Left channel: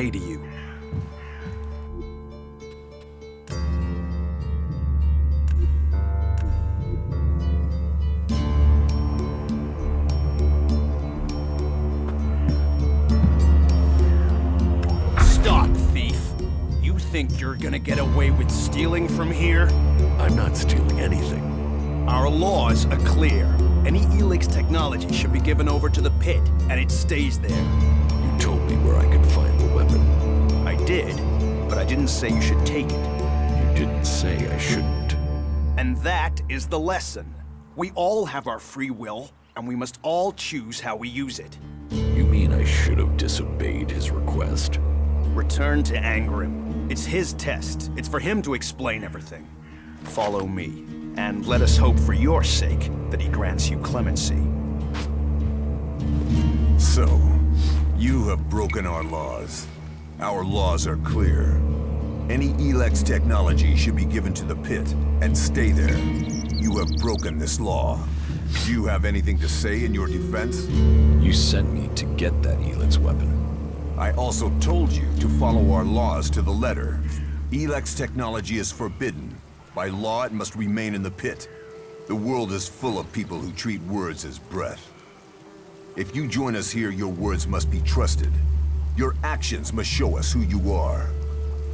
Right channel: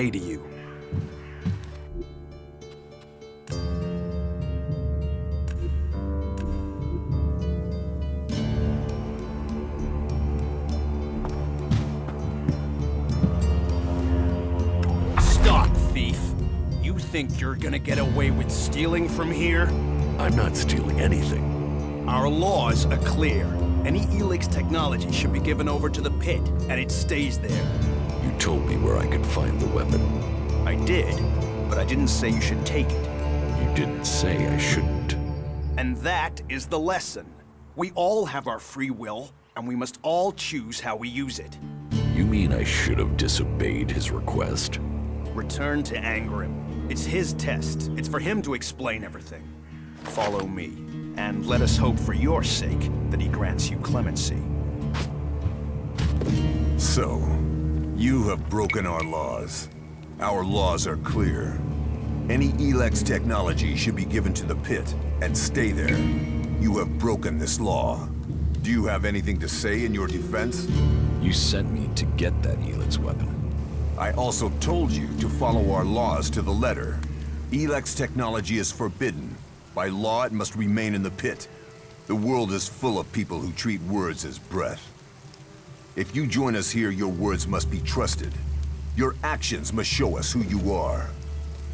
day to you. Stop, thief! You think you're gonna get away with stealing from here? I'm not stealing anything. Our laws are clear. Any Elex technology should be given over to the pit, and it stays there. You told me where I could find the weapon. I did, but I didn't say you should take it. You didn't say I shouldn't. And that is the lesson. We all have our free will, and we must all choose how we use it. You mean I should have disobeyed his request? Return to Angrim. It's his test. It's for him to explain everything. Follow me, and let us hope for your sake that he grants you clemency. So, you have broken our laws. Our laws are clear. Any Elex technology should be given to the pit and stay there. You have broken this law. Do you have anything to say in your defense? You sent me to get that Elex weapon. I also told you to follow our laws to the letter. Elex technology is forbidden. By law, it must remain in the pit. The world is full of people who treat words as breath. If you join us here, your words must be trusted. Your actions must show us who you are.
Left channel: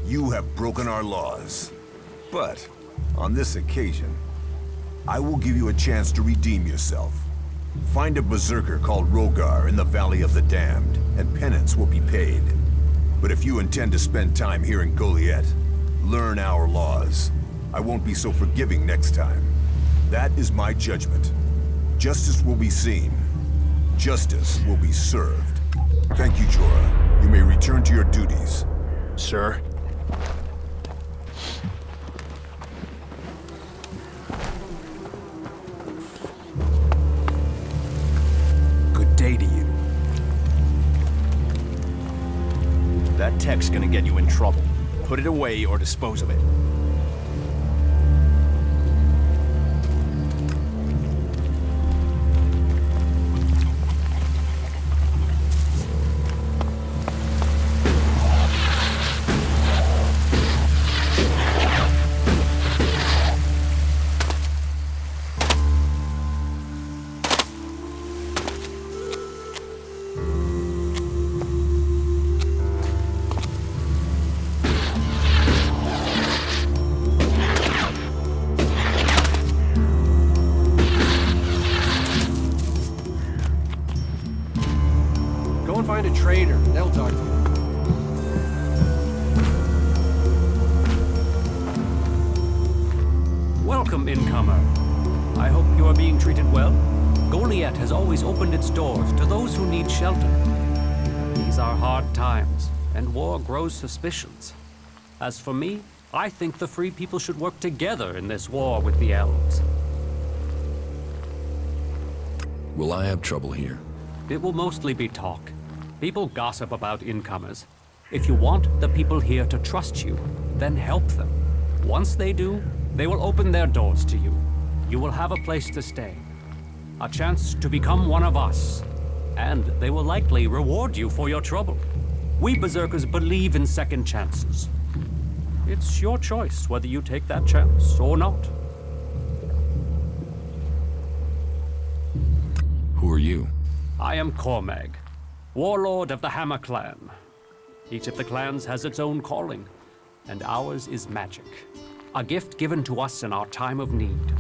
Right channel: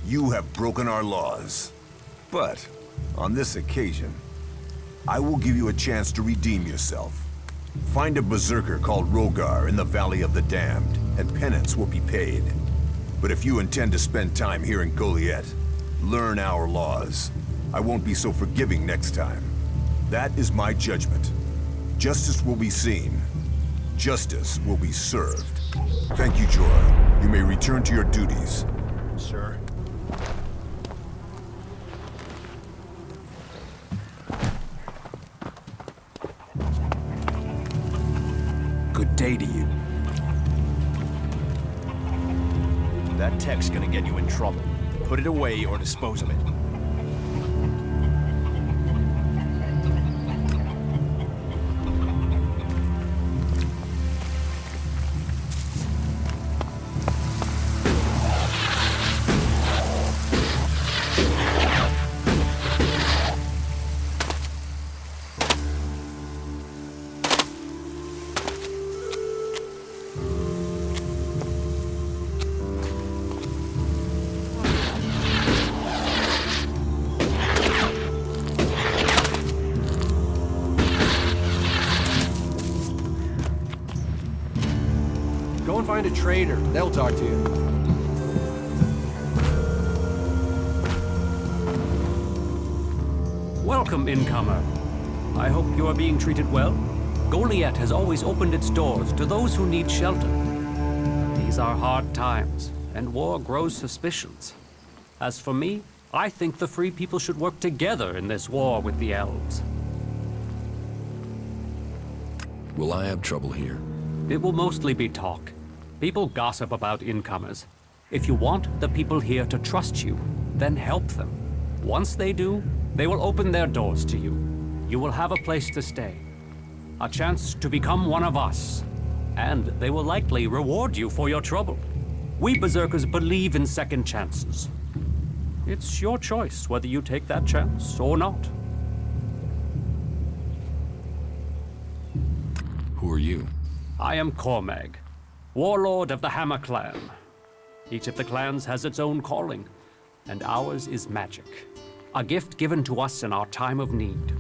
You have broken our laws. But, on this occasion, I will give you a chance to redeem yourself. Find a berserker called Rogar in the Valley of the Damned, and penance will be paid. But if you intend to spend time here in Goliath, learn our laws. I won't be so forgiving next time. That is my judgment. Justice will be seen. Justice will be served. Thank you, Jorah. You may return to your duties. Sir? Good day to you. That tech's gonna get you in trouble. Put it away or dispose of it. Go and find a trader. They'll talk to you. Welcome, incomer. I hope you are being treated well. Goliath has always opened its doors to those who need shelter. But these are hard times, and war grows suspicions. As for me, I think the free people should work together in this war with the elves. Will I have trouble here? It will mostly be talk. People gossip about incomers. If you want the people here to trust you, then help them. Once they do, they will open their doors to you. You will have a place to stay, a chance to become one of us, and they will likely reward you for your trouble. We Berserkers believe in second chances. It's your choice whether you take that chance or not. Who are you? I am Cormag, warlord of the Hammer Clan. Each of the clans has its own calling, and ours is magic. A gift given to us in our time of need.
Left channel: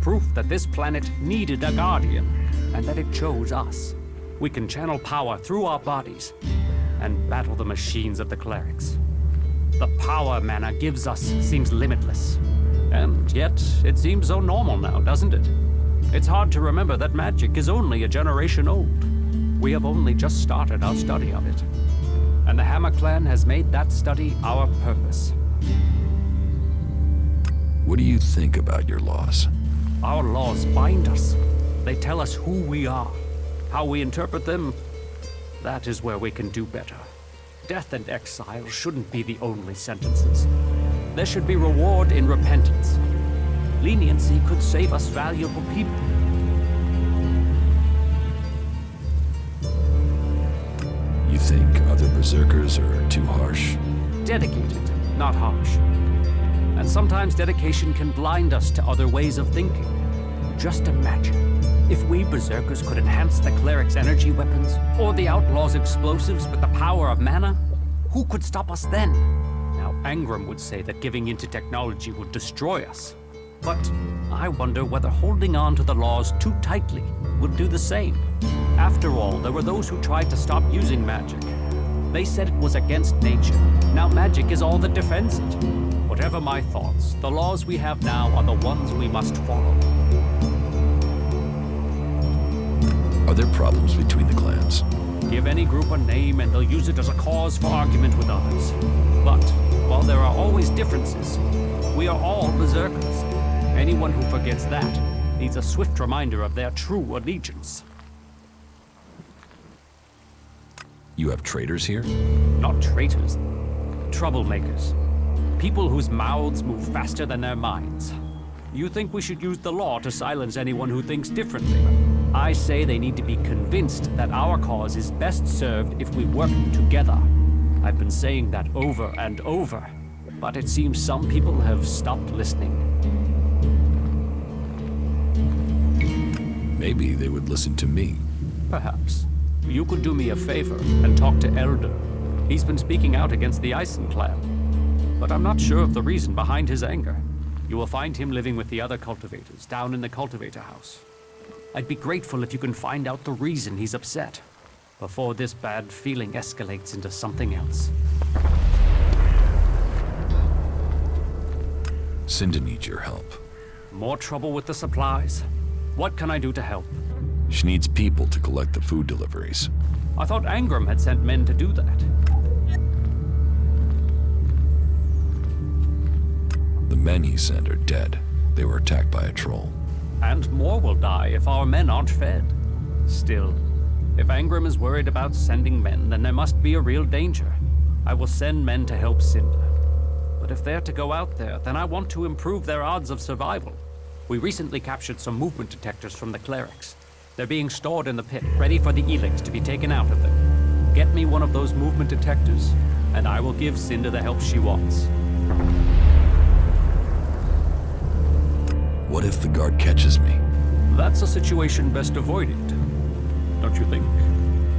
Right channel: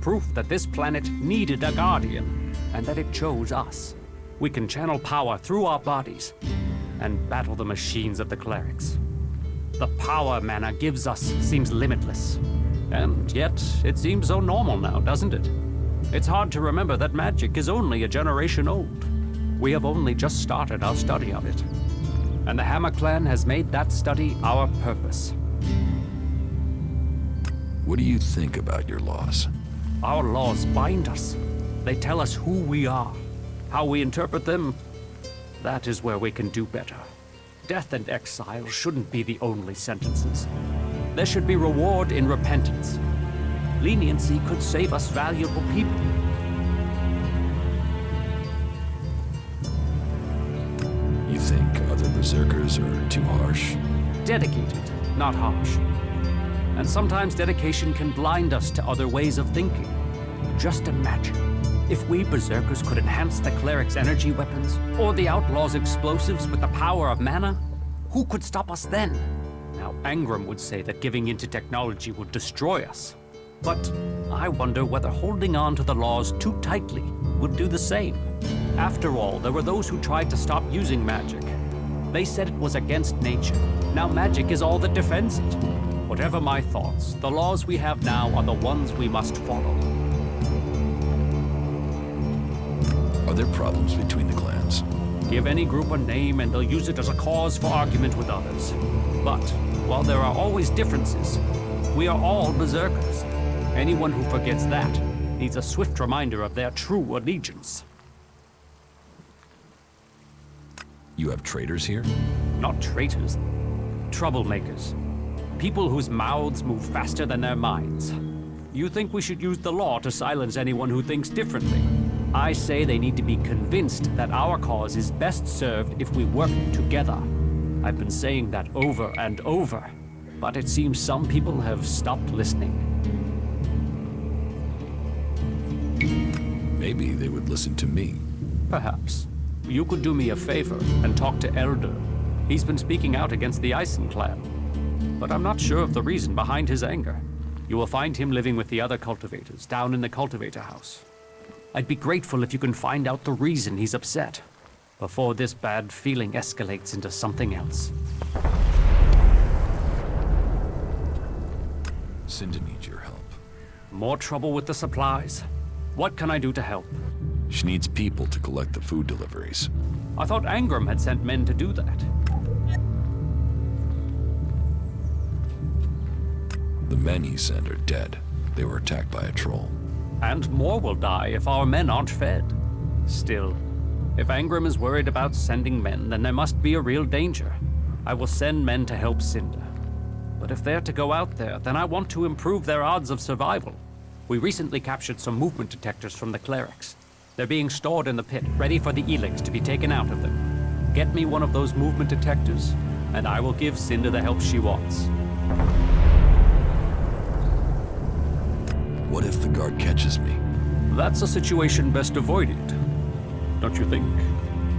Proof that this planet needed a guardian, and that it chose us. We can channel power through our bodies, and battle the machines of the clerics. The power mana gives us seems limitless. And yet, it seems so normal now, doesn't it? It's hard to remember that magic is only a generation old. We have only just started our study of it. And the Hammer Clan has made that study our purpose. What do you think about your laws? Our laws bind us. They tell us who we are. How we interpret them, that is where we can do better. Death and exile shouldn't be the only sentences. There should be reward in repentance. Leniency could save us valuable people. You think other berserkers are too harsh? Dedicated, not harsh. And sometimes dedication can blind us to other ways of thinking. Just imagine, if we berserkers could enhance the cleric's energy weapons, or the outlaw's explosives with the power of mana, who could stop us then? Now, Angram would say that giving into technology would destroy us. But I wonder whether holding on to the laws too tightly would do the same. After all, there were those who tried to stop using magic. They said it was against nature. Now magic is all that defends it. Whatever my thoughts, the laws we have now are the ones we must follow. Are there problems between the clans? Give any group a name and they'll use it as a cause for argument with others. But while there are always differences, we are all berserkers. Anyone who forgets that needs a swift reminder of their true allegiance. You have traitors here? Not traitors, troublemakers. People whose mouths move faster than their minds. You think we should use the law to silence anyone who thinks differently? I say they need to be convinced that our cause is best served if we work together. I've been saying that over and over, but it seems some people have stopped listening. Maybe they would listen to me. Perhaps. You could do me a favor and talk to Elder. He's been speaking out against the Eisen clan. But I'm not sure of the reason behind his anger. You will find him living with the other cultivators down in the cultivator house. I'd be grateful if you can find out the reason he's upset before this bad feeling escalates into something else. Cinda needs your help. More trouble with the supplies. What can I do to help? She needs people to collect the food deliveries. I thought Angram had sent men to do that. The men he sent are dead. They were attacked by a troll. And more will die if our men aren't fed. Still, if Angram is worried about sending men, then there must be a real danger. I will send men to help Cinda. But if they're to go out there, then I want to improve their odds of survival. We recently captured some movement detectors from the clerics. They're being stored in the pit, ready for the Elex to be taken out of them. Get me one of those movement detectors, and I will give Cinda the help she wants. What if the guard catches me? That's a situation best avoided, don't you think?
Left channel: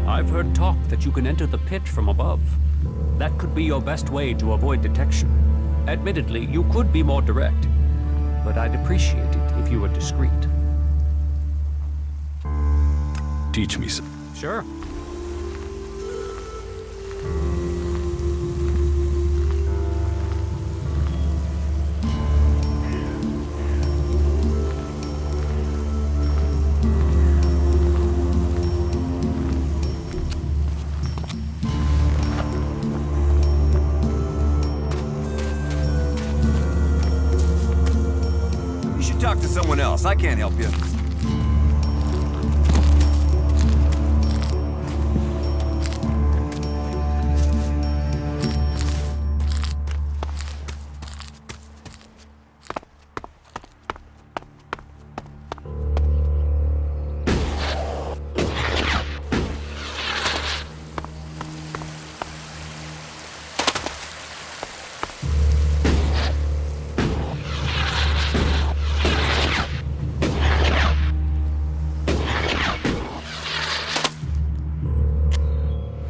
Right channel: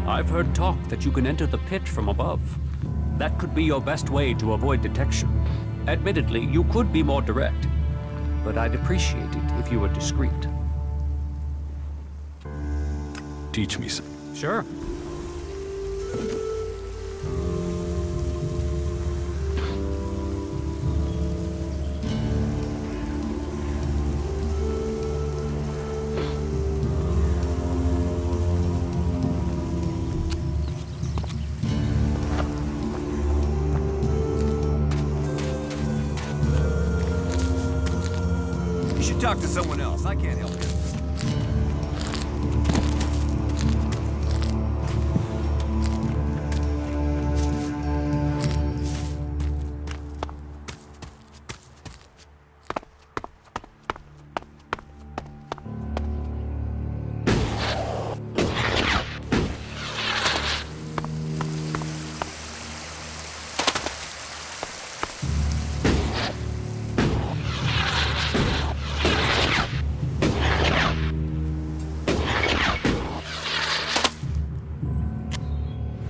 I've heard talk that you can enter the pit from above. That could be your best way to avoid detection. Admittedly, you could be more direct, but I'd appreciate it if you were discreet. Teach me some. Sure. You should talk to someone else. I can't help you.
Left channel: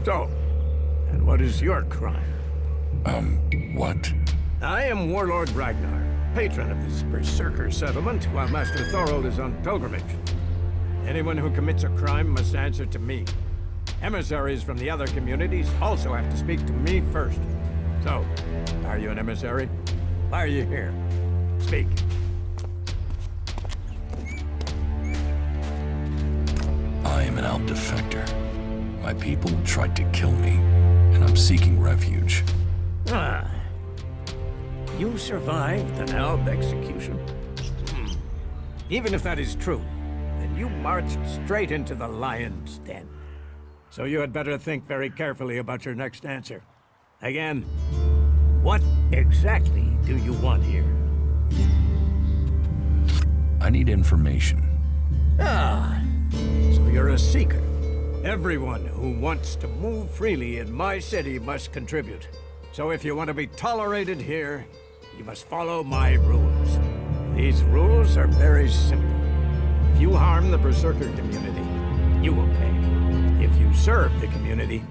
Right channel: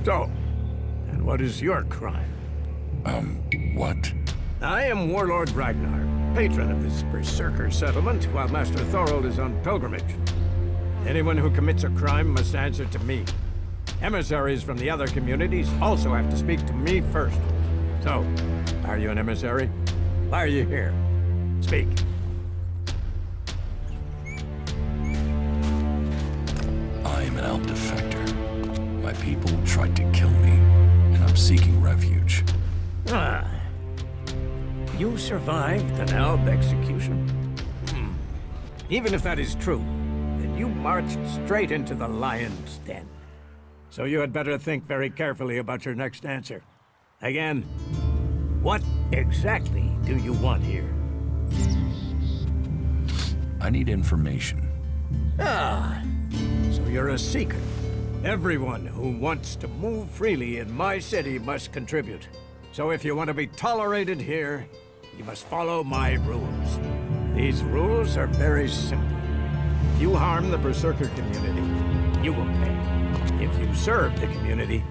So, and what is your crime? What? I am Warlord Ragnar, patron of this Berserker settlement, while Master Thorold is on pilgrimage. Anyone who commits a crime must answer to me. Emissaries from the other communities also have to speak to me first. So, are you an emissary? Why are you here? Speak. I am an Alp defector. My people tried to kill me, and I'm seeking refuge. Ah. You survived an Alb execution? Even if that is true, then you marched straight into the lion's den. So you had better think very carefully about your next answer. Again, what exactly do you want here? I need information. Ah, so you're a seeker. Everyone who wants to move freely in my city must contribute. So if you want to be tolerated here, you must follow my rules. These rules are very simple. If you harm the Berserker community, you will pay. If you serve the community,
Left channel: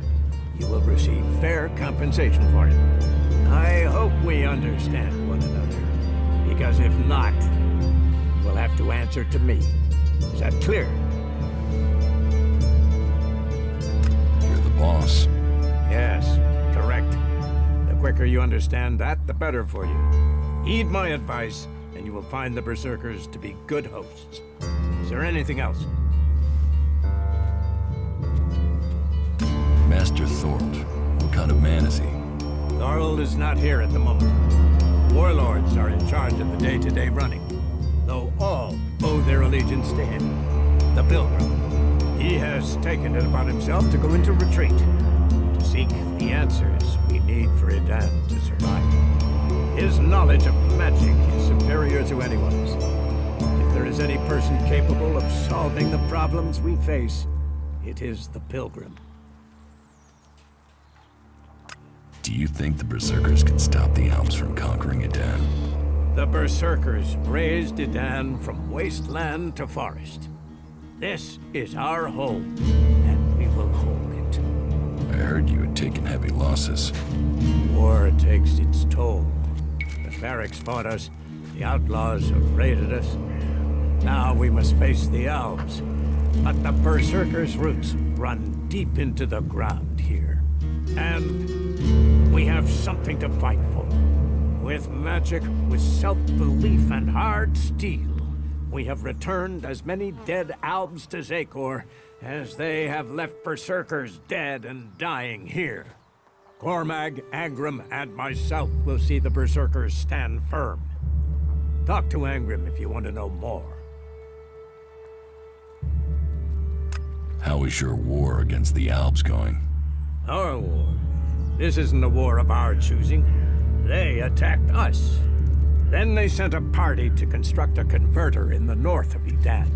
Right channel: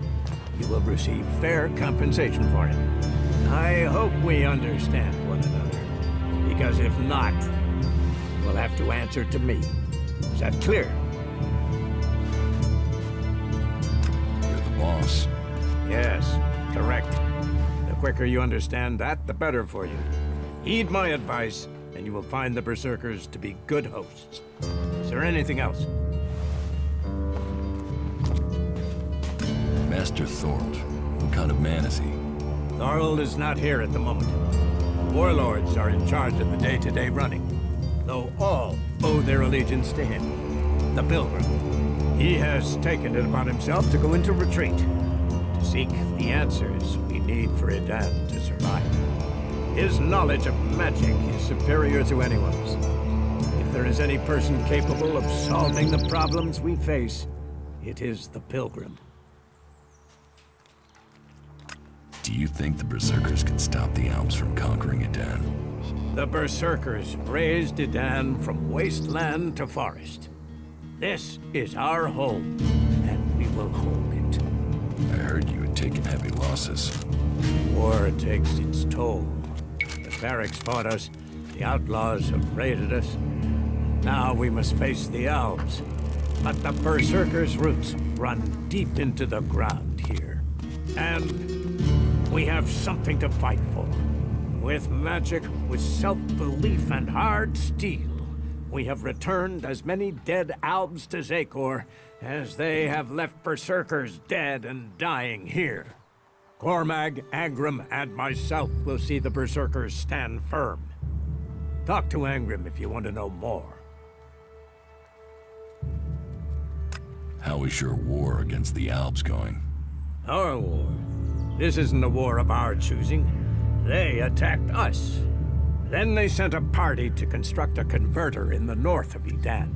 you will receive fair compensation for it. I hope we understand one another, because if not, you will have to answer to me. Is that clear? You're the boss. Yes, correct. The quicker you understand that, the better for you. Heed my advice, and you will find the Berserkers to be good hosts. Is there anything else? Master Thorold, what kind of man is he? Thorold is not here at the moment. The warlords are in charge of the day-to-day running, though all owe their allegiance to him, the Pilgrim. He has taken it upon himself to go into retreat, to seek the answers we need for Edan to survive. His knowledge of magic is superior to anyone's. If there is any person capable of solving the problems we face, it is the Pilgrim. Do you think the Berserkers can stop the Alps from conquering Edan? The Berserkers raised Edan from wasteland to forest. This is our home, and we will hold it. I heard you had taken heavy losses. War takes its toll. The barracks fought us, the outlaws have raided us. Now we must face the Alps. But the Berserkers' roots run deep into the ground here. And we have something to fight for. With magic, with self-belief and hard steel, we have returned as many dead Albs to Zakor as they have left Berserkers dead and dying here. Cormag, Angrim, and myself will see the Berserkers stand firm. Talk to Angrim if you want to know more. How is your war against the Albs going? Our war? This isn't a war of our choosing. They attacked us. Then they sent a party to construct a converter in the north of Edan.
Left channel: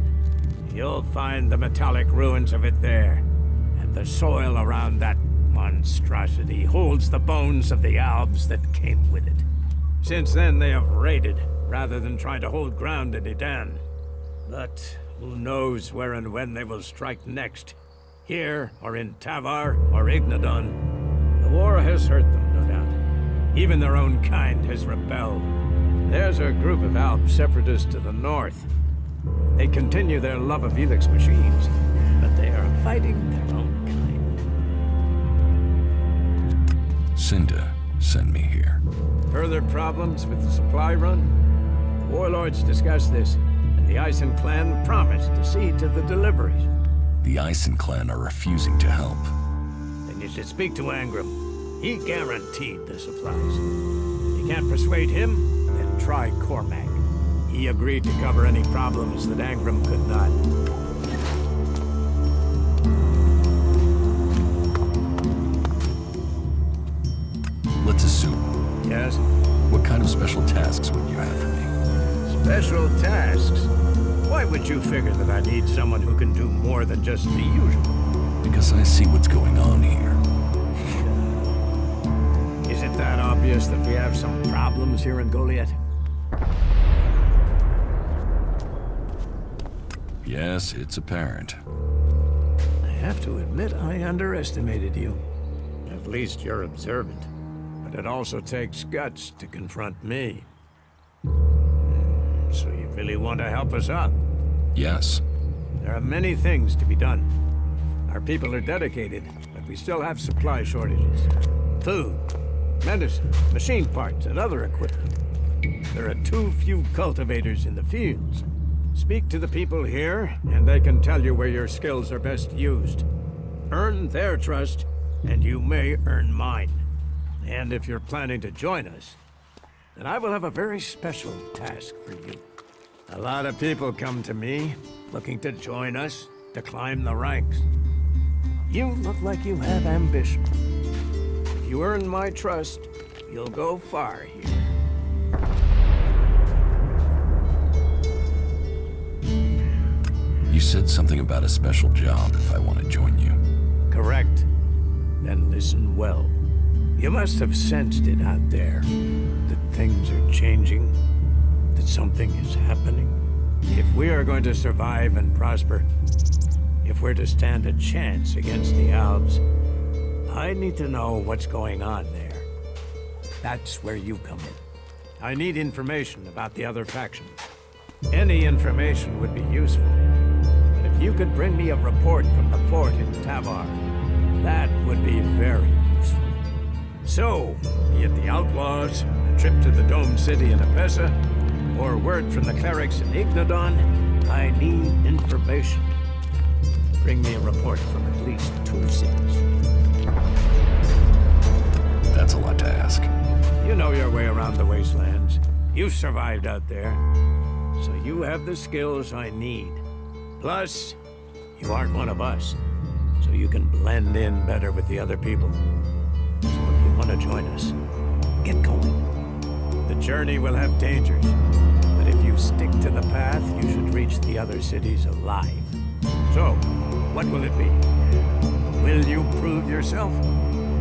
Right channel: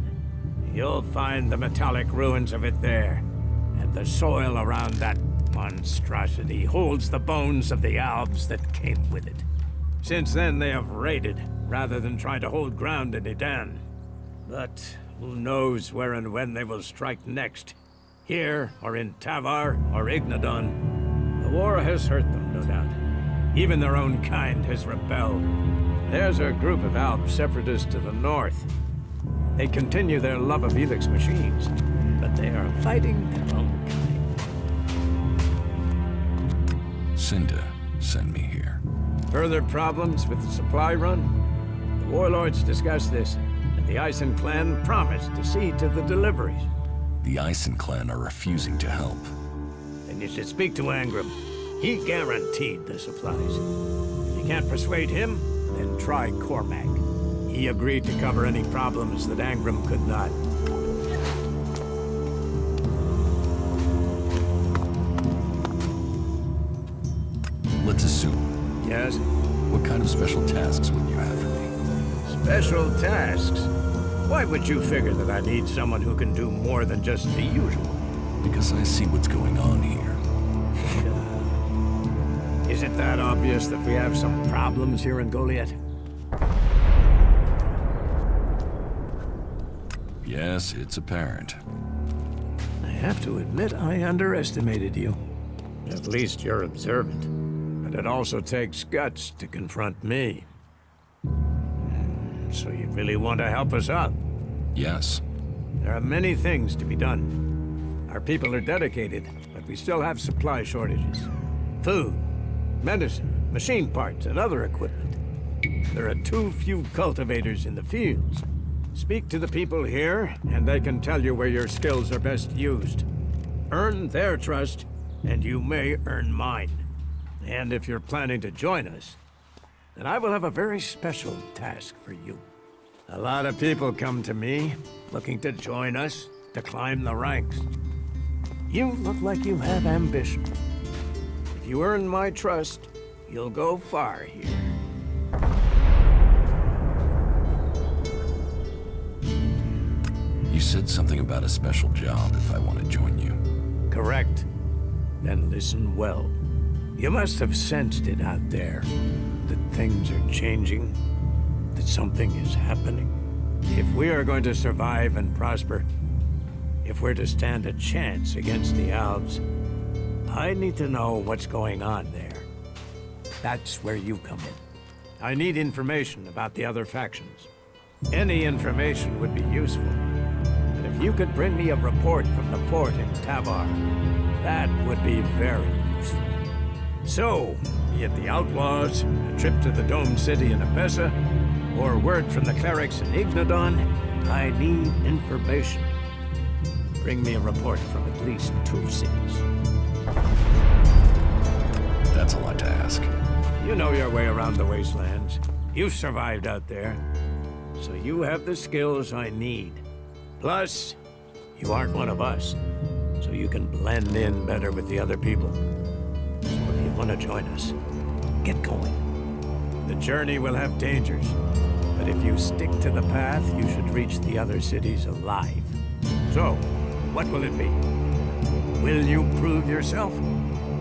You'll find the metallic ruins of it there, and the soil around that monstrosity holds the bones of the Albs that came with it. Since then, they have raided, rather than trying to hold ground in Edan. But who knows where and when they will strike next? Here, or in Tavar, or Ignadon. The war has hurt them, no doubt. Even their own kind has rebelled. There's a group of Alp separatists to the north. They continue their love of Elex machines, but they are fighting their own kind. Cinda send me here. Further problems with the supply run? The warlords discussed this, and the Ison clan promised to see to the deliveries. The Ison clan are refusing to help. Then you should speak to Angrim. He guaranteed the supplies. If you can't persuade him, then try Cormag. He agreed to cover any problems that Angrim could not. Let's assume. Yes? What kind of special tasks would you have for me? Special tasks? Why would you figure that I need someone who can do more than just the usual? Because I see what's going on here. Is it that obvious that we have some problems here in Goliath? Yes, it's apparent. I have to admit I underestimated you. At least you're observant. But it also takes guts to confront me. So you really want to help us out? Yes. There are many things to be done. Our people are dedicated, but we still have supply shortages. Food, medicine, machine parts, and other equipment. There are too few cultivators in the fields. Speak to the people here, and they can tell you where your skills are best used. Earn their trust, and you may earn mine. And if you're planning to join us, then I will have a very special task for you. A lot of people come to me, looking to join us, to climb the ranks. You look like you have ambition. If you earn my trust, you'll go far here. You said something about a special job if I want to join you. correct? Then listen well. You must have sensed it out there, that things are changing, that something is happening. If we are going to survive and prosper, if we're to stand a chance against the Alps, I need to know what's going on there. That's where you come in. I need information about the other factions. Any information would be useful. But if you could bring me a report from the fort in Tavar, that would be very useful. So, be it the Outlaws, a trip to the Dome City in Apessa, or word from the clerics in Ignadon, I need information. Bring me a report from at least 2 cities. That's a lot to ask. You know your way around the wastelands. You've survived out there. So you have the skills I need. Plus, you aren't one of us. So you can blend in better with the other people. So if you want to join us, get going. The journey will have dangers. But if you stick to the path, you should reach the other cities alive. So, what will it be? Will you prove yourself?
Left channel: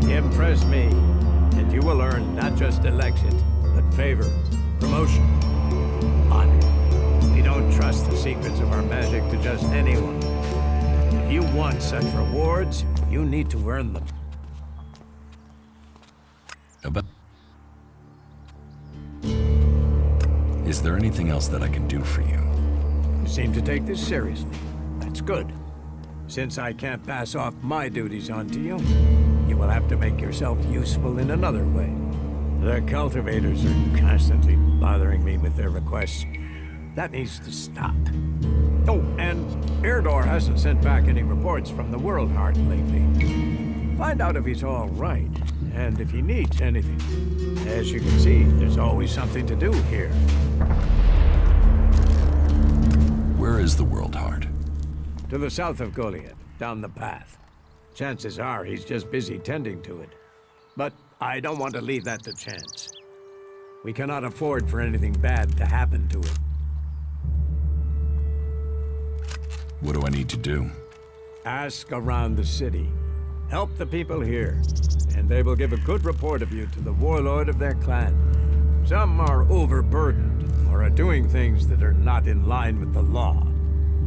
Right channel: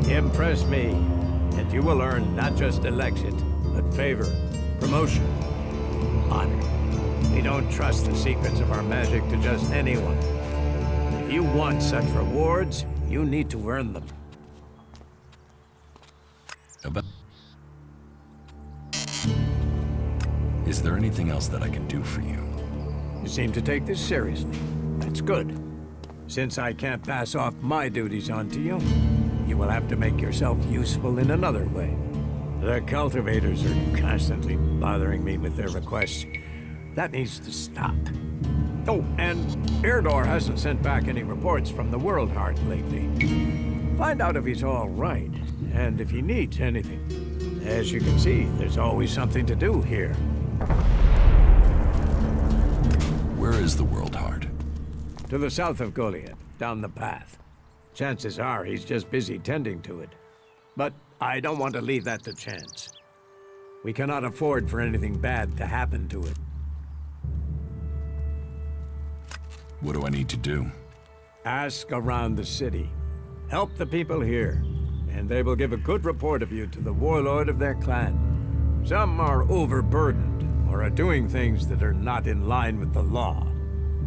Impress me, and you will earn not just Elexit, but favor, promotion, honor. We don't trust the secrets of our magic to just anyone. If you want such rewards, you need to earn them. But is there anything else that I can do for you? You seem to take this seriously. That's good. Since I can't pass off my duties onto you, you will have to make yourself useful in another way. The cultivators are constantly bothering me with their requests. That needs to stop. Oh, and Erdor hasn't sent back any reports from the World Heart lately. Find out if he's all right, and if he needs anything. As you can see, there's always something to do here. Where is the World Heart? To the south of Goliath, down the path. Chances are he's just busy tending to it. But I don't want to leave that to chance. We cannot afford for anything bad to happen to it. What do I need to do? Ask around the city. Help the people here, and they will give a good report of you to the warlord of their clan. Some are overburdened, or are doing things that are not in line with the law.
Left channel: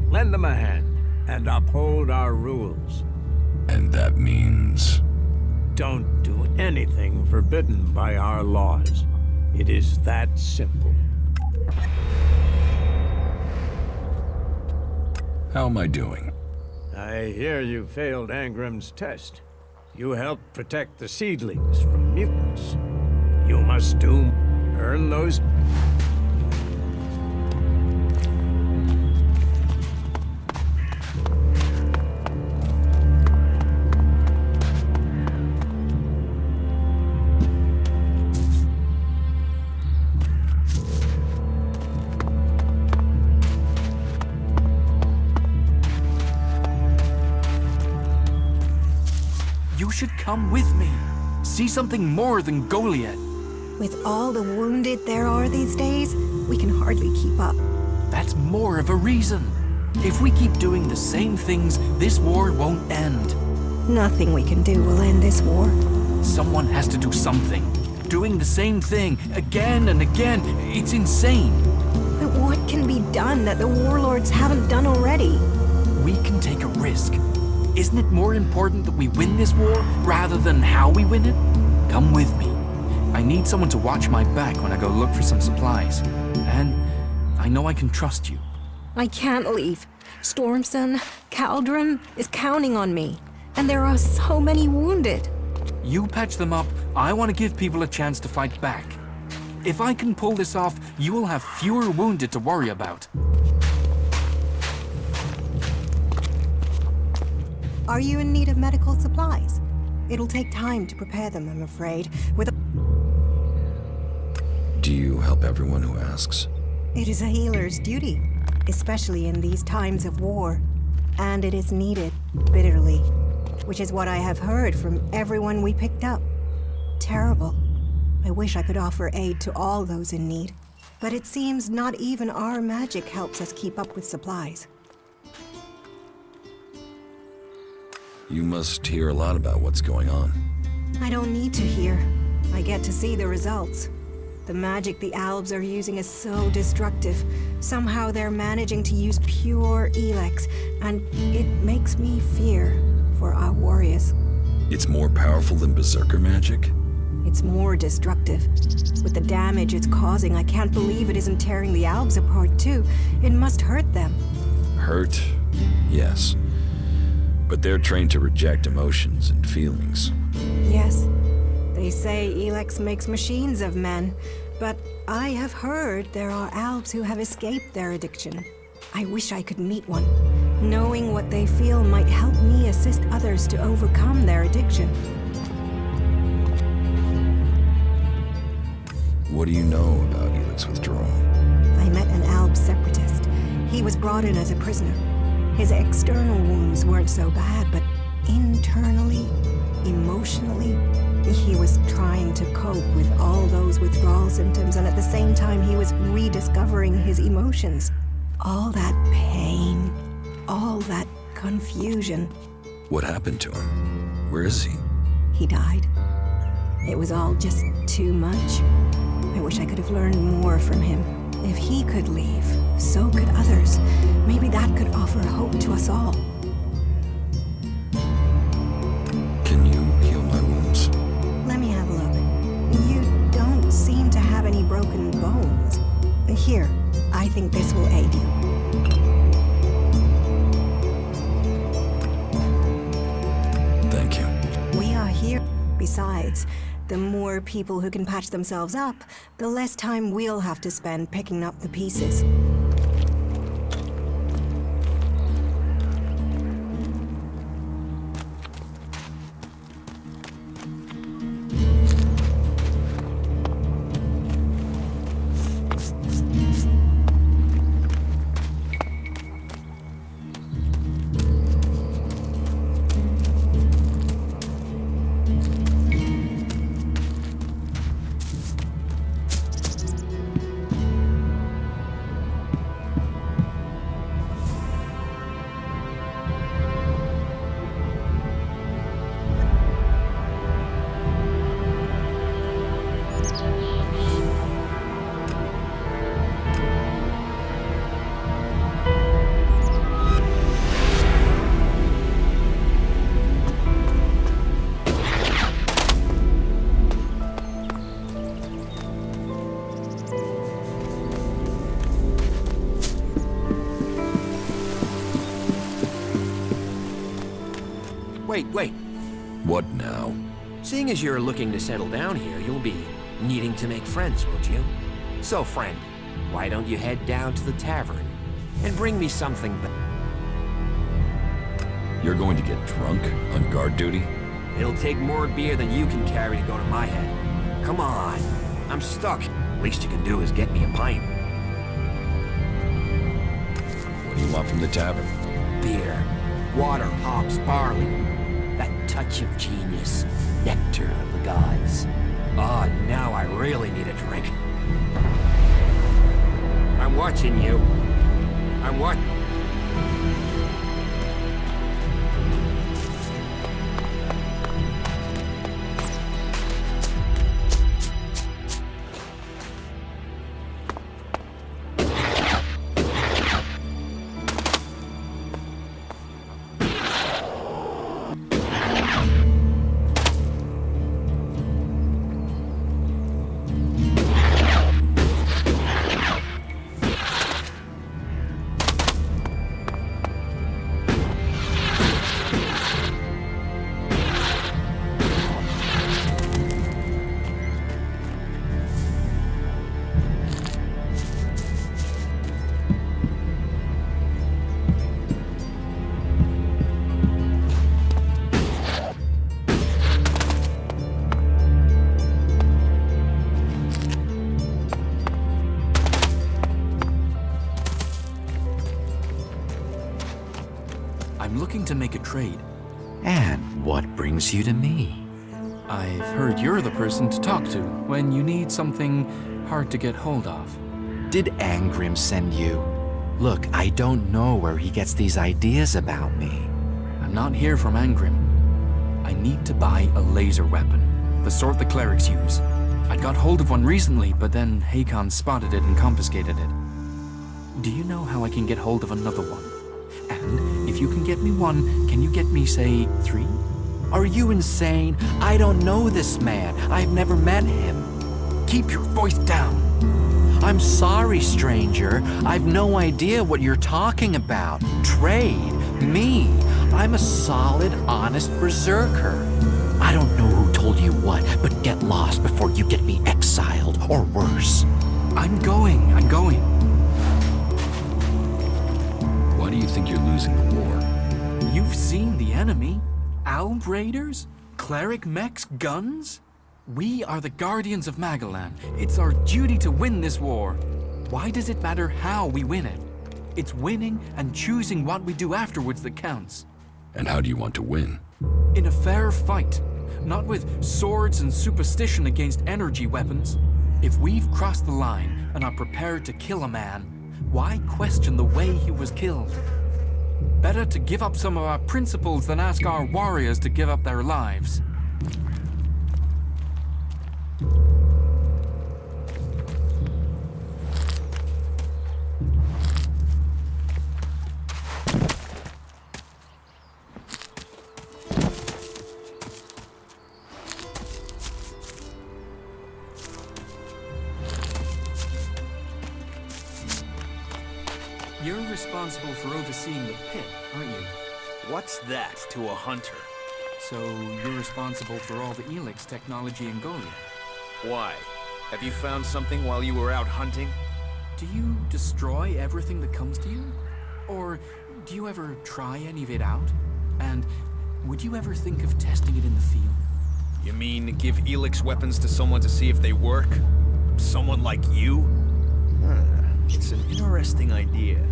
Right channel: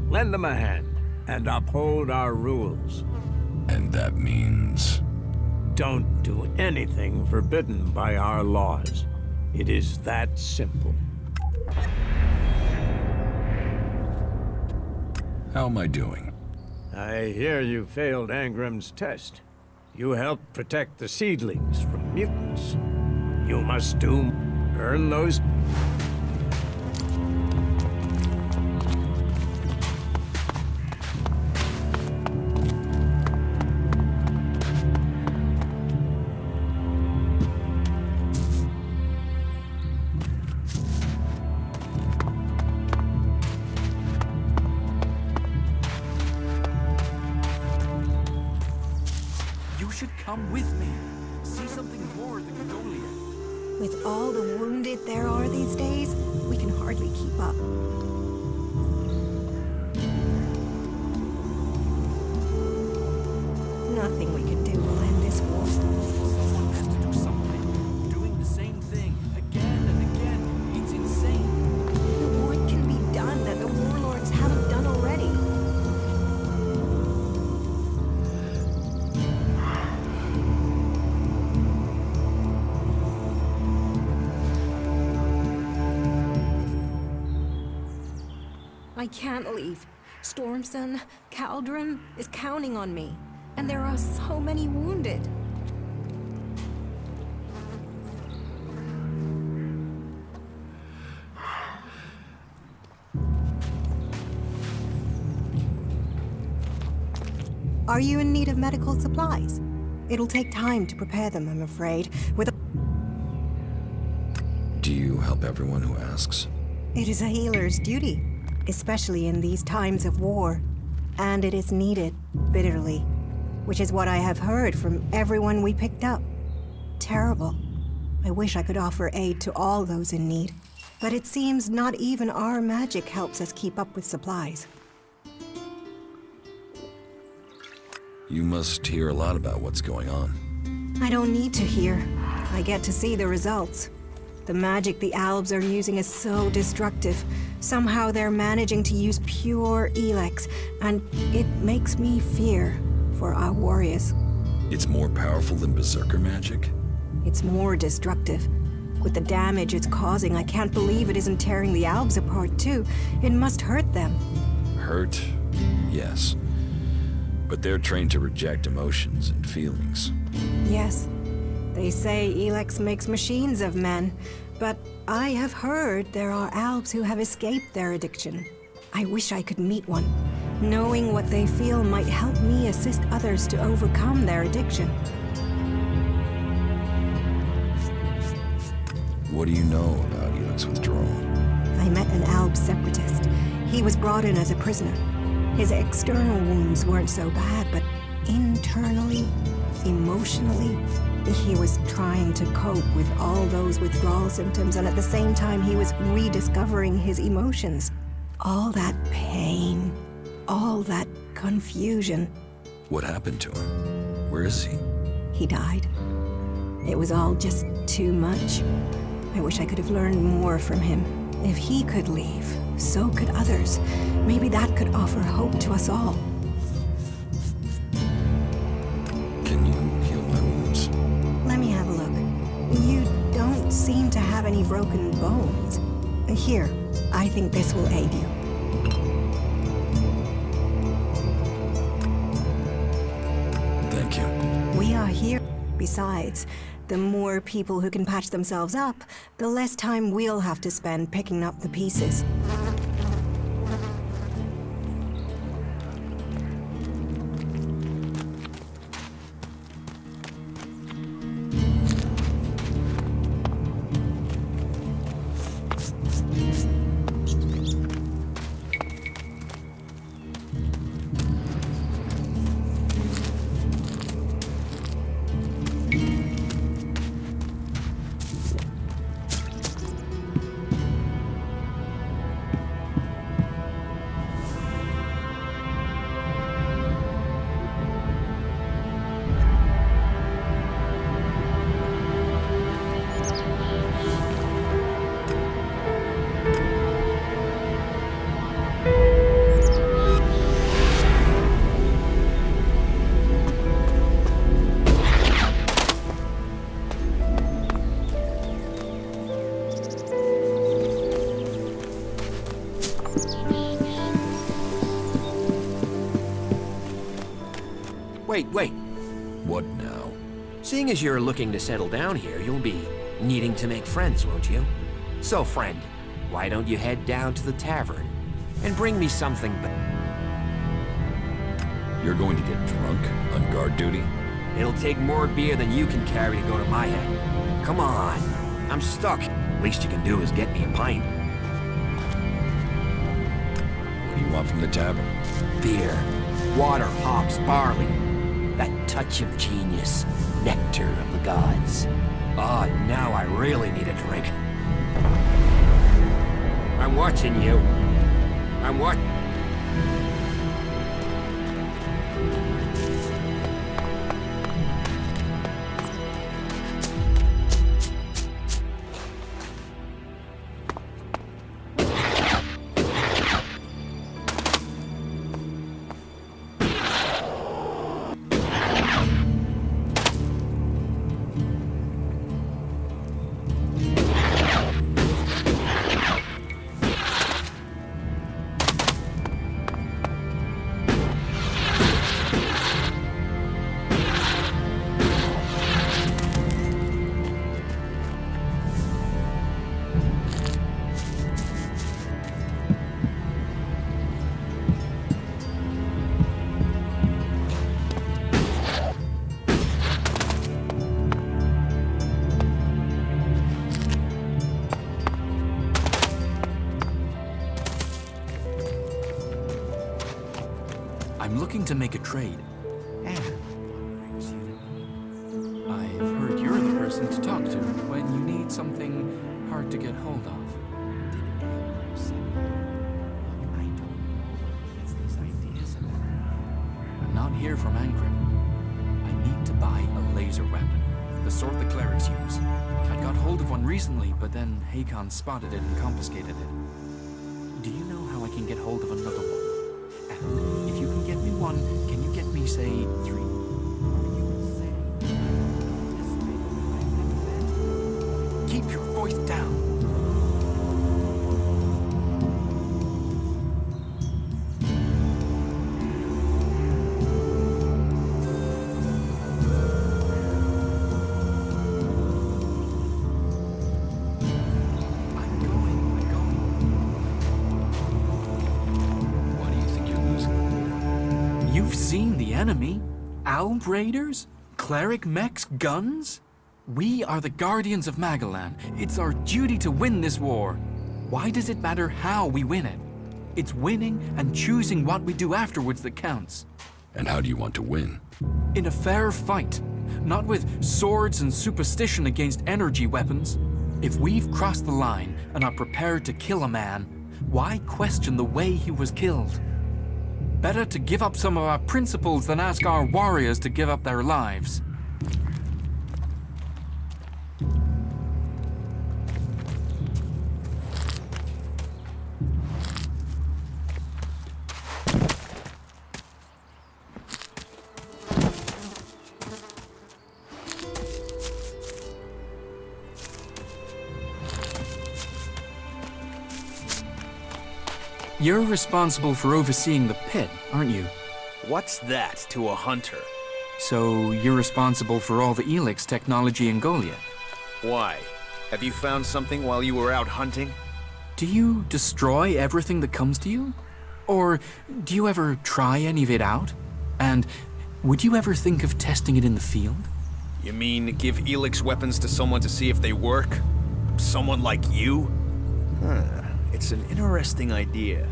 Lend them a hand, and uphold our rules. And that means... Don't do anything forbidden by our laws. It is that simple. How am I doing? I hear you failed Angrim's test. You helped protect the seedlings from mutants. You must earn those... You should come with me. See something more than Goliath. With all the wounded there are these days, we can hardly keep up. That's more of a reason. If we keep doing the same things, this war won't end. Nothing we can do will end this war. Someone has to do something. Doing the same thing again and again, it's insane. But what can be done that the warlords haven't done already? We can take a risk. Isn't it more important that we win this war rather than how we win it? Come with me. I need someone to watch my back when I go look for some supplies. And I know I can trust you. I can't leave. Stormson, Caldron is counting on me. And there are so many wounded. You patch them up. I want to give people a chance to fight back. If I can pull this off, you will have fewer wounded to worry about. Are you in need of medical supplies? It'll take time to prepare them, I'm afraid. Do you help everyone who asks? It is a healer's duty, especially in these times of war. And it is needed, bitterly, which is what I have heard from everyone we picked up. Terrible. I wish I could offer aid to all those in need. But it seems not even our magic helps us keep up with supplies. You must hear a lot about what's going on. I don't need to hear. I get to see the results. The magic the Albs are using is so destructive. Somehow they're managing to use pure Elex, and it makes me fear for our warriors. It's more powerful than Berserker magic? It's more destructive. With the damage it's causing, I can't believe it isn't tearing the Albs apart too. It must hurt them. Hurt? Yes. But they're trained to reject emotions and feelings. Yes. They say Elex makes machines of men, but I have heard there are Albs who have escaped their addiction. I wish I could meet one. Knowing what they feel might help me assist others to overcome their addiction. What do you know about Elex withdrawal? I met an Alb separatist. He was brought in as a prisoner. His external wounds weren't so bad, but internally, emotionally, he was trying to cope with all those withdrawal symptoms, and at the same time he was rediscovering his emotions. All that pain, all that confusion. What happened to him? Where is he? He died. It was all just too much. I wish I could have learned more from him. If he could leave, so could others. Maybe that could offer hope to us all. Can you heal my wounds? Let me have a look. You don't seem to have any broken bones. Here, I think this will aid you. Thank you. We are here. Besides, the more people who can patch themselves up, the less time we'll have to spend picking up the pieces. Wait. What now? Seeing as you're looking to settle down here, you'll be needing to make friends, won't you? So, friend, why don't you head down to the tavern and bring me something You're going to get drunk on guard duty? It'll take more beer than you can carry to go to my head. Come on, I'm stuck. Least you can do is get me a pint. What do you want from the tavern? Beer, water, hops, barley. That touch of genius, nectar of the gods. Ah, now I really need a drink. I'm watching you. I'm watching. I'm looking to make a trade. And what brings you to me? I've heard you're the person to talk to when you need something hard to get hold of. Did Angrim send you? Look, I don't know where he gets these ideas about me. I'm not here from Angrim. I need to buy a laser weapon, the sort the clerics use. I got hold of one recently, but then Hakon spotted it and confiscated it. Do you know how I can get hold of another one? And if you can get me one, can you get me, say, 3? Are you insane? I don't know this man. I've never met him. Keep your voice down. I'm sorry, stranger. I've no idea what you're talking about. Trade? Me? I'm a solid, honest berserker. I don't know who told you what, but get lost before you get me exiled, or worse. I'm going. Why do you think you're losing the war? You've seen the enemy. Alb raiders? Cleric mechs? Guns? We are the guardians of Magalan. It's our duty to win this war. Why does it matter how we win it? It's winning and choosing what we do afterwards that counts. And how do you want to win? In a fair fight, not with swords and superstition against energy weapons. If we've crossed the line and are prepared to kill a man, why question the way he was killed? Better to give up some of our principles than ask our warriors to give up their lives. You're responsible for overseeing the pit, aren't you? What's that to a hunter? So you're responsible for all the Elex technology in Goliath. Why? Have you found something while you were out hunting? Do you destroy everything that comes to you? Or do you ever try any of it out? And would you ever think of testing it in the field? You mean give Elex weapons to someone to see if they work? Someone like you? It's an interesting idea.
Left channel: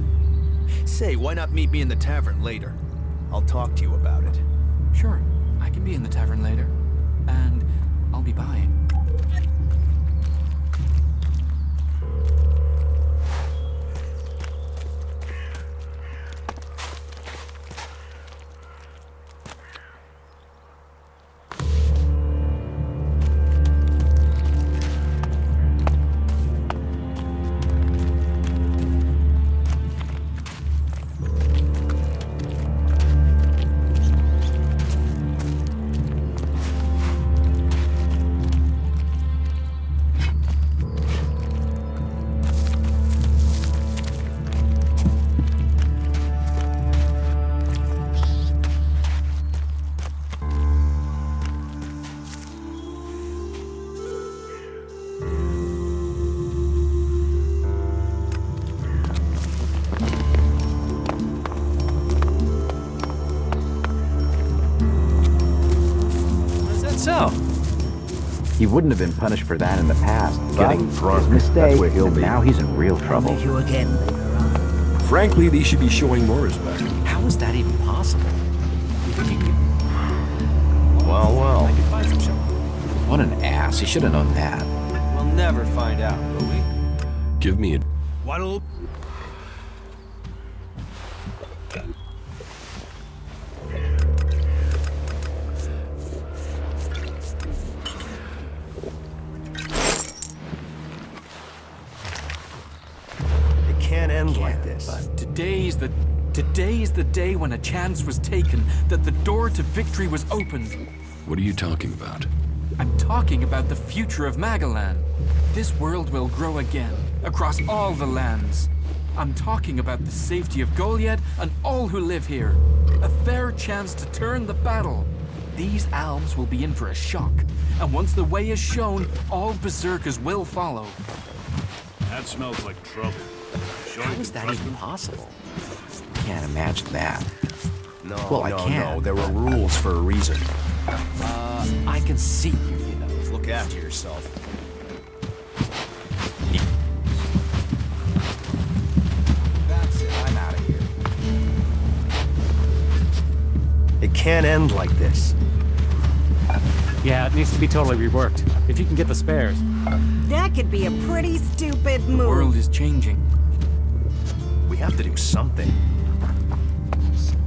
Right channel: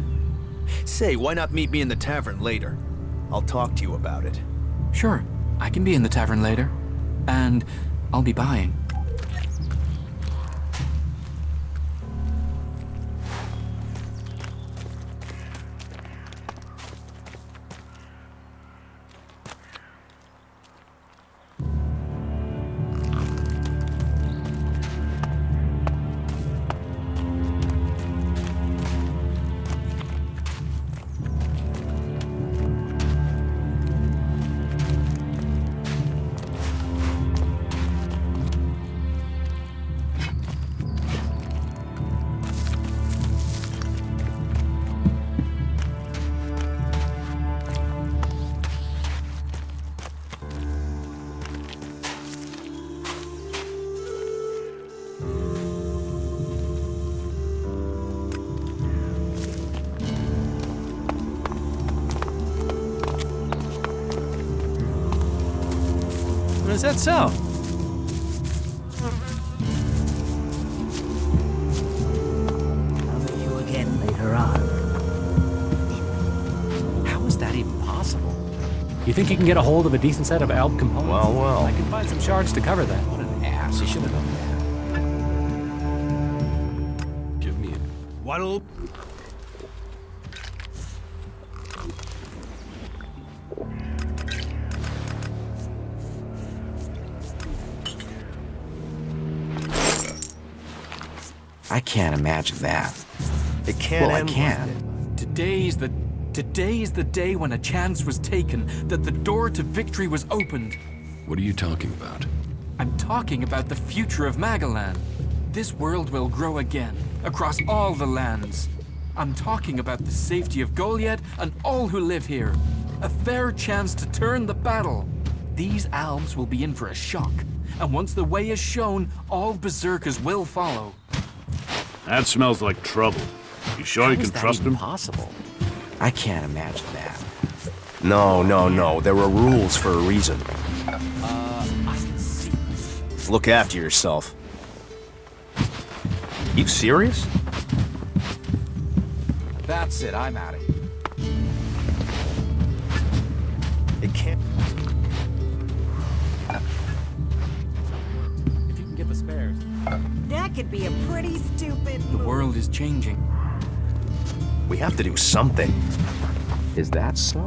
Say, why not meet me in the tavern later? I'll talk to you about it. Sure, I can be in the tavern later. And I'll be buying. Is that so? He wouldn't have been punished for that in the past. Getting drunk, Mistake, that's where he'll and be. now he's in real trouble. You again later on. Frankly, these should be showing more respect. How is that even possible? You think you can get a hold of a decent set of Alb components? Well. I could find some shards to cover that. What an ass. He should have known that. We'll never find out, will we? Give me a... What'll... I can't imagine that. It can't Well, I end can, like this. but- Today is the day when a chance was taken, that the door to victory was opened. What are you talking about? I'm talking about the future of Magalan. This world will grow again, across all the lands. I'm talking about the safety of Goliath and all who live here. A fair chance to turn the battle. These Albs will be in for a shock, and once the way is shown, all berserkers will follow. That smells like trouble. You sure How you is can that trust even him? possible? I can't imagine that. No, Well, I no, can't. no. There are rules for a reason. I can see, you know. Look after yourself. Are you serious? That's it. I'm out of here. It can't end like this. Yeah, it needs to be totally reworked. If you can get the spares. That could be a pretty stupid move. The world is changing. We have to do something. Is that so?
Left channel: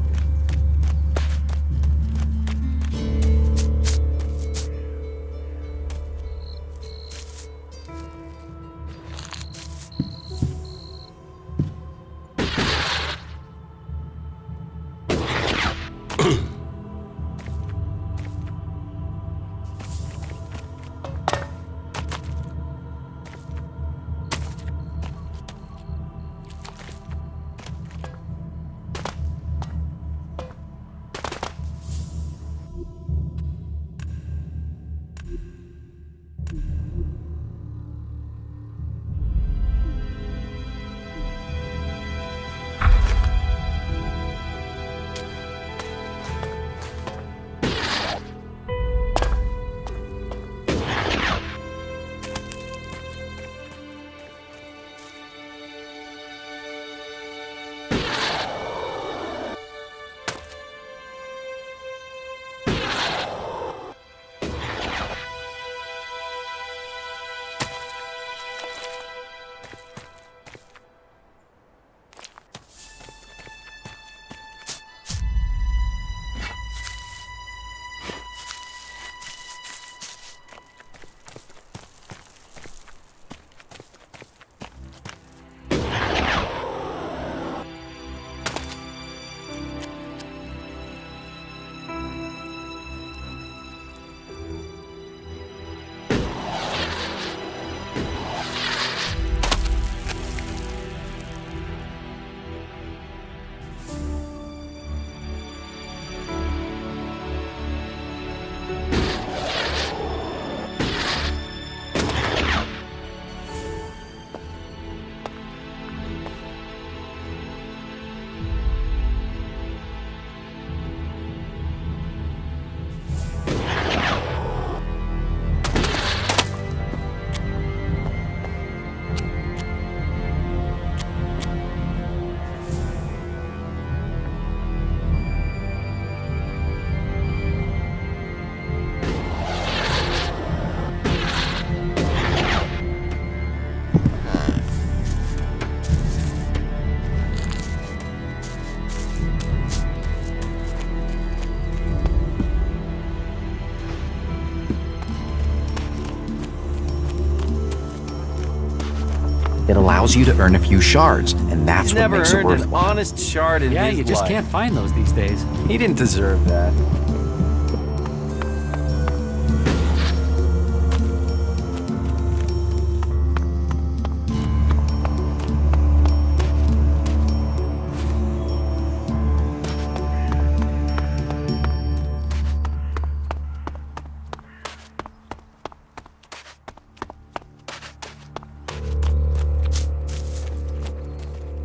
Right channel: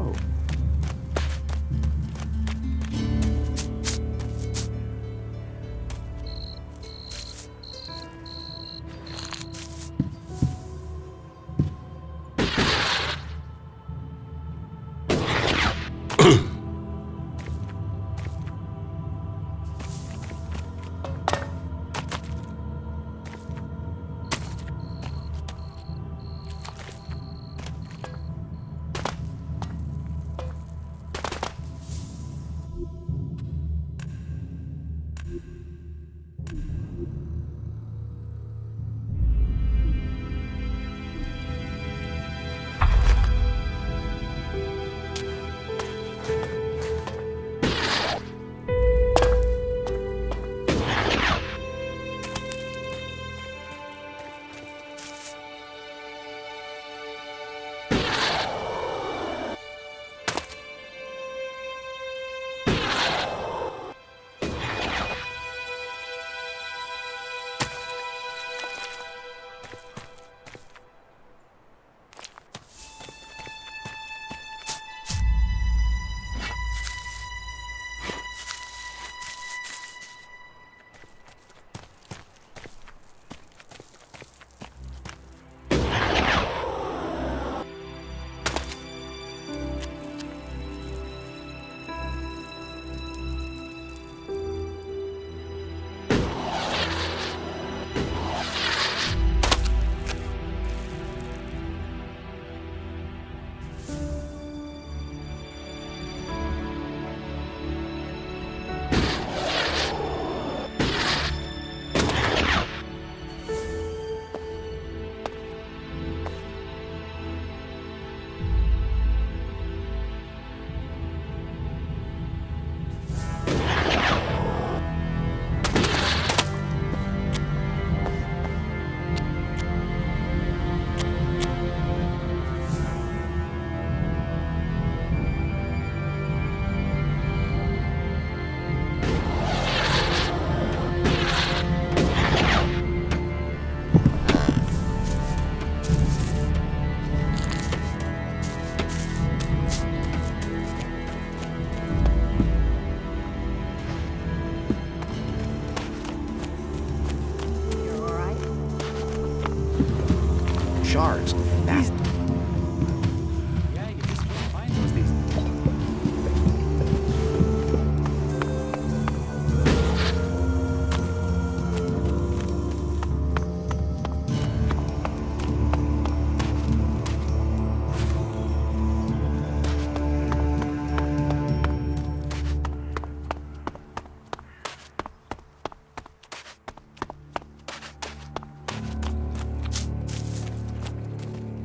It allows you to earn a few shards, and that's He's what never makes it earned worth an it. honest shard in Yeah, his you just life. can't find those these days. He didn't deserve that.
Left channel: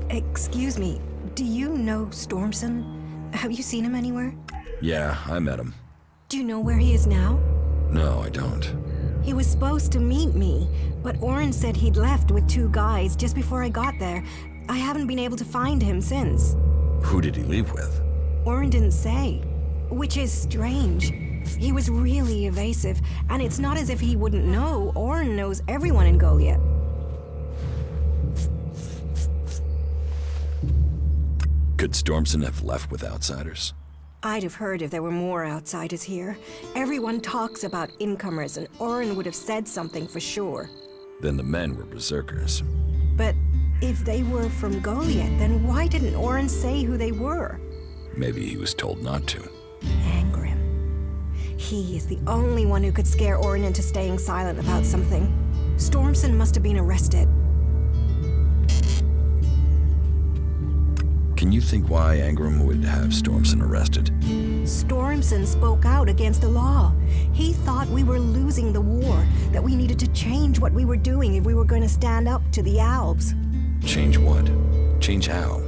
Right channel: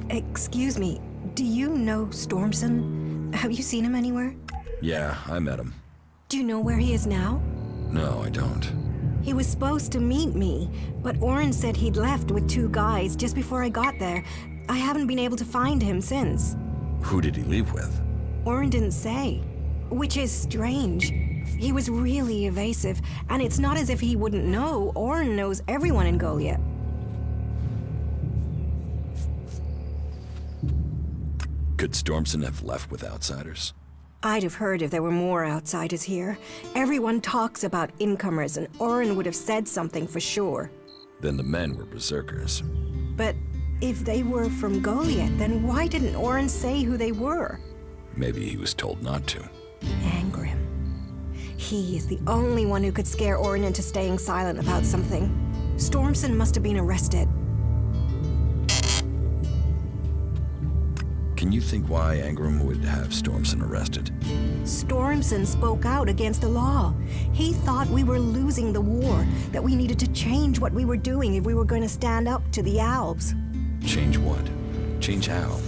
Excuse me, do you know Stormson? Have you seen him anywhere? Yeah, I met him. Do you know where he is now? No, I don't. He was supposed to meet me, but Oren said he'd left with 2 guys just before I got there. I haven't been able to find him since. Who did he leave with? Oren didn't say, which is strange. He was really evasive, and it's not as if he wouldn't know. Oren knows everyone in Goliath. Could Stormson have left with outsiders? I'd have heard if there were more outsiders here. Everyone talks about incomers, and Oren would have said something for sure. Then the men were berserkers. But if they were from Goliath, then why didn't Oren say who they were? Maybe he was told not to. Angrim. He is the only one who could scare Oren into staying silent about something. Stormson must have been arrested. Can you think why Angrim would have Stormson arrested? Stormson spoke out against the law. He thought we were losing the war, that we needed to change what we were doing if we were going to stand up to the Albs. Change what? Change how?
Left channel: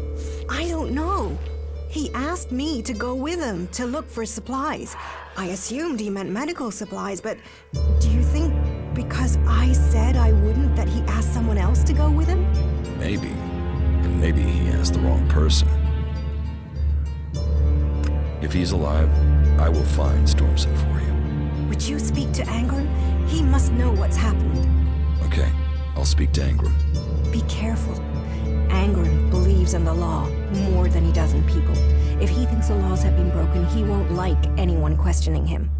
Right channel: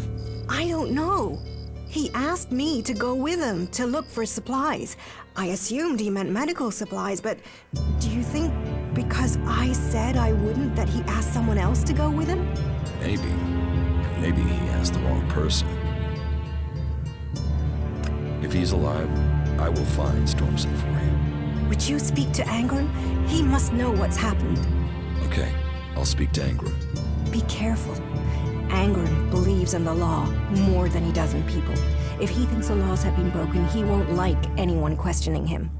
I don't know. He asked me to go with him to look for supplies. I assumed he meant medical supplies, but do you think because I said I wouldn't that he asked someone else to go with him? Maybe. And maybe he asked the wrong person. If he's alive, I will find Stormson for you. Would you speak to Angrim? He must know what's happened. Okay, I'll speak to Angrim. Be careful. Angrim believes in the law more than he does in people. If he thinks the laws have been broken, he won't like anyone questioning him.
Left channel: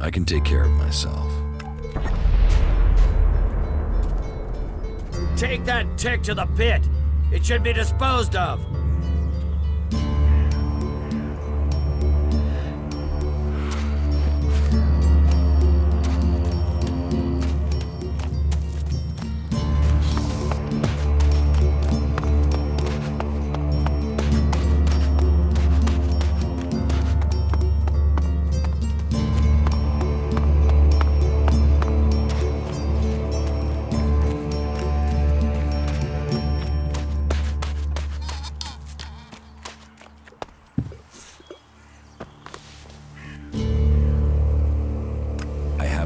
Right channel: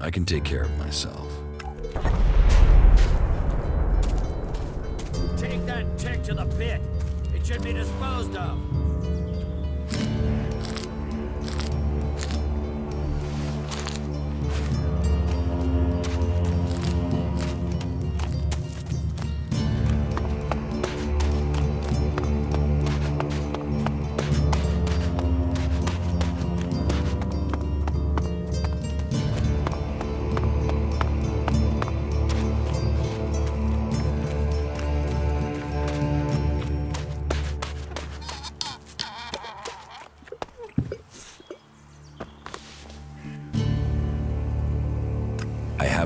I can take care of myself. Take that tick to the pit. It should be disposed of.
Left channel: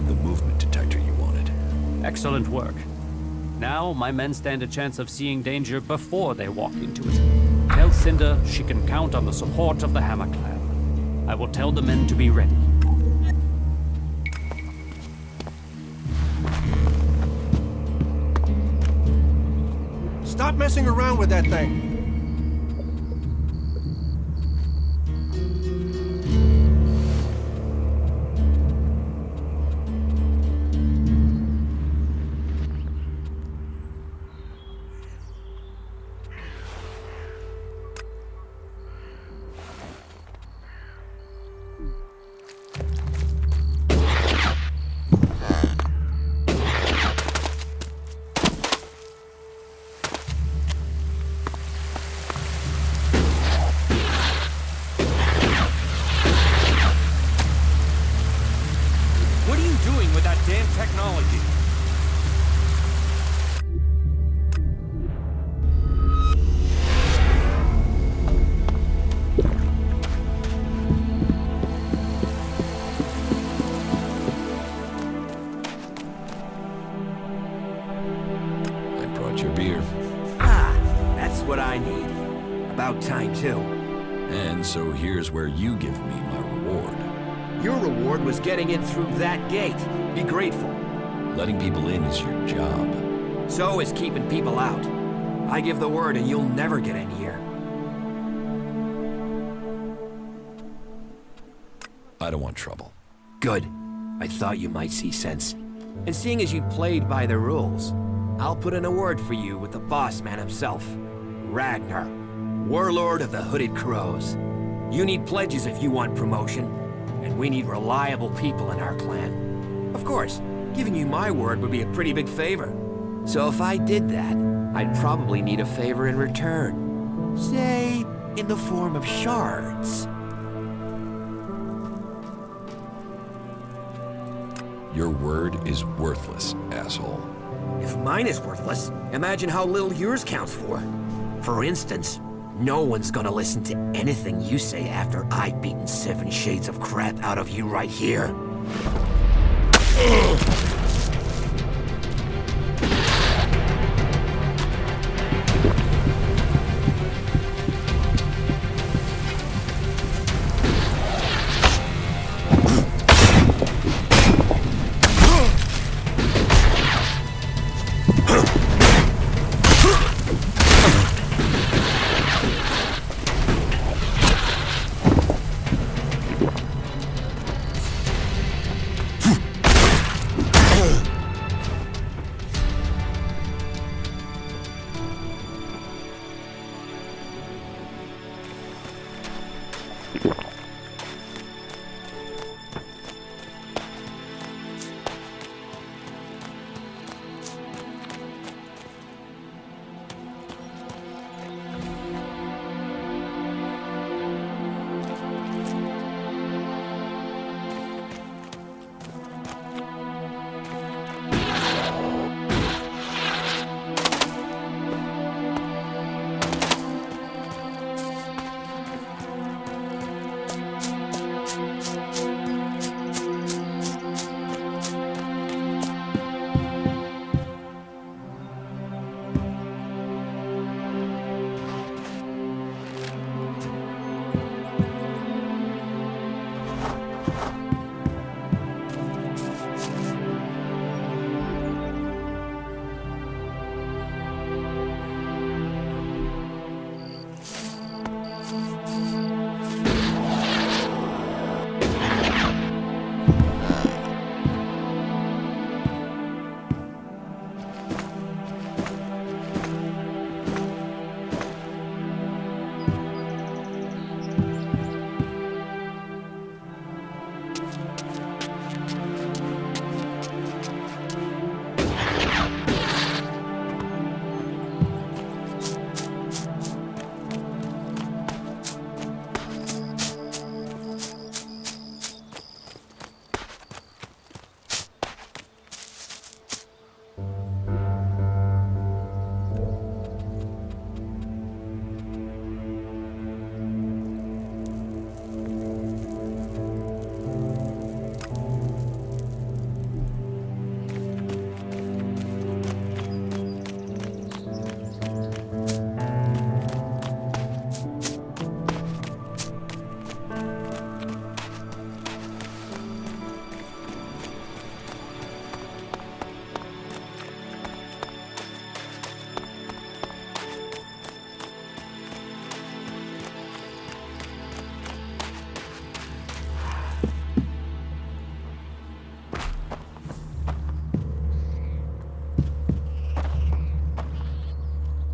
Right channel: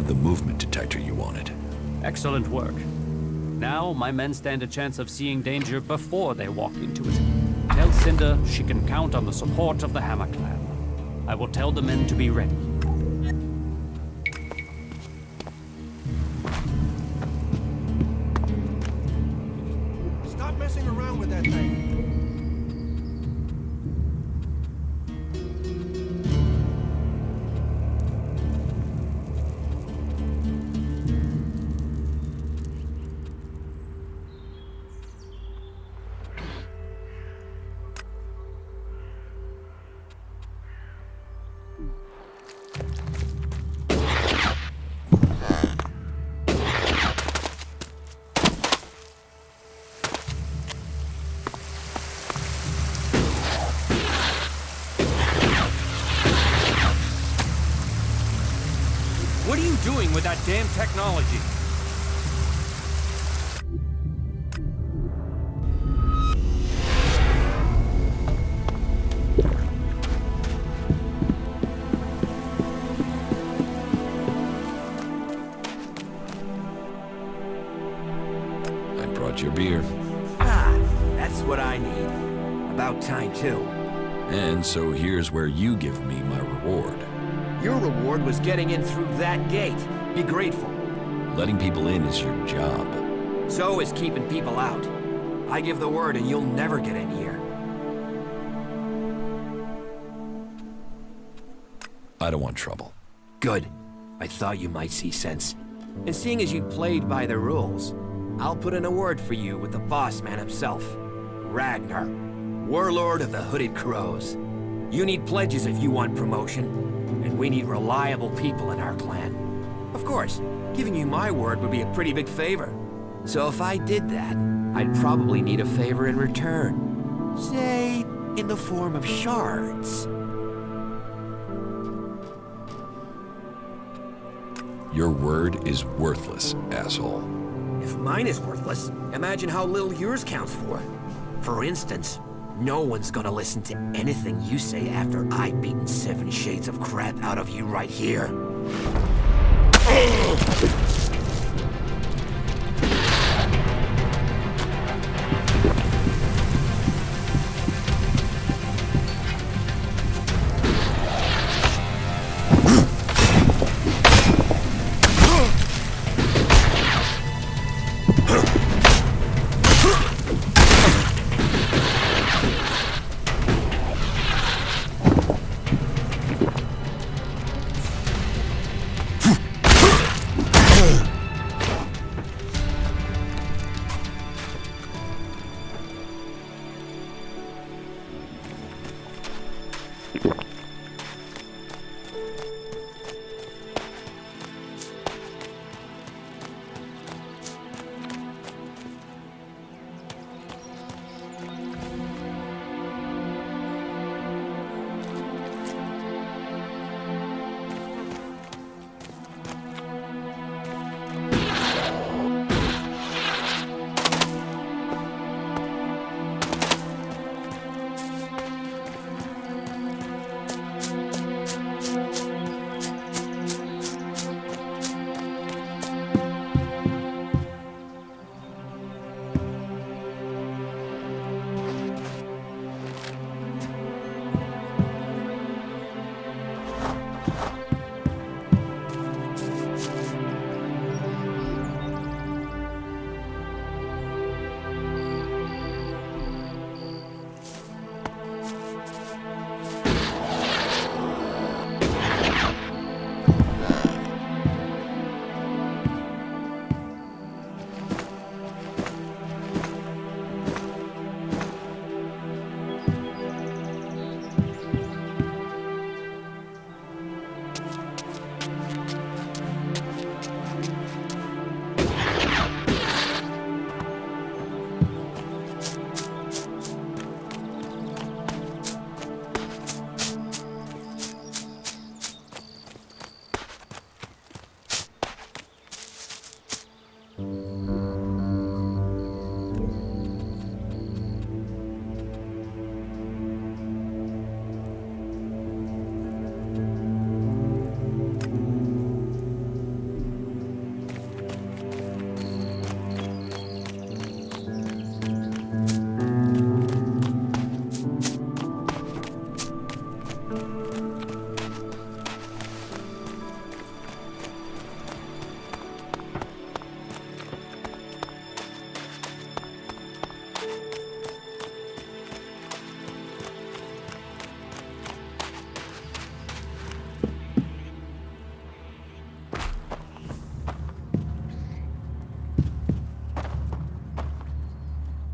The movement detector you wanted. Excellent work. Now, my men stand a chance of seeing danger before they walk into it. Tell Cinder she can count on the support of the Hammer Clan. I will tell the men to be ready. Stop messing around with that thing. What are you doing with that damn technology? I brought your beer. Ah, that's what I need. About time, too. And so here's where you give me my reward. Your reward was getting in through that gate. Be grateful. Letting people in is your job. So is keeping people out. I give the word and you'll never get in here. I don't want trouble. Good. I thought you might see sense. And seeing as you played by the rules, I'll put in a word for you with the boss man himself, Ragnar, warlord of the Hooded Crows. You need pledges if you want promotion, and we need reliable people in our clan. Of course, giving you my word would be a pretty big favor. So if I did that, I'd probably need a favor in return. Say, in the form of shards. Your word is worthless, asshole. If mine is worthless, imagine how little yours counts for. For instance, no one's gonna listen to anything you say after I've beaten 7 shades of crap out of you right here.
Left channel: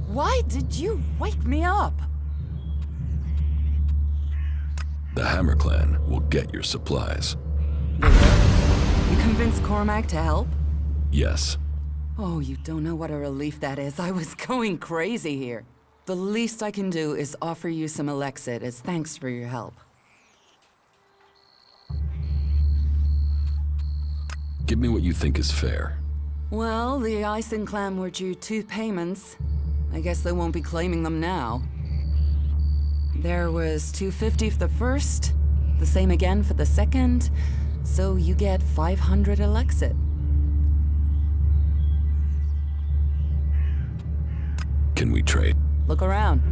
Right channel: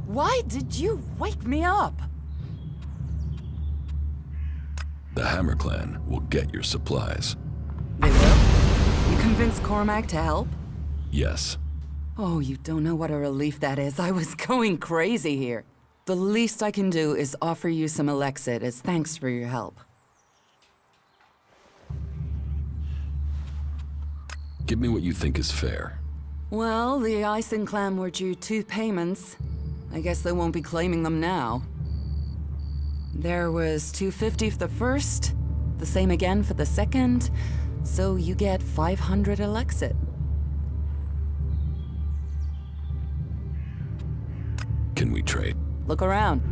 Why did you wake me up? The Hammer Clan will get your supplies. They will? You convinced Cormac to help? Yes. Oh, you don't know what a relief that is. I was going crazy here. The least I can do is offer you some Elexit as thanks for your help. Give me what you think is fair. Well, the Ison clan were due 2 payments. I guess they won't be claiming them now. There was 250 for the first, the same again for the second, so you get 500 Elexit. Can we trade? Look around.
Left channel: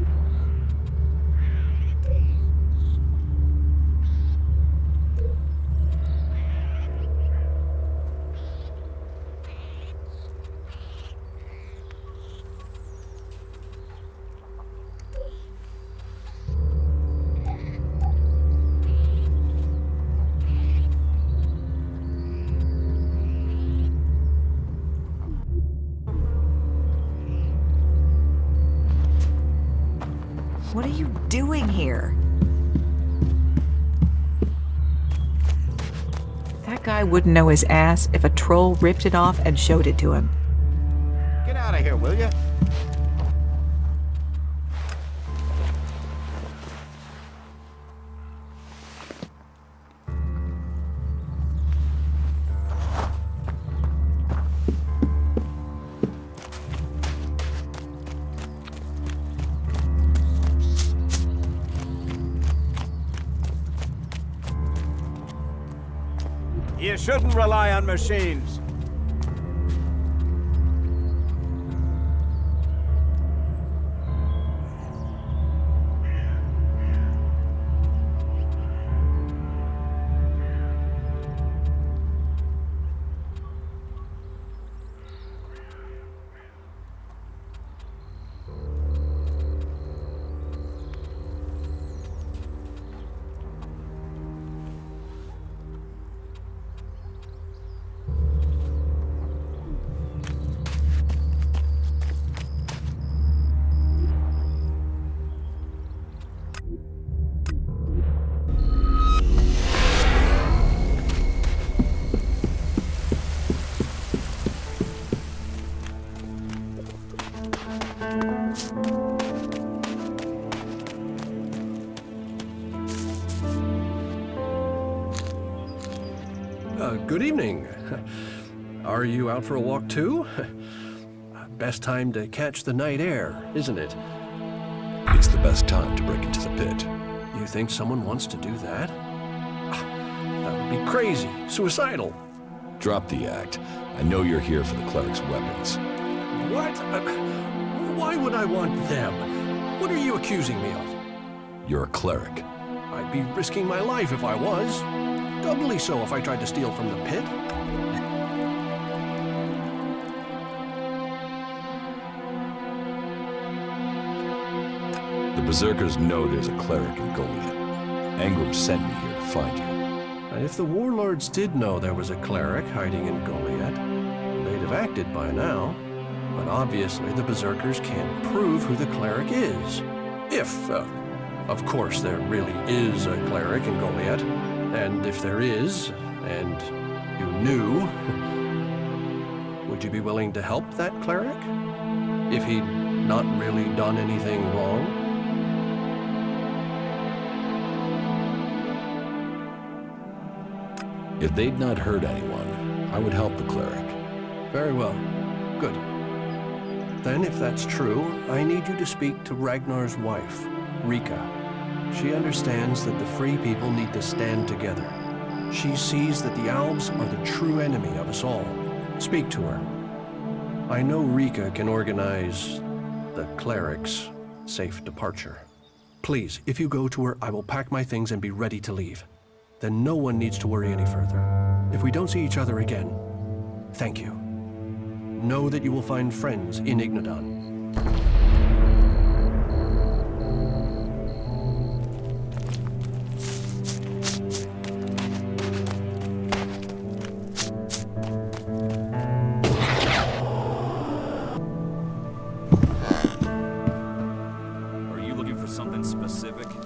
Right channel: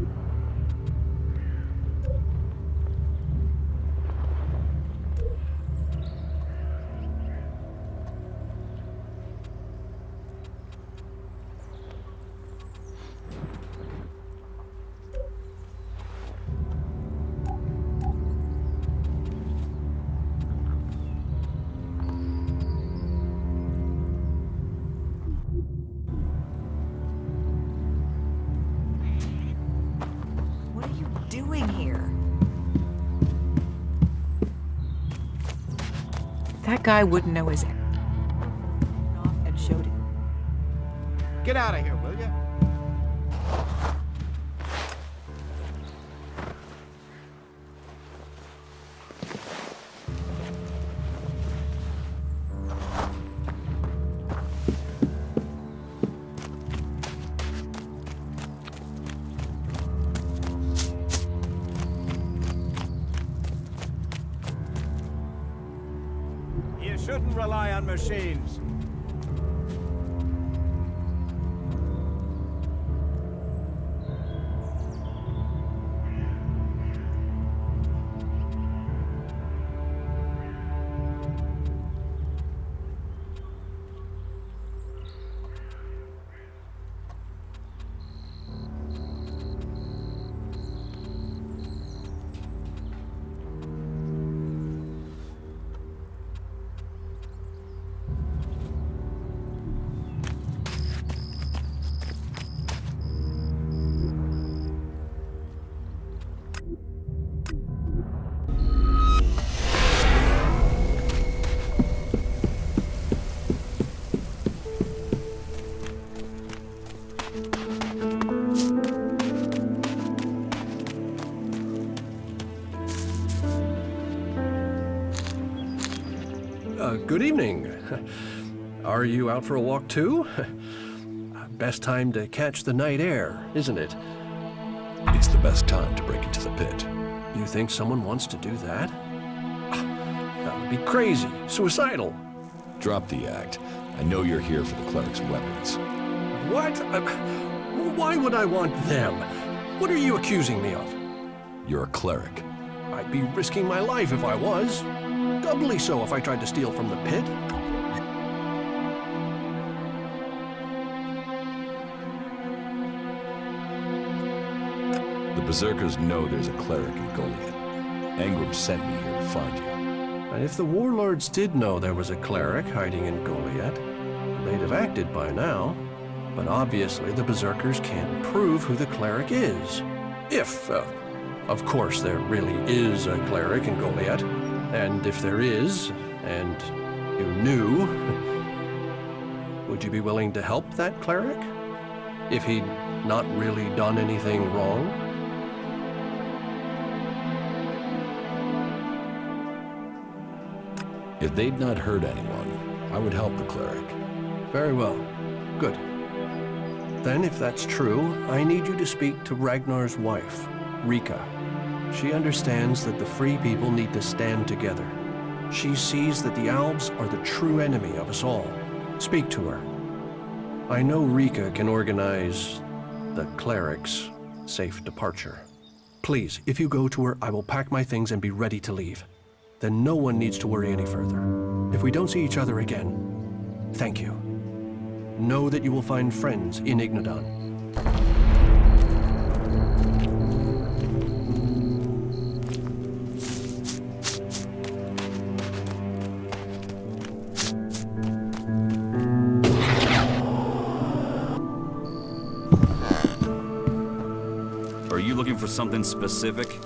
What are you doing here? That guy wouldn't know his ass if a troll ripped it off and showed it to him. Get out of here, will you? You shouldn't rely on machines. Good evening. Are you out for a walk too? Best time to catch the night air, isn't it? It's the best time to break into the pit. You think someone wants to do that? That would be crazy. Suicidal. Drop the act. I know you're here for the cleric's weapons. What? Why would I want them? What are you accusing me of? You're a cleric. I'd be risking my life if I was. Doubly so if I tried to steal from the pit. The Berserkers know there's a cleric in Goliath. Angram sent me here to find you. If the warlords did know there was a cleric hiding in Goliath, they'd have acted by now. But obviously the Berserkers can't prove who the cleric is. If, of course, there really is a cleric in Goliath. And if there is, and you knew, would you be willing to help that cleric? If he'd not really done anything wrong? If they'd not hurt anyone, I would help the cleric. Very well. Good. Then, if that's true, I need you to speak to Ragnar's wife, Rika. She understands that the Free People need to stand together. She sees that the Albs are the true enemy of us all. Speak to her. I know Rika can organize the cleric's safe departure. Please, if you go to her, I will pack my things and be ready to leave. Then no one needs to worry any further. If we don't see each other again, thank you. Know that you will find friends in Ignadon. Are you looking for something specific?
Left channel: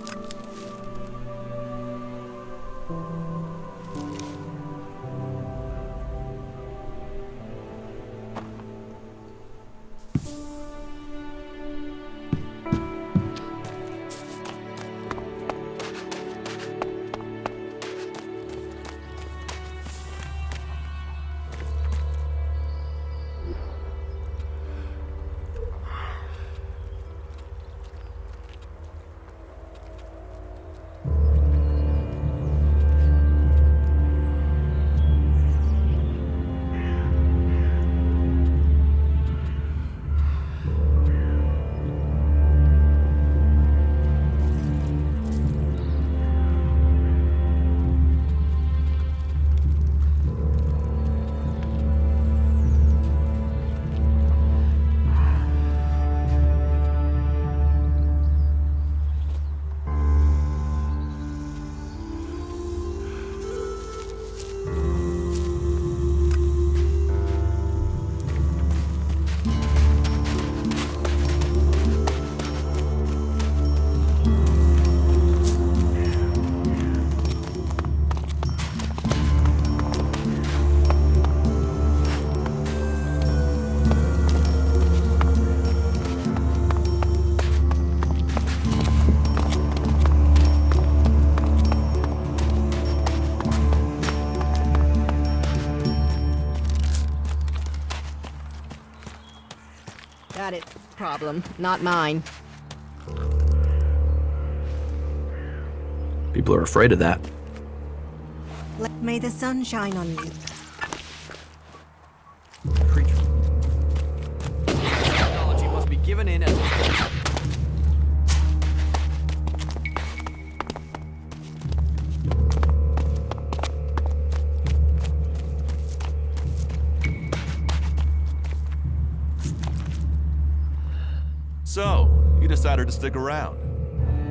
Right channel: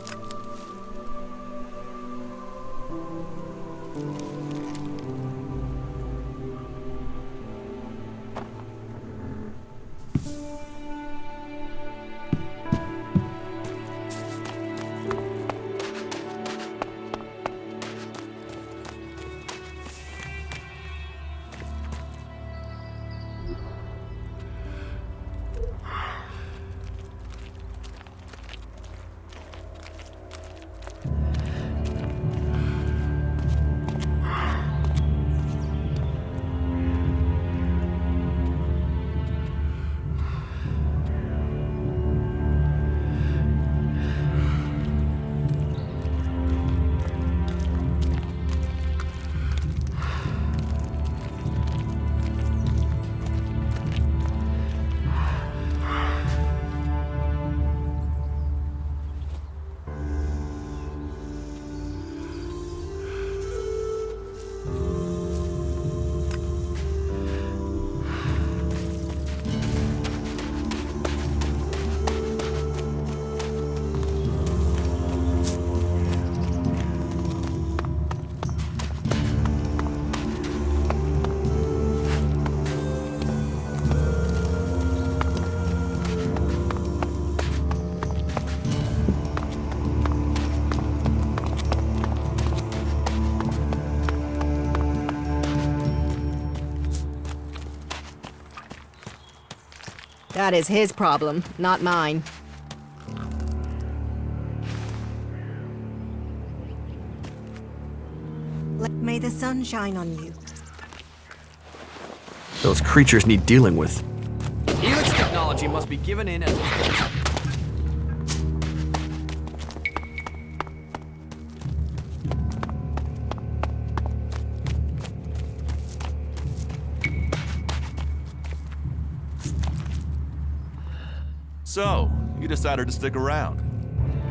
That is his problem, not mine. People are afraid of that. May the sun shine on you. Those creatures need dealing with. Elex technology must be given in as... So, you decided to stick around.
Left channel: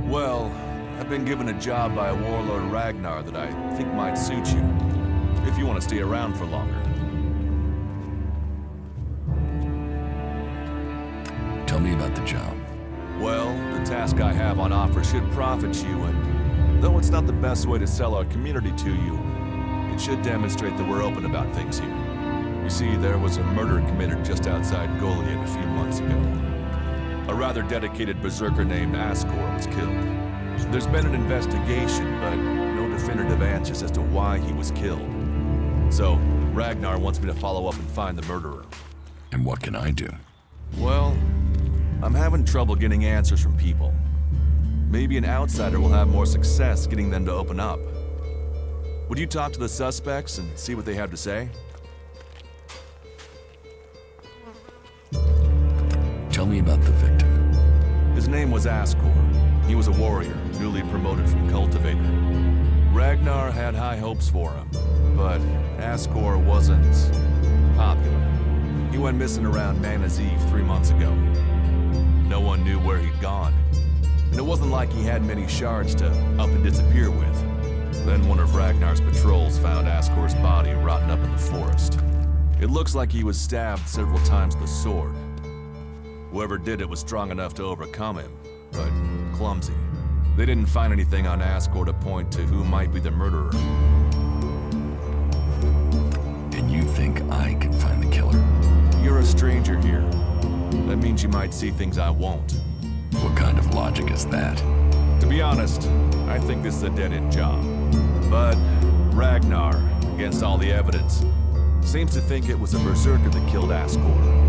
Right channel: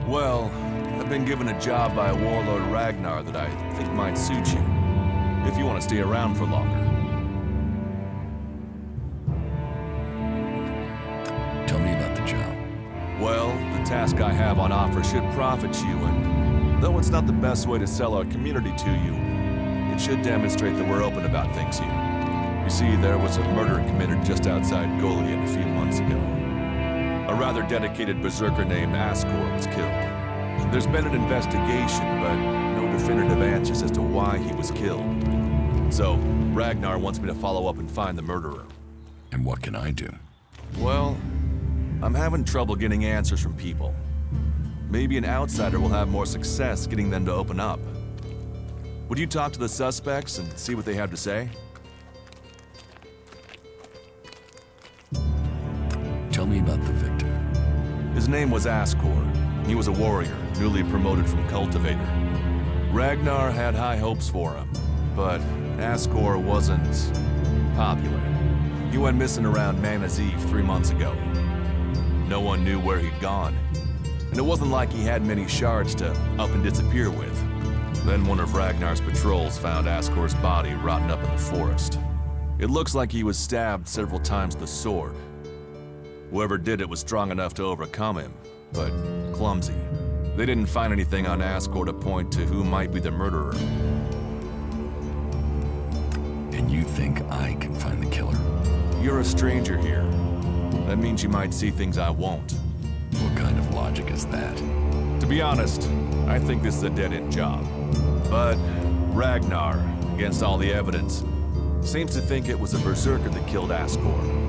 Well, I've been given a job by Warlord Ragnar that I think might suit you, if you want to stay around for longer. Tell me about the job. Well, the task I have on offer should profit you, and though it's not the best way to sell our community to you, it should demonstrate that we're open about things here. You see, there was a murder committed just outside Goliath a few months ago. A rather dedicated berserker named Ascor was killed. There's been an investigation, but no definitive answers as to why he was killed. So, Ragnar wants me to follow up and find the murderer. And what can I do? Well, I'm having trouble getting answers from people. Maybe an outsider will have more success getting them to open up. Would you talk to the suspects and see what they have to say? Tell me about the victim. His name was Ascor. He was a warrior, newly promoted from cultivator. Ragnar had high hopes for him, but Ascor wasn't popular. He went missing around Mana's Eve 3 months ago. No one knew where he'd gone, and it wasn't like he had many shards to up and disappear with. Then one of Ragnar's patrols found Ascor's body rotten up in the forest. It looks like he was stabbed several times with a sword. Whoever did it was strong enough to overcome him, but clumsy. They didn't find anything on Ascor to point to who might be the murderer. And you think I can find the killer? You're a stranger here. That means you might see things I won't. What kind of logic is that? To be honest, I think this is a dead-end job. But Ragnar, against all the evidence, seems to think it was a berserker that killed Ascor.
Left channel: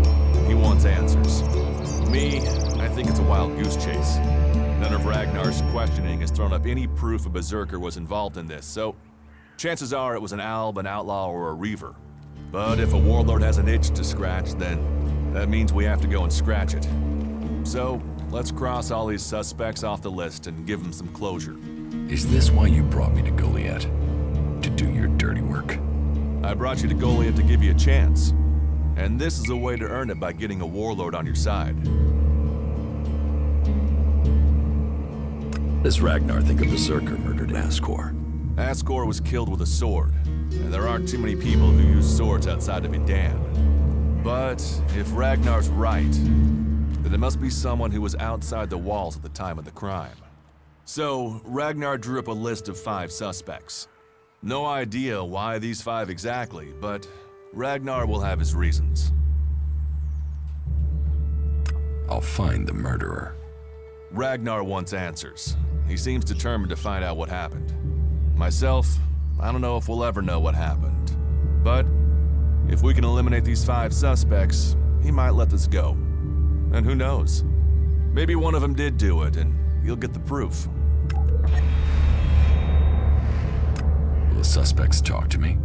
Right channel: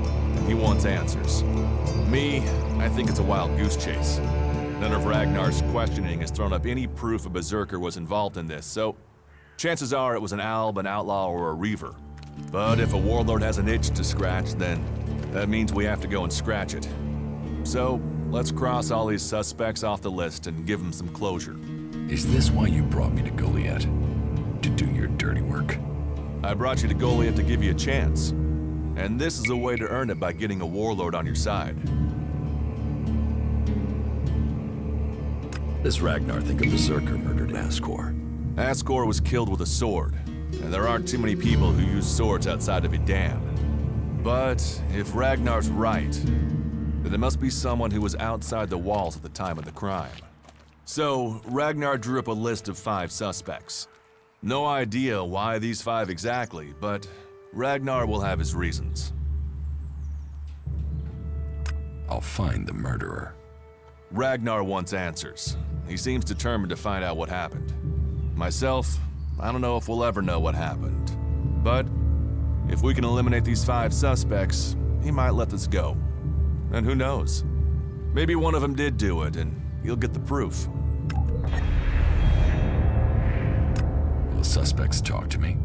He wants answers. Me, I think it's a wild goose chase. None of Ragnar's questioning has thrown up any proof a berserker was involved in this, so chances are it was an alb, an outlaw, or a reaver. But if a warlord has an itch to scratch, then that means we have to go and scratch it. So, let's cross all these suspects off the list and give them some closure. Is this why you brought me to Goliath? To do your dirty work? I brought you to Goliath to give you a chance. And this is a way to earn it by getting a warlord on your side. Does Ragnar think a berserker murdered Ascor? Ascor was killed with a sword, and there aren't too many people who use swords outside of Idan. But if Ragnar's right, then it must be someone who was outside the walls at the time of the crime. So, Ragnar drew up a list of 5 suspects. No idea why these 5 exactly, but Ragnar will have his reasons. I'll find the murderer. Ragnar wants answers. He seems determined to find out what happened. Myself, I don't know if we'll ever know what happened. But if we can eliminate these 5 suspects, he might let this go. And who knows? Maybe one of them did do it, and you'll get the proof. Will the suspects talk to me?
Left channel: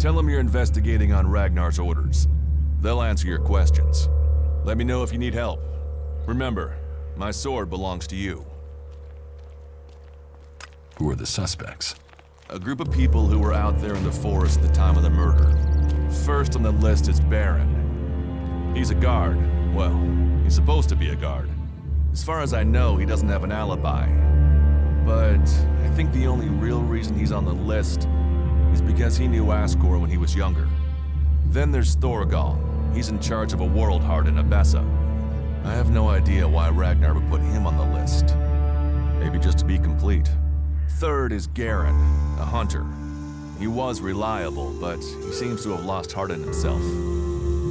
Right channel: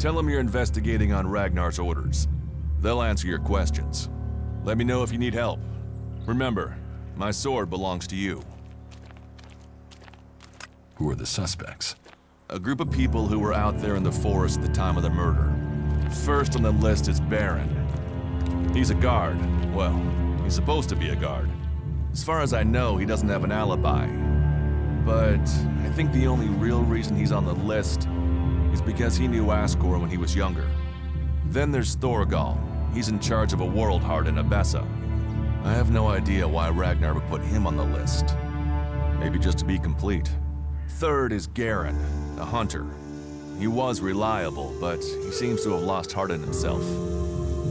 Tell them you're investigating on Ragnar's orders. They'll answer your questions. Let me know if you need help. Remember, my sword belongs to you. Who are the suspects? A group of people who were out there in the forest at the time of the murder. First on the list is Baron. He's a guard. Well, he's supposed to be a guard. As far as I know, he doesn't have an alibi. But I think the only real reason he's on the list is because he knew Ascor when he was younger. Then there's Thorgal. He's in charge of a world heart in Abessa. I have no idea why Ragnar would put him on the list. Maybe just to be complete. Third is Garen, a hunter. He was reliable, but he seems to have lost heart in himself.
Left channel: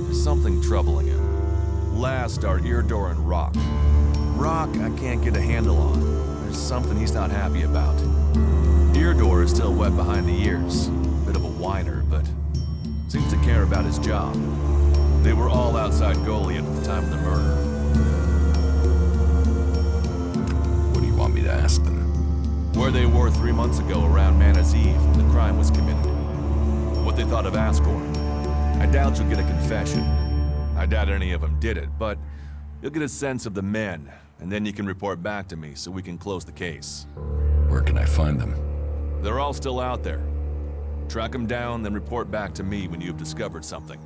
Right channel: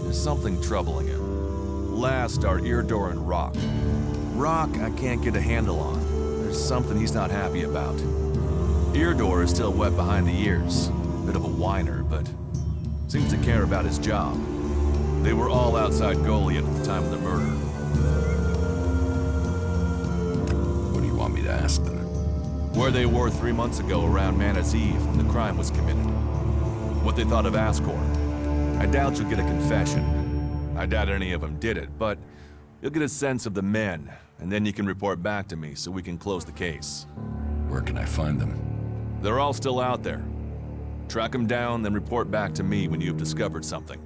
There's something troubling him. Last are Eardor and Rock. Rock I can't get a handle on. There's something he's not happy about. Eardor is still wet behind the ears. Bit of a whiner, but seems to care about his job. They were all outside Goliath at the time of the murder. What do you want me to ask them? Where they were 3 months ago around Mana's Eve when the crime was committed. What they thought of Ascor. I doubt you'll get a confession. I doubt any of them did it, but you'll get a sense of the men, and then you can report back to me so we can close the case. Where can I find them? They're all still out there. Track them down, then report back to me when you've discovered something.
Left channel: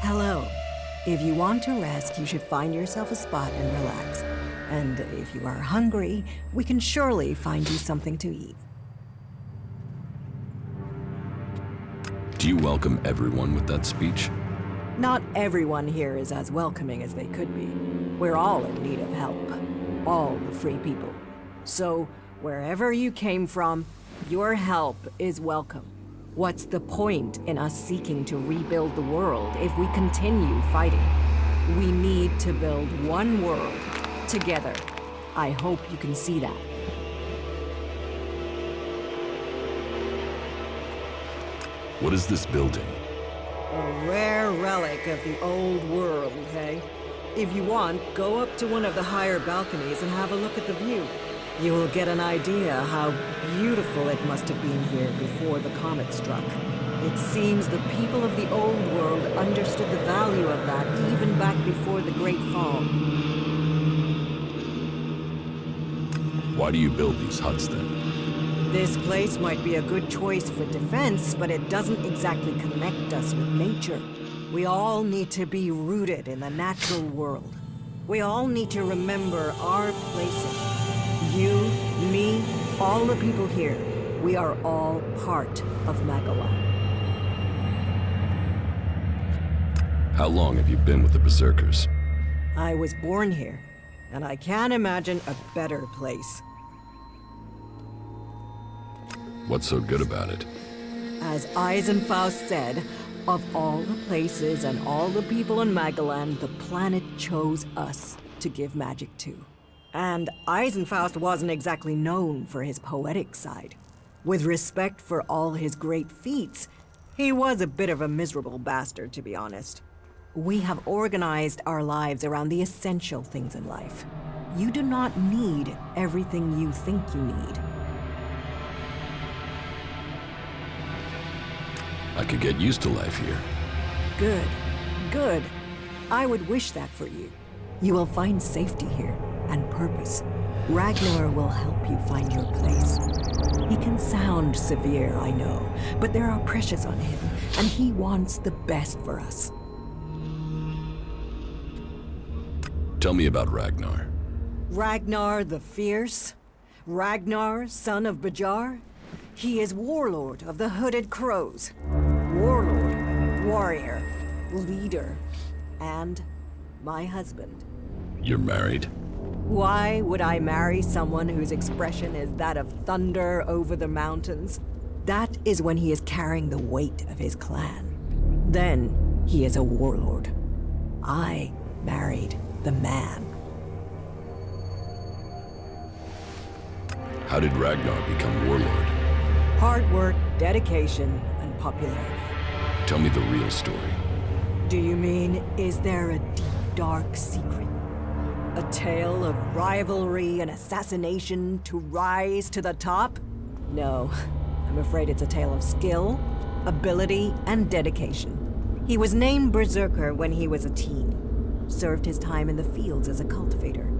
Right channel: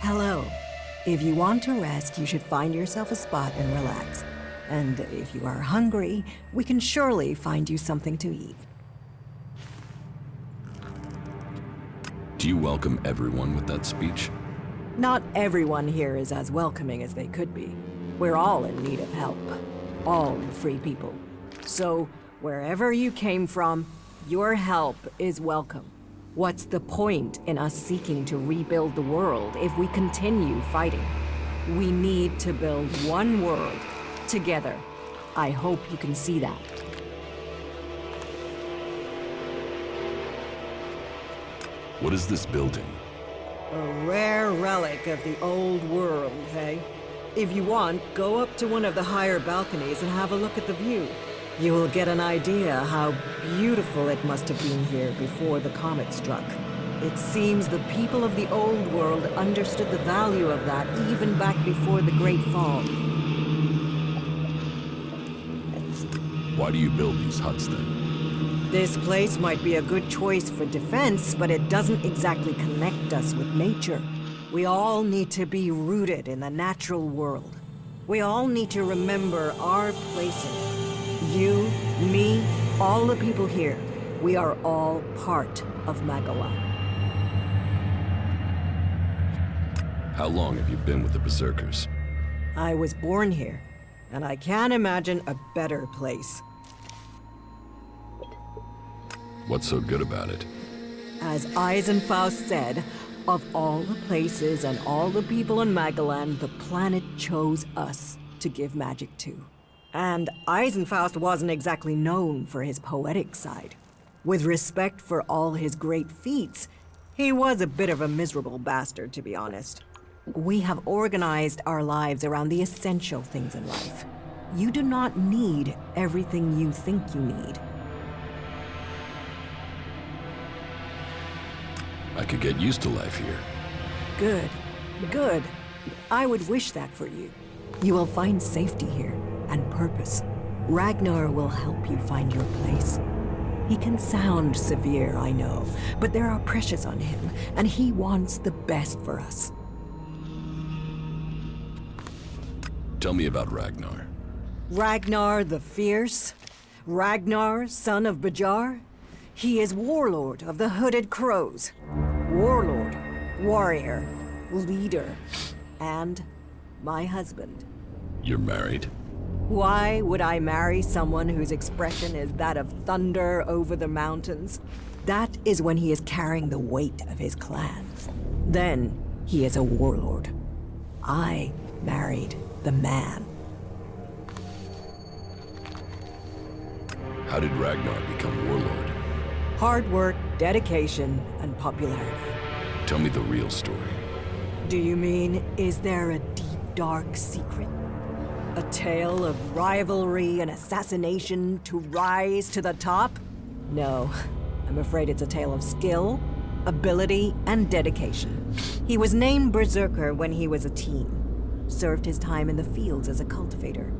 Hello. If you want to rest, you should find yourself a spot and relax. And if you are hungry, we can surely find you something to eat. Do you welcome everyone with that speech? Not everyone here is as welcoming as they could be. We're all in need of help. All the free people. So, wherever you came from, your help is welcome. What's the point in us seeking to rebuild the world if we continue fighting? We need to build one world, together. I hope you can see that. What is this building? A rare relic of the old world, hey? If you want, go up to one of the higher balconies and have a look at the view. You will get an idea how beautiful it must have been here before the comet struck. It seems the people of the old world understood the value of that even back before the Great Fall. Why do you build these huts then? This place might be a good choice for defense, but it doesn't exactly connect us with nature. We all need to be rooted in the natural world. We all need to remember our place in it. You, me, all the people here, we are all part of Magalan. How long have you been with the Berserkers? I was born here, and I can't imagine a better place. What's so good about it? As Eisenfaust said, of all the places and all the people in Magalan, the planet chose us to give magic to. And Eisenfaust wasn't exactly known for his poetic side. With respect for all his great feats, he was a bit of a miserable bastard, to be honest. We have organized our lives around the essential things in life. You do not need everything you think you need. I could get used to life here. Good. Good. I would wish that for you. You will find safety here, and purpose. Ragnar will help you find your place. He can sound severe, I know, but there are pressures on him, and he wants the best for us. Tell me about Ragnar. Ragnar the Fierce? Ragnar, son of Bajar? He is warlord of the Hooded Crows. Warlord, warrior, leader, and my husband. You're married? Why would I marry someone whose expression is that of thunder over the mountains? That is when he is carrying the weight of his clan. Then he is a warlord. I married the man. How did Ragnar become warlord? Hard work, dedication, and popularity. Tell me the real story. Do you mean, is there a deep, dark secret? A tale of rivalry and assassination to rise to the top? No, I'm afraid it's a tale of skill, ability, and dedication. He was named Berserker when he was a teen. Served his time in the fields as a cultivator.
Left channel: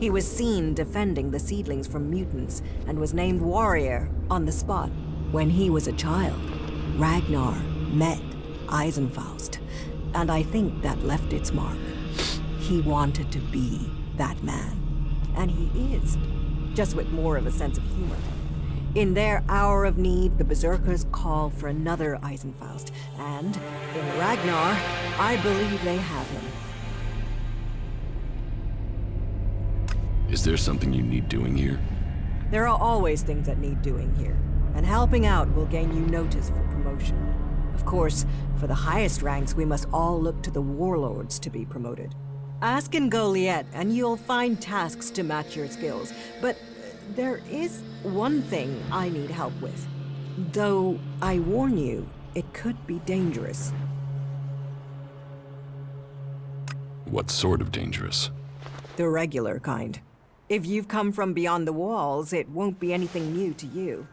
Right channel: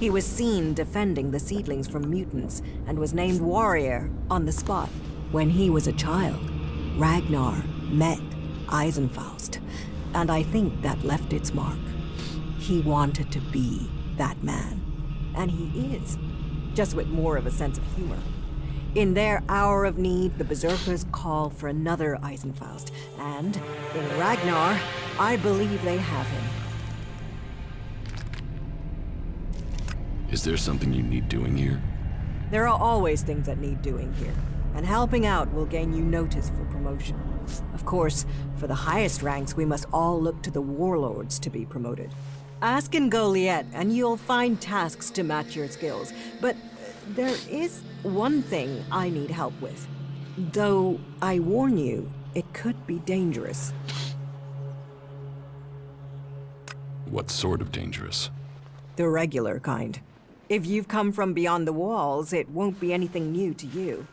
He was seen defending the seedlings from mutants and was named warrior on the spot. When he was a child, Ragnar met Eisenfaust, and I think that left its mark. He wanted to be that man, and he is, just with more of a sense of humor. In their hour of need, the Berserkers call for another Eisenfaust, and in Ragnar, I believe they have him. Is there something you need doing here? There are always things that need doing here, and helping out will gain you notice for promotion. Of course, for the highest ranks, we must all look to the warlords to be promoted. Ask in Goliath, and you'll find tasks to match your skills. But there is one thing I need help with. Though, I warn you, it could be dangerous. What sort of dangerous? The regular kind. If you've come from beyond the walls, it won't be anything new to you.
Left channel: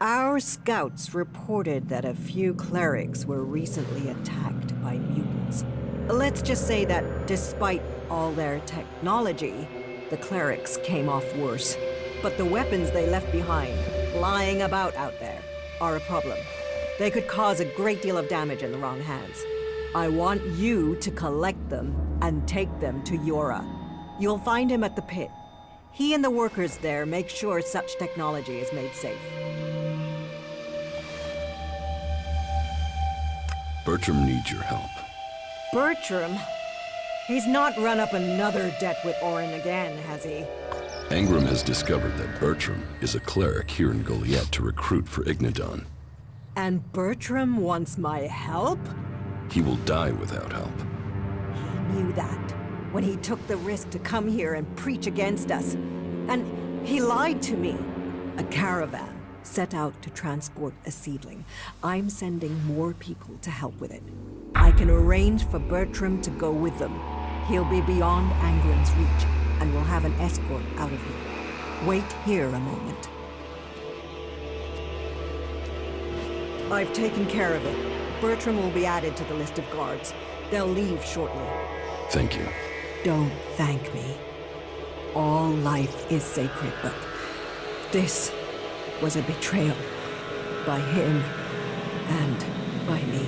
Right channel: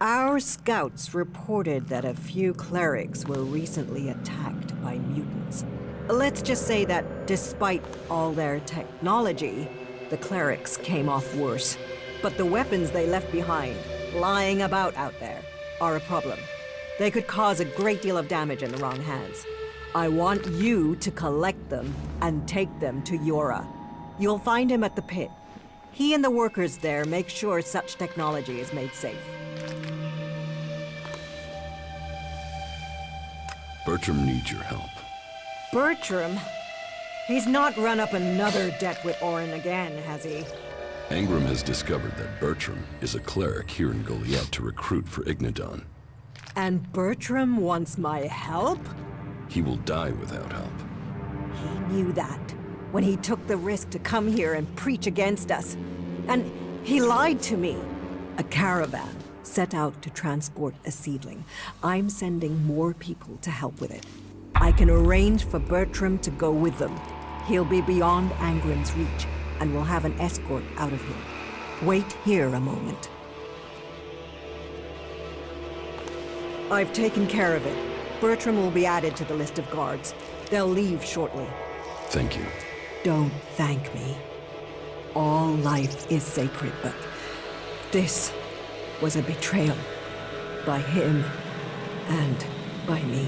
Our scouts reported that a few clerics were recently attacked by mutants. Let's just say that despite all their technology, the clerics came off worse. But the weapons they left behind, lying about out there, are a problem. They could cause a great deal of damage in the wrong hands. I want you to collect them and take them to Yora. You'll find him at the pit. He and the workers there make sure such technology is made safe. Bertram needs your help. Bertram? He's not run up another debt with Orin again, has he? Engram has discovered that Bertram is a cleric here in Goliath to recruit for Ignadon. And Bertram wants my help? He will die without help. He knew that when he took the risk to come here and preach against us. And he lied to me. A caravan set out to transport a seedling. I'm sending more people to help with it. I can arrange for Bertram to go with them. He'll be beyond Angram's reach, and we'll have an escort out of here. Wait here a moment. I've taken care of it. Bertram will be added to the list of guards. They'll leave shortly. Thank you. Don't thank me. All life is sacred, but this was a betrayal. By him and by me.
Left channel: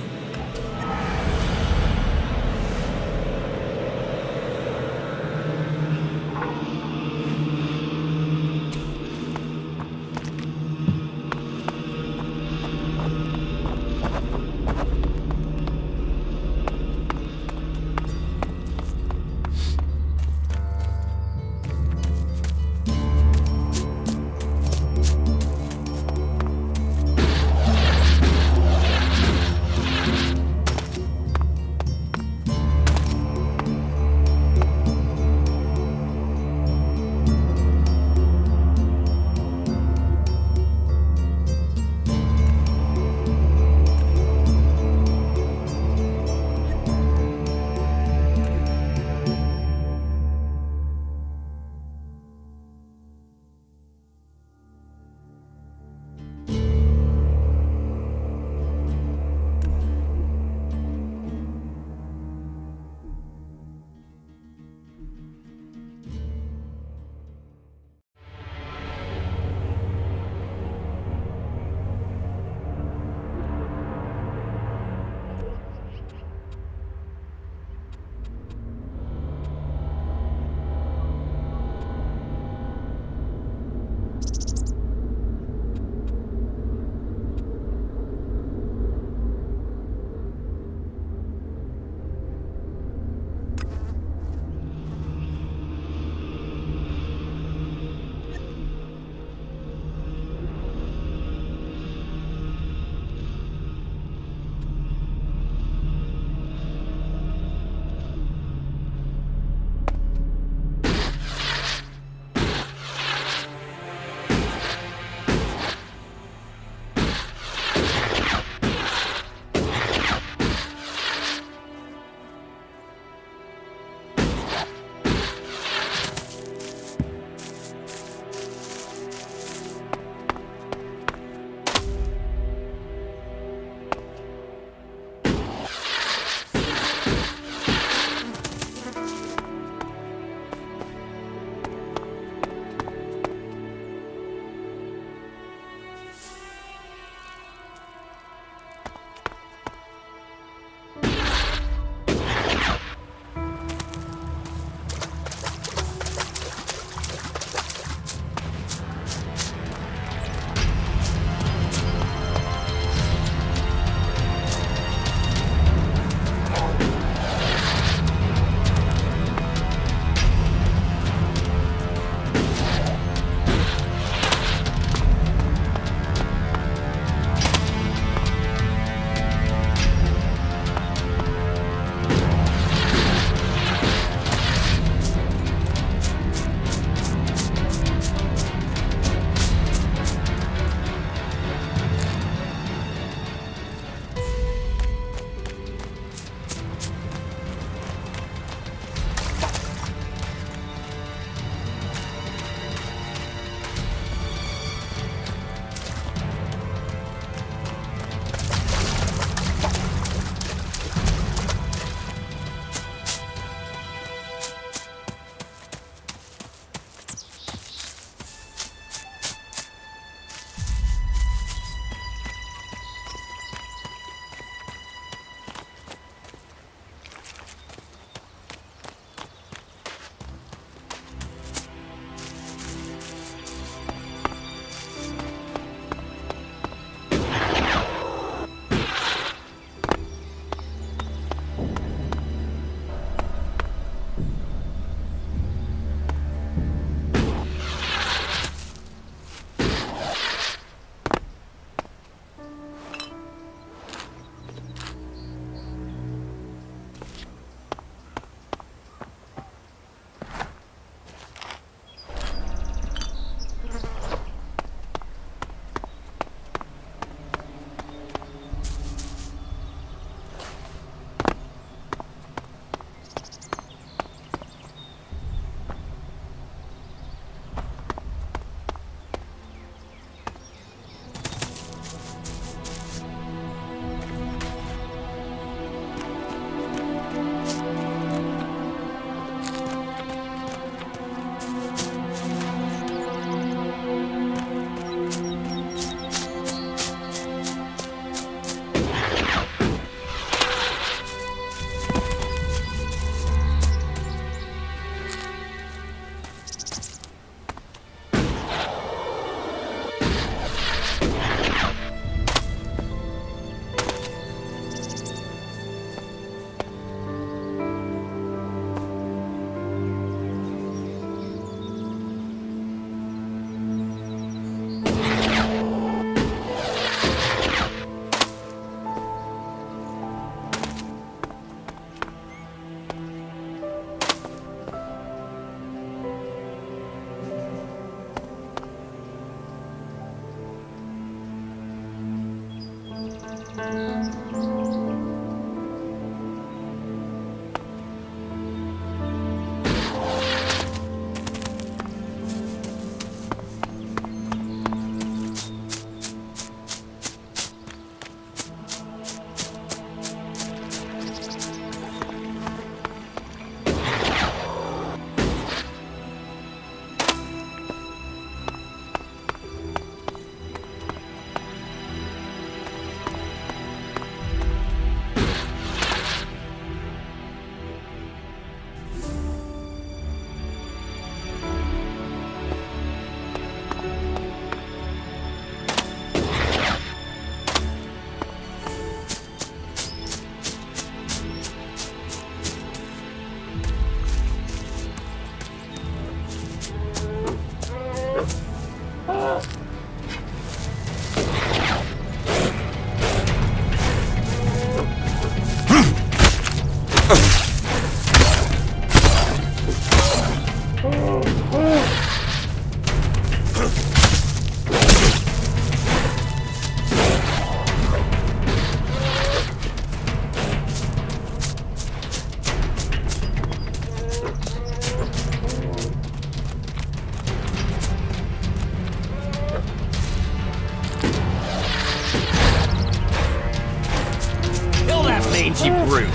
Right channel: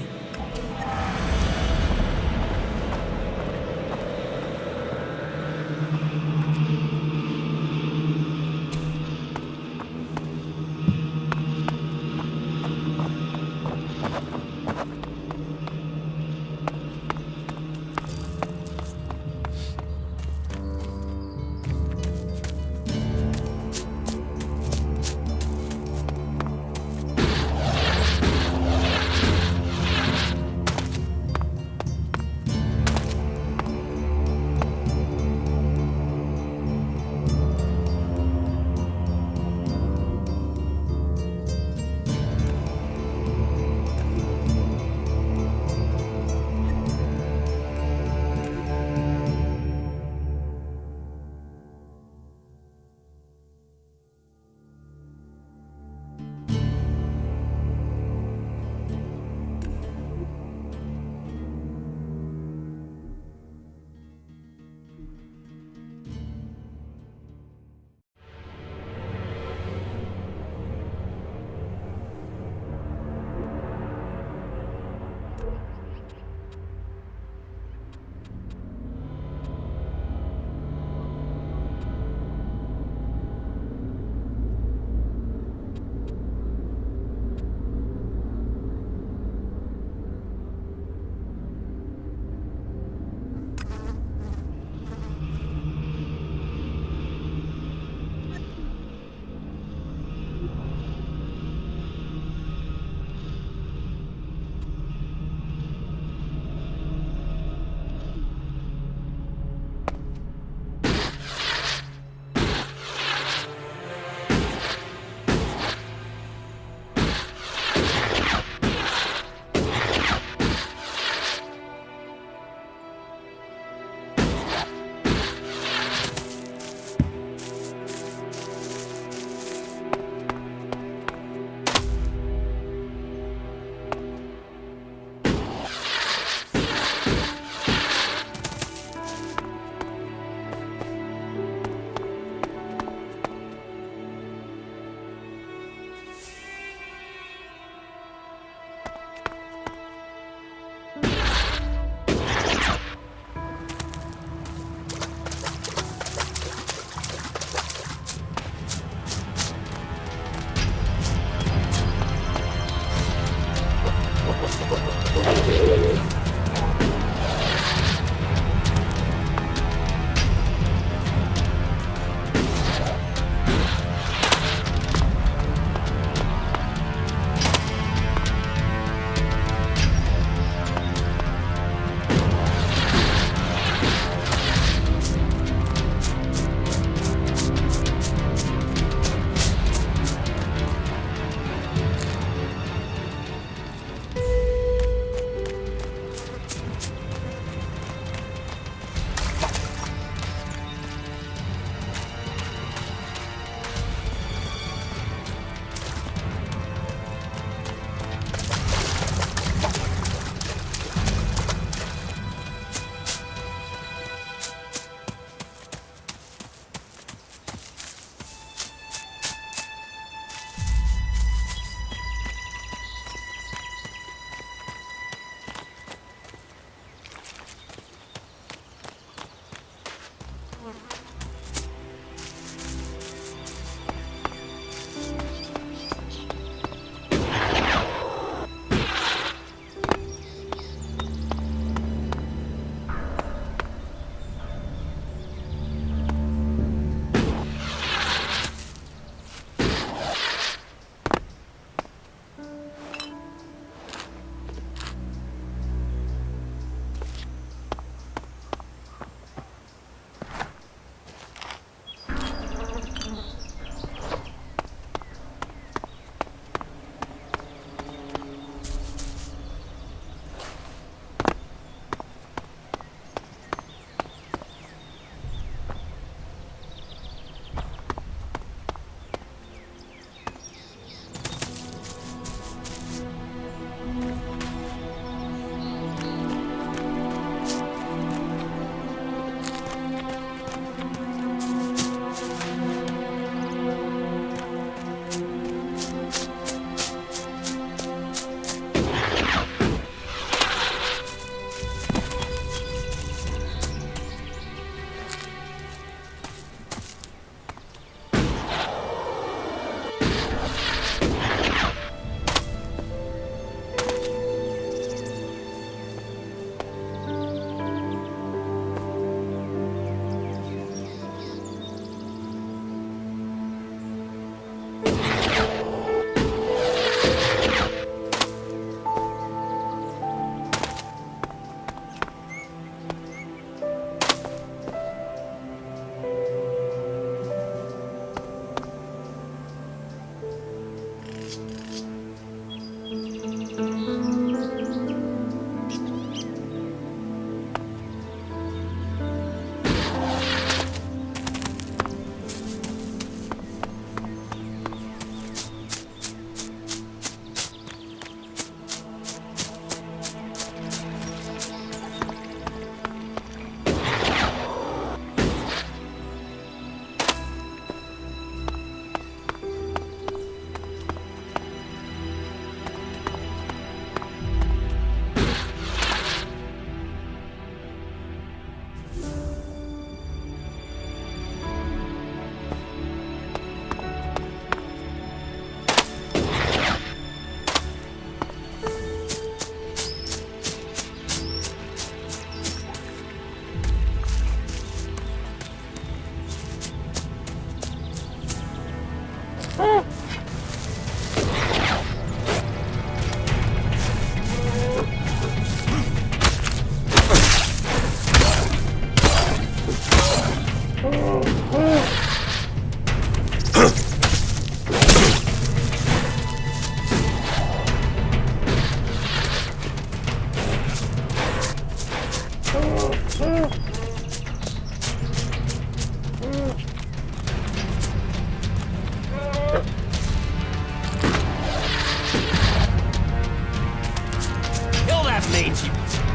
mangy brute.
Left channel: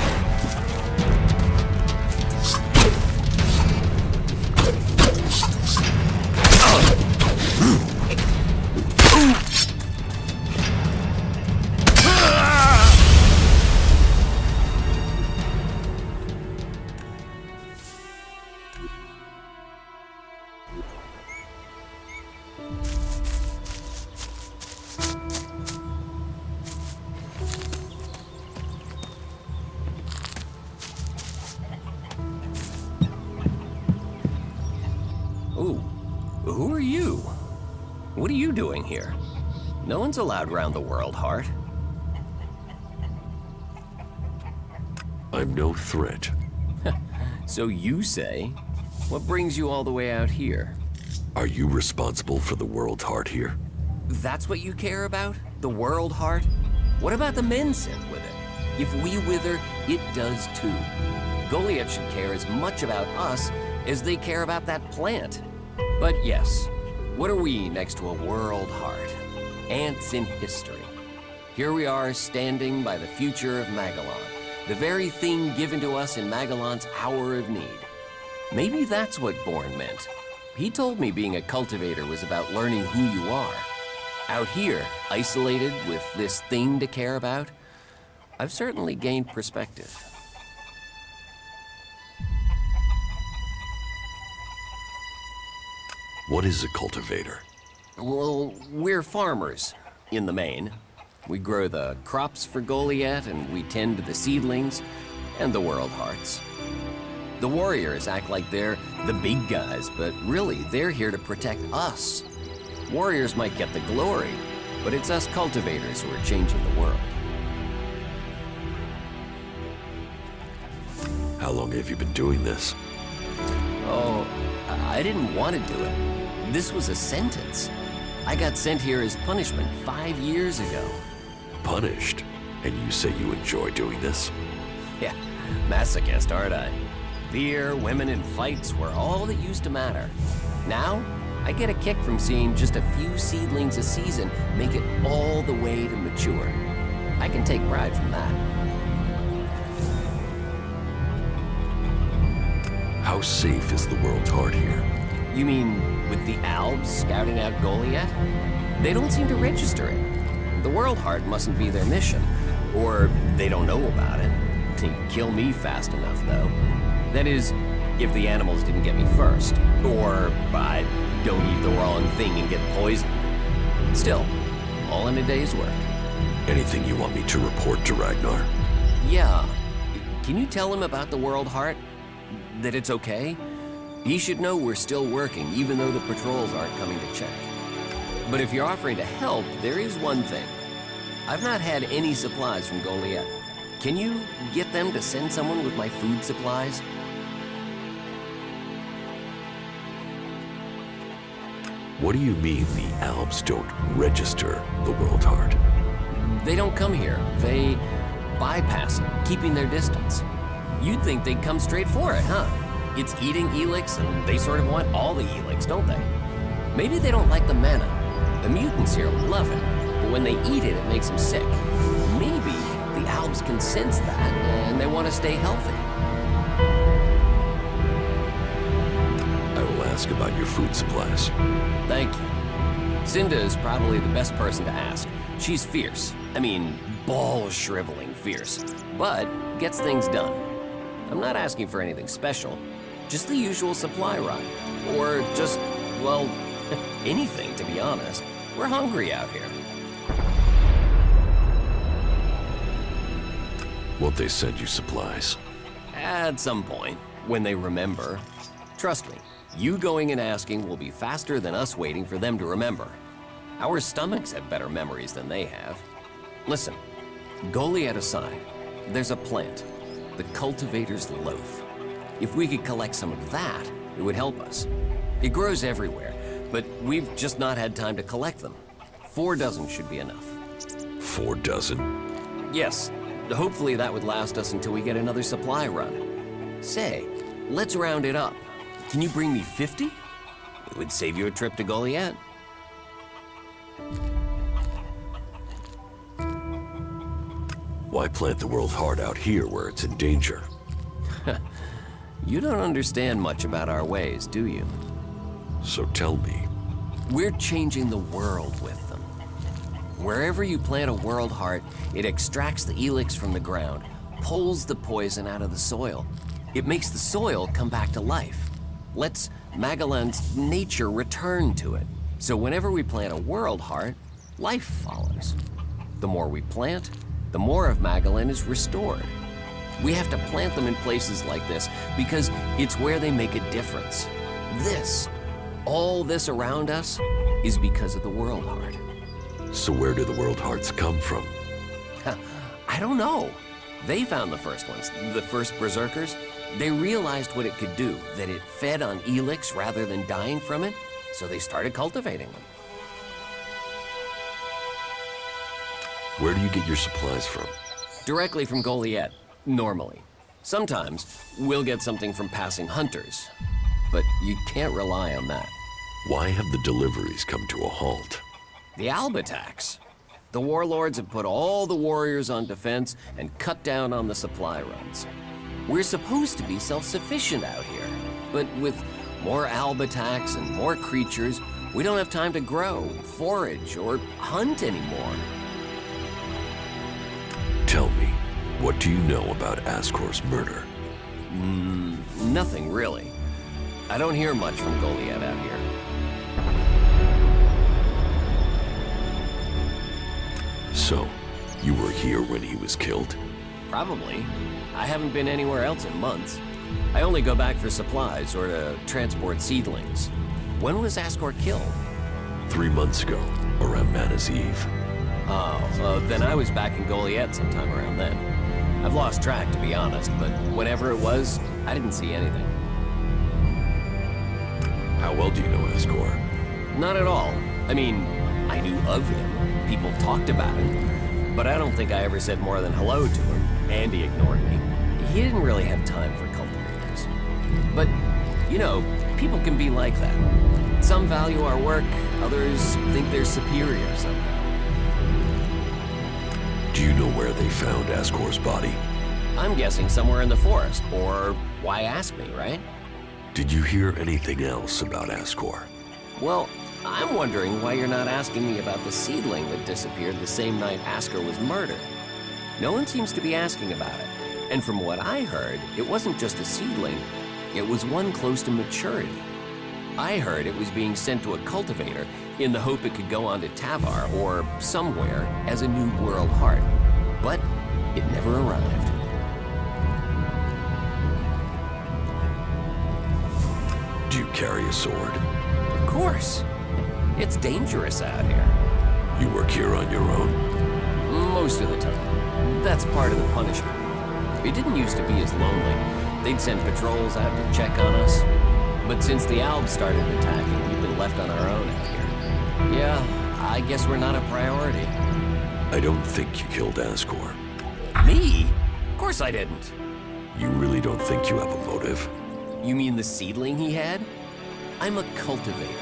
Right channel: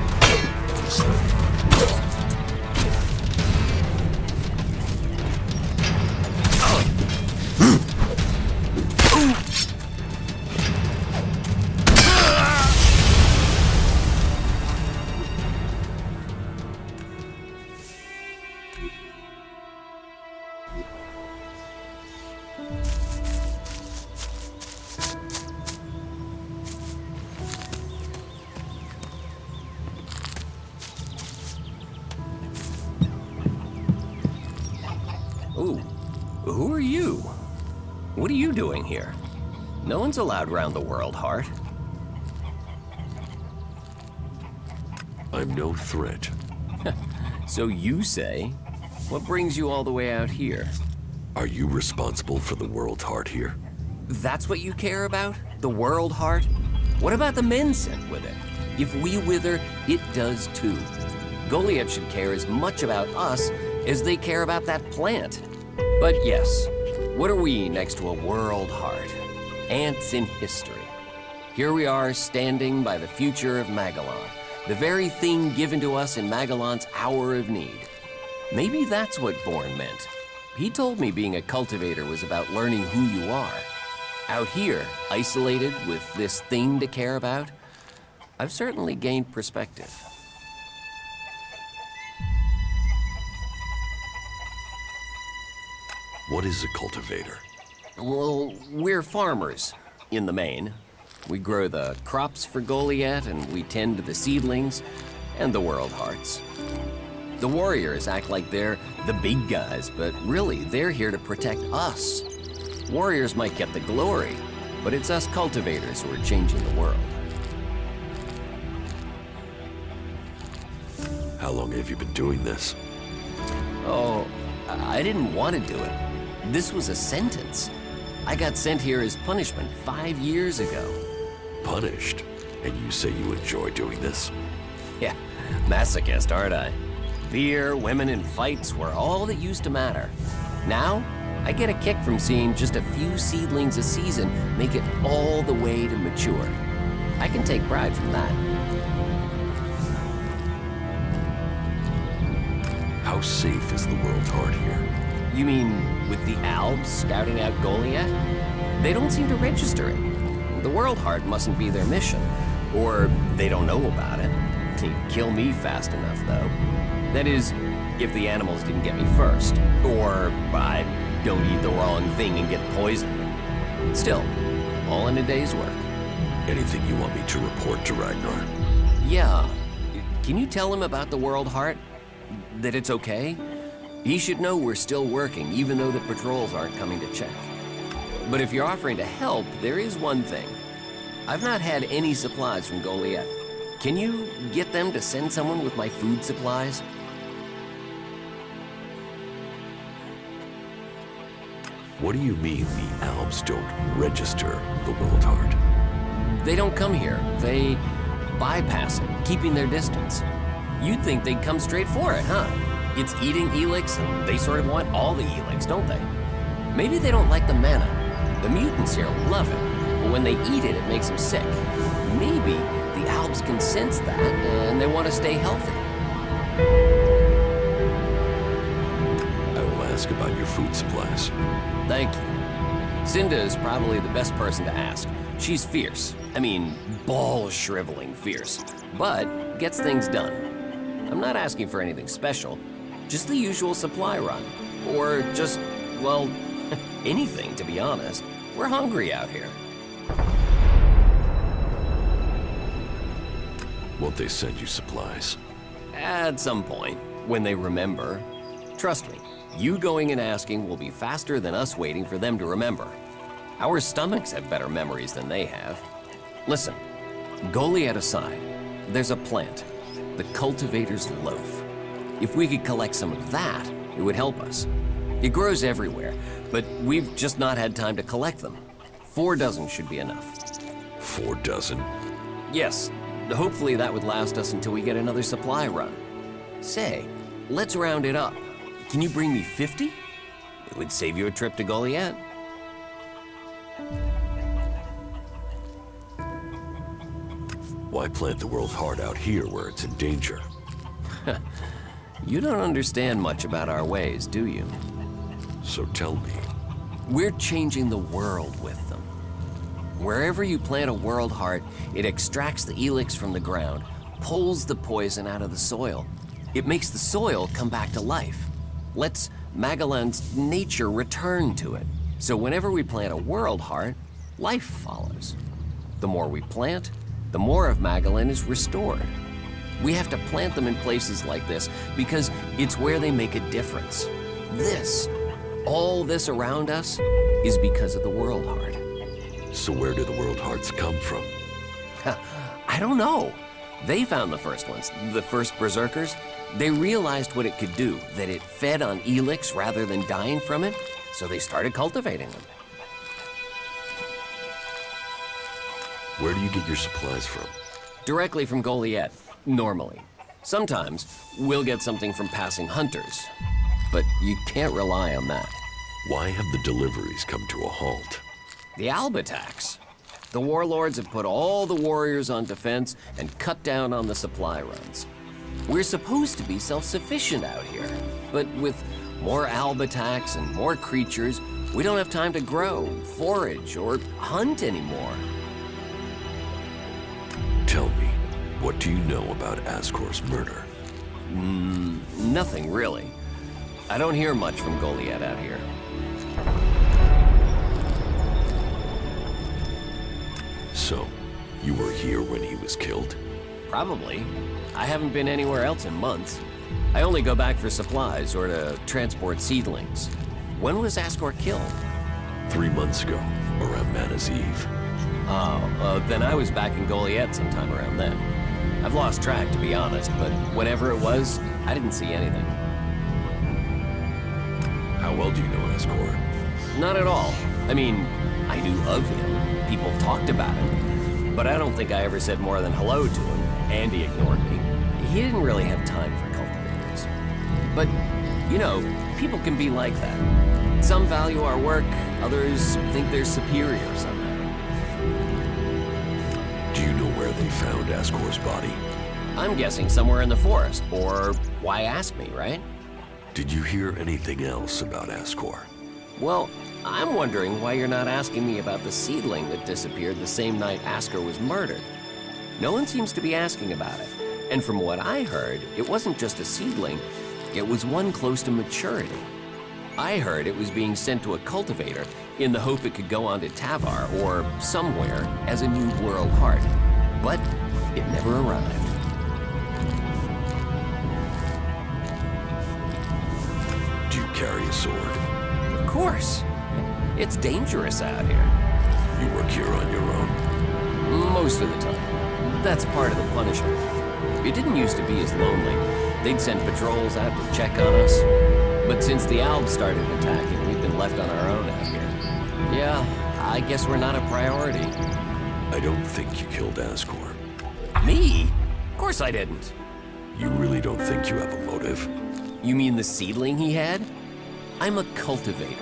Ooh, who are you? What are you doing here? No one's allowed round the world, Heart. I'm no threat. So you say? What brings you all the way out here? Are you responsible for the world, Heart, here? That's what you care about? The world, Heart? What about the men sent with it? If we wither, it does too. Goliath should care as much about us as they care about that plant. But yes, what are we next to a world, Heart? Ants in history. Here we are standing by the future of Magellan, the very thing given to us in Magellan's hour of need. Maybe that's what Bourne meant. He told me being a cultivator was about learning who you are. Out here, isolated with this thing to care about, I've certainly gained perspective. What is a cultivator? Well, we're farmers, in the main. We grow the crops for Goliath, and we tend to the seedlings and the world hearts. The warriors act like they're the big guys, but really, they're here to protect us. Warriors might get the glory, but it's us cultivators who are changing the world. How long have you been doing this? Oh, I didn't want to do it. This was a sentence. I got sent here as punishment 5 years ago. Punished? And you say you enjoy doing this? Yeah, masochist, aren't I? Beer, women, and fights were all that used to matter. Now, I get a kick from seeing just a few seedlings a season make it all the way to mature. I can take pride from that. How safe is the world's heart here? You mean with the Albs scouting out Goliath? They don't seem to register it. The World Heart mustn't be their mission, or they don't know about it. They'd kill me fast enough, though. That is, if the animals didn't get me first, or I don't eat the wrong thing and get poisoned. Still, all in a day's work. Anything you want me to report to Ragnar? Yeah. Can you tell him about the World Heart? That it's okay? He should know we're still working, even though the patrols aren't coming to check. But if you're offering to help, there is one thing. I've not had any supplies from Goliath. Can you get them to send someone with my food supplies? What do you mean the Albs don't register the World Heart? They don't come here. They bypass it, keeping their distance. You'd think they'd come straight for it, huh? It's eating Elex, and they sort of want all the Elex, don't they? Maybe they don't like the mana. The mutants here love it, but when they eat it, it makes them sick. Maybe the Albs can sense that, and they want to stay healthy. I will ask about your food supplies. Thank you. Cinda is probably the best person to ask. She's fierce. I mean, ball-shriveling fierce, but gets things done. I'm not asking for anything special, just the usual supply run. Or just, well, anything, to be honest. We're hungry out here. Won't they send you supplies? At some point, when they remember. Trust me, you going and asking will be faster than us waiting for them to remember. Our stomachs have better memories than they have. Listen, Goliath aside, there's a plant, the cultivator's loaf. If we could collect some of that, it would help us. It grows everywhere, but we've just not had time to collect them. 4 dozen should be enough. 4 dozen? Yes, hopefully that would last us until we get another supply run. Say, let's round it up. Can you bring me 50? It would save you a trip to Goliath. Why plant the world's heart out here where it's in danger? You don't understand much about our ways, do you? So tell me. We're changing the world with them. Wherever you plant a world heart, it extracts the Elex from the ground, pulls the poison out of the soil. It makes the soil come back to life. Lets Magellan's nature return to it. So whenever we plant a world heart, life follows. The more we plant, the more of Magellan is restored. We have to plant them in places like this because it's where they make a difference. All this around us, is because of the world heart. So where do the world hearts come from? I don't know. They found the first ones, the first berserkers. They realized what it could do, that it fed on Elex rather than dying from it, so they started cultivating them. Where do you get your supplies from? Directly from Goliath, normally. Sometimes, we'll get something from passing hunters, but you can't rely on that. Why have the deliveries come to a halt? The Alb attacks. The warlords have put all the warriors on defense and cut down on the supply runs. We're supposed to be self-sufficient out here, but with more Alb attacks and more creatures, we don't have time to grow, forage, or hunt anymore. Tell me, what do you know about Ascor's murder? Nothing really. I don't hear much from Goliath out here. So, you were here when he was killed? Probably. I haven't been anywhere else in months. I only go back for supplies or to transport seedlings. When was Ascor killed? 3 months ago, around Mana's Eve. Oh, then I was back in Goliath sometime around then. I've lost track, to be honest, but whenever it was, I didn't see anything. How well do you know Ascor? Not at all. I mean, I knew of him. People talked about him. But I don't think I ever said more than hello to him, and he ignored me. He didn't really have time for cultivators. But, you know, people can be like that. Some value our work, others think they're superior somehow. Do you know where they found Ascor's body? I'm guessing somewhere in the forest, or why ask me, right? Did you hear anything else about Ascor? Well, I'm wondering why you're not asking me about the seedling that disappeared the same night Ascor was murdered. No one seems to be asking about it. And from what I heard, it wasn't just a seedling, it was one close to maturity. I heard it was being sent to a cultivator in the hope it could go on to Tavar or somewhere as a new world heart. But it never arrived. Do you carry a sword? Of course. It's dangerous out here. You work here on your own? Most of the time. That's part of the punishment. It didn't used to be as lonely. They'd send patrols out to check on us. But since the Albs started attacking, we've been left on our own out here. Yeah, I guess we're not a priority. I don't think you killed Ascor. Me? Of course I didn't. You really don't think you have a motive? You mean the seedling he had? I'm a cultivator.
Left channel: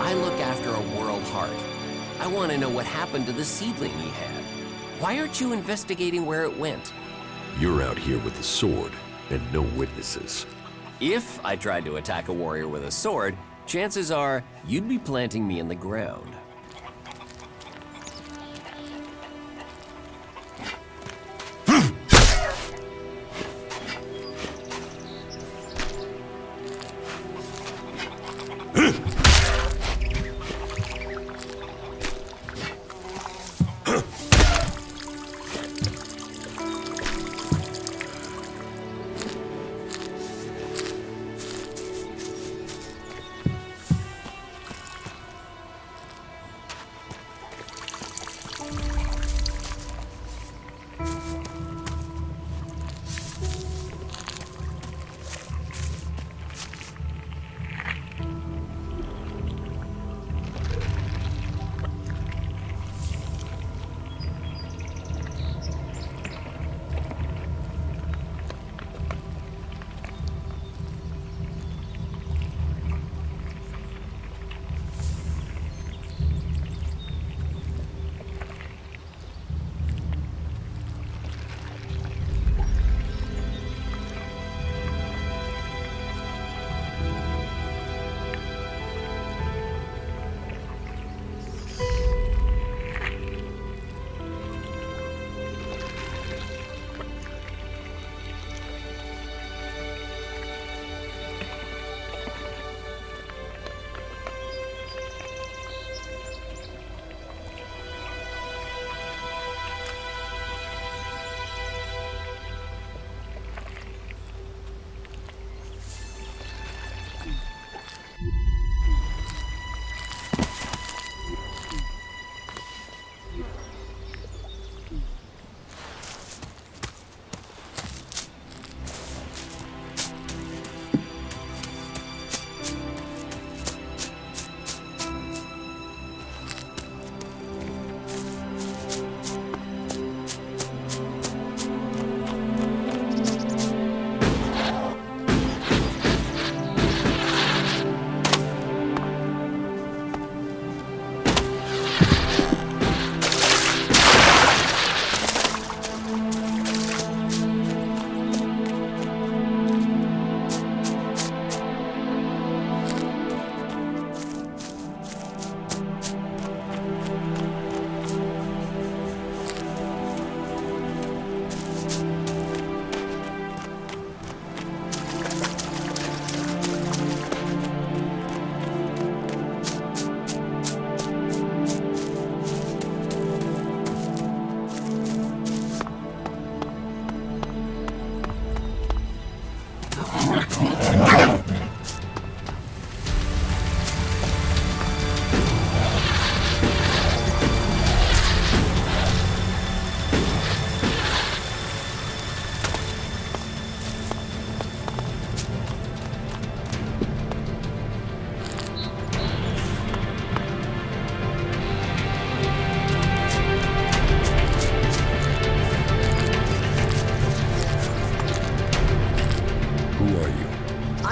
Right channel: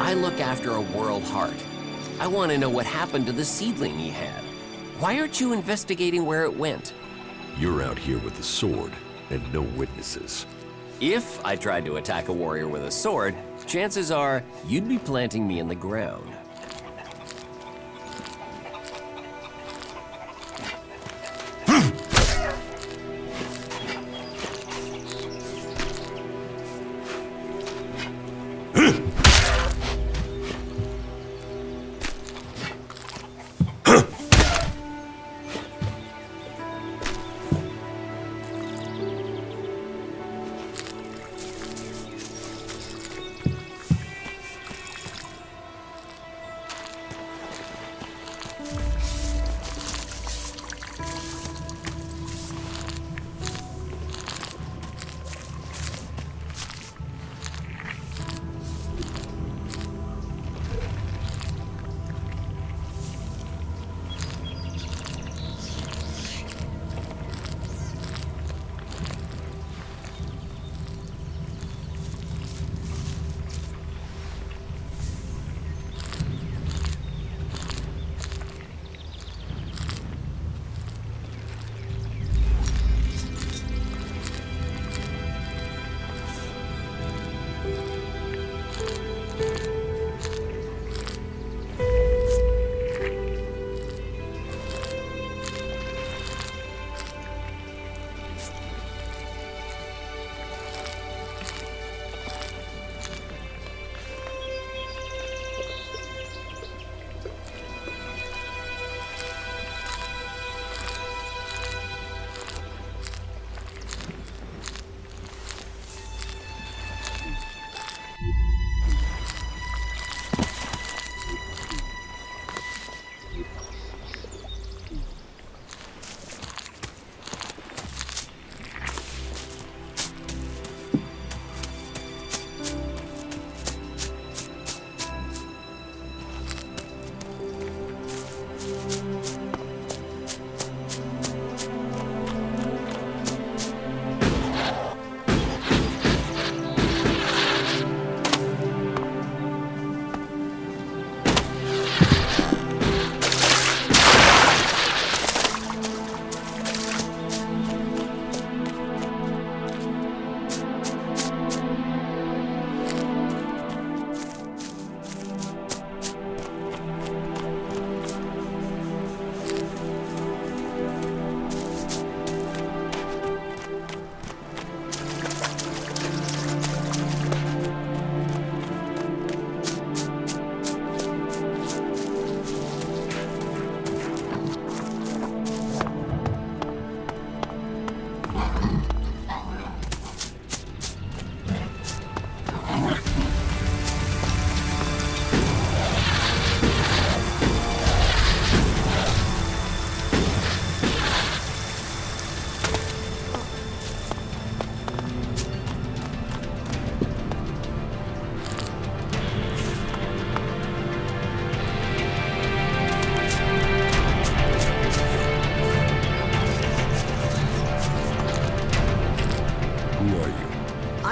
I look after a world heart. I want to know what happened to the seedling he had. Why aren't you investigating where it went? You're out here with a sword and no witnesses. If I tried to attack a warrior with a sword, chances are you'd be planting me in the ground.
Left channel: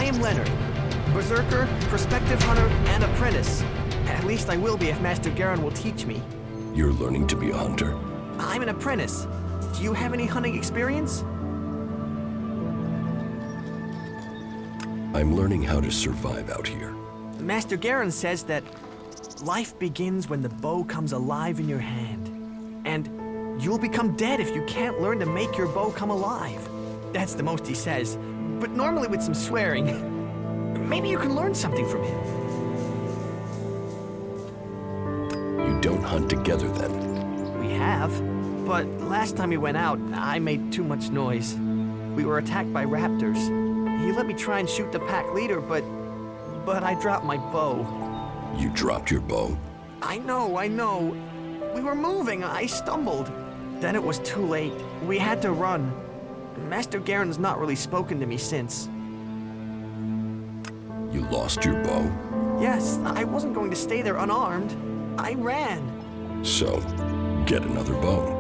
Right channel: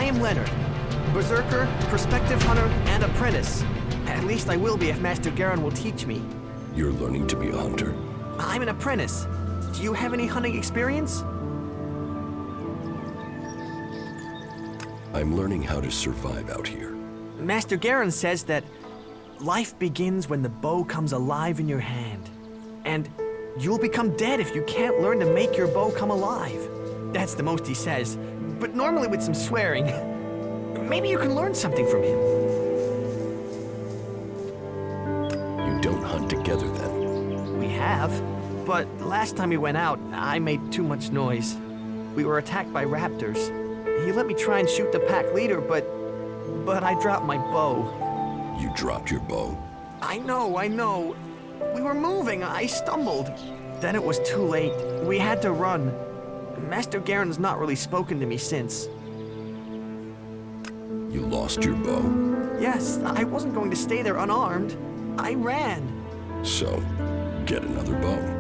am Leonard. Berserker, prospective hunter, and apprentice. At least I will be if Master Garen will teach me. You're learning to be a hunter? I'm an apprentice. Do you have any hunting experience? I'm learning how to survive out here. Master Garen says that life begins when the bow comes alive in your hand. And you'll become dead if you can't learn to make your bow come alive. That's the most he says, but normally with some swearing. Maybe you can learn something from him. You don't hunt together then? We have, but last time we went out, I made too much noise. We were attacked by raptors. He let me try and shoot the pack leader, but I dropped my bow. You dropped your bow? I know. We were moving, I stumbled. Then it was too late. We had to run. Master Garen's not really spoken to me since. You lost your bow? Yes, I wasn't going to stay there unarmed. I ran. So, get another bow.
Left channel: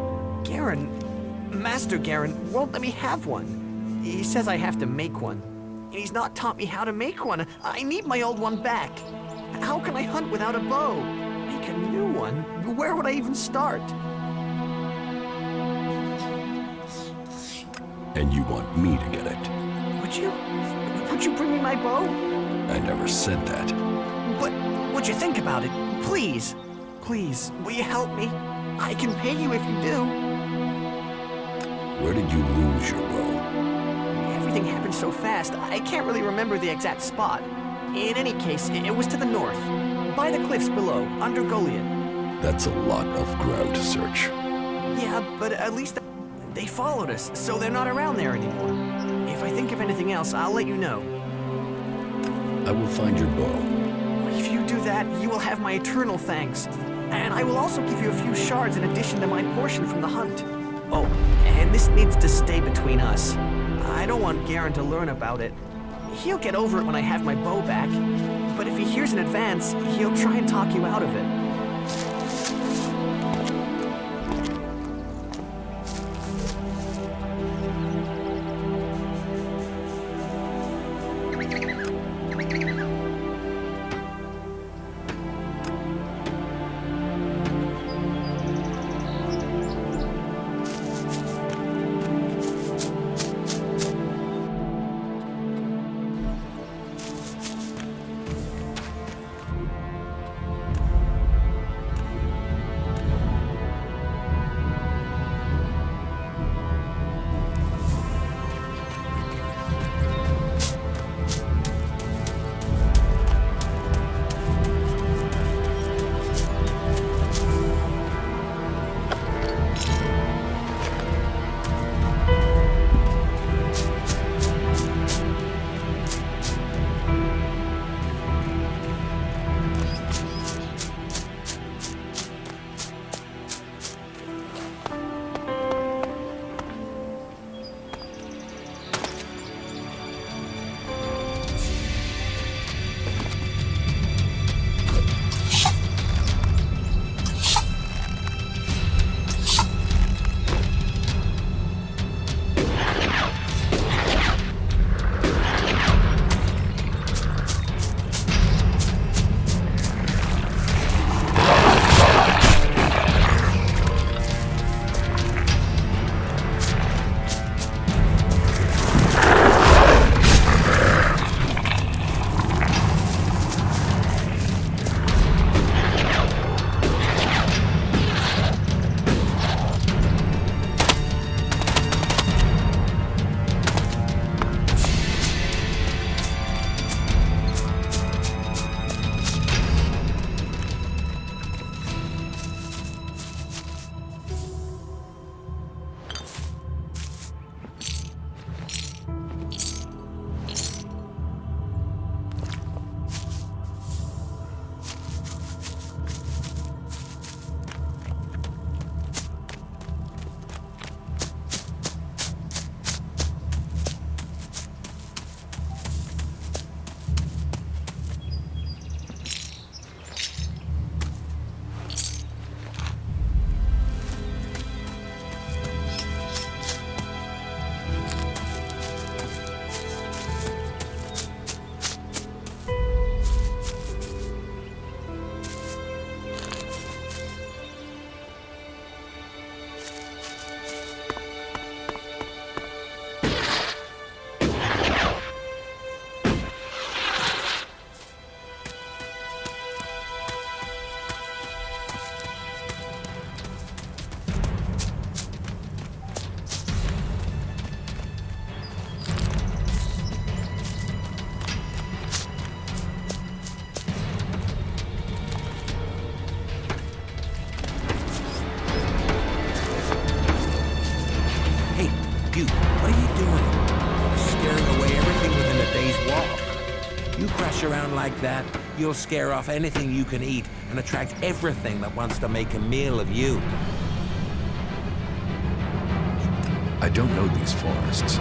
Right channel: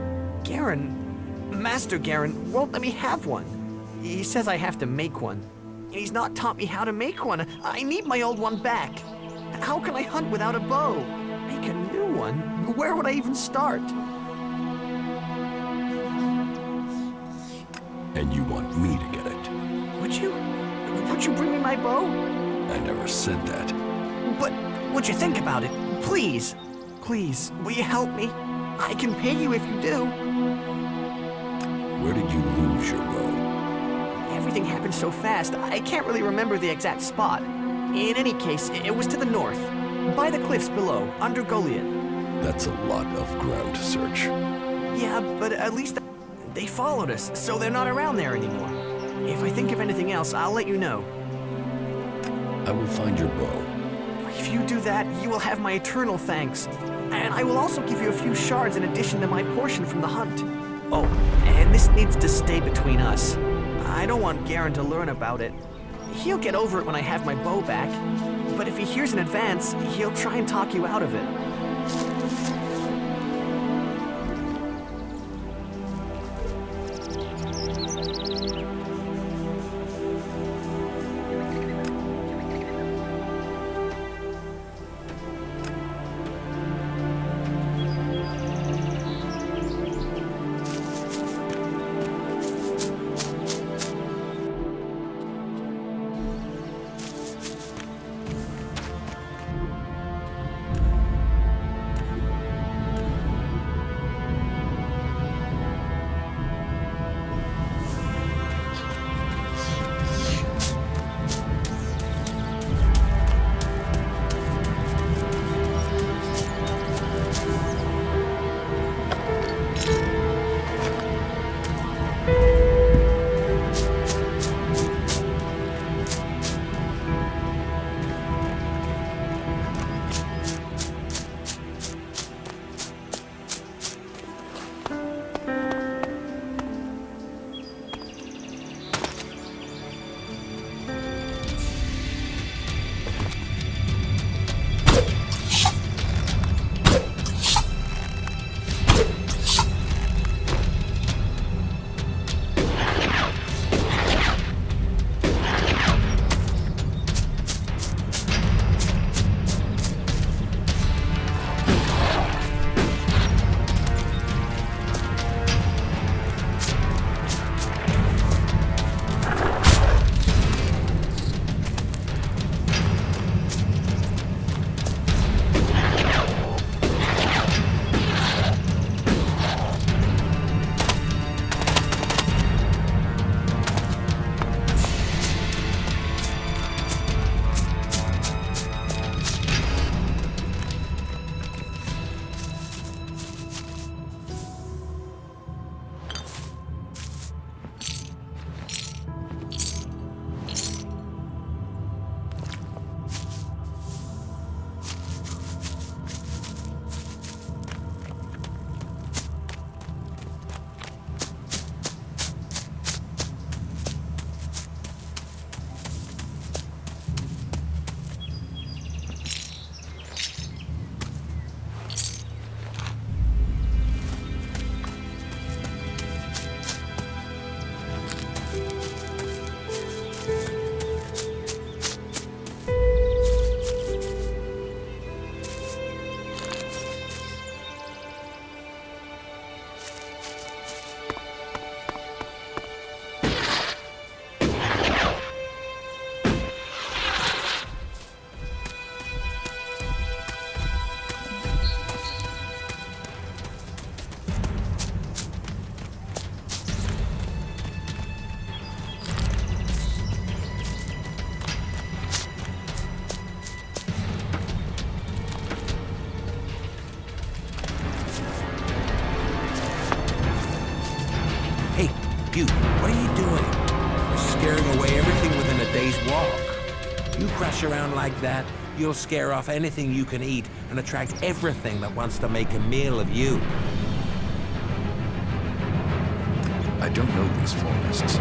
Master Garen won't let me have one. He says I have to make one. And he's not taught me how to make one. I need my old one back. How can I hunt without a bow? Make a new one? Where would I even start? And you want me to get it? Would you bring me my bow? I never said that. But would you think about it? Please, will you help me? I can pay you if you do. Where did you lose your bow? Everything happened so fast, I can't really remember the exact spot. In any case, it was to the north, by the cliffs below, under Goliath. That's a lot of ground to search. Yeah, but at least they followed us, so they're not around there anymore. If I think of anything else, I'll let you know. I will find your bow. If you do that, you will have my eternal thanks. And I will also give you a few shards in addition to my portion from the hunt. Oh, and this needs to stay between us. I don't want Garen to learn about it. He'll get over it when I have my bow back. But if he hears in advance, he'll try and talk you out of it. Butte, what are you doing? You're scaring away everything within a day's walk. You crash around like that, you'll scare off anything you can eat and attract everything that wants to make a meal of you. I don't know these forests.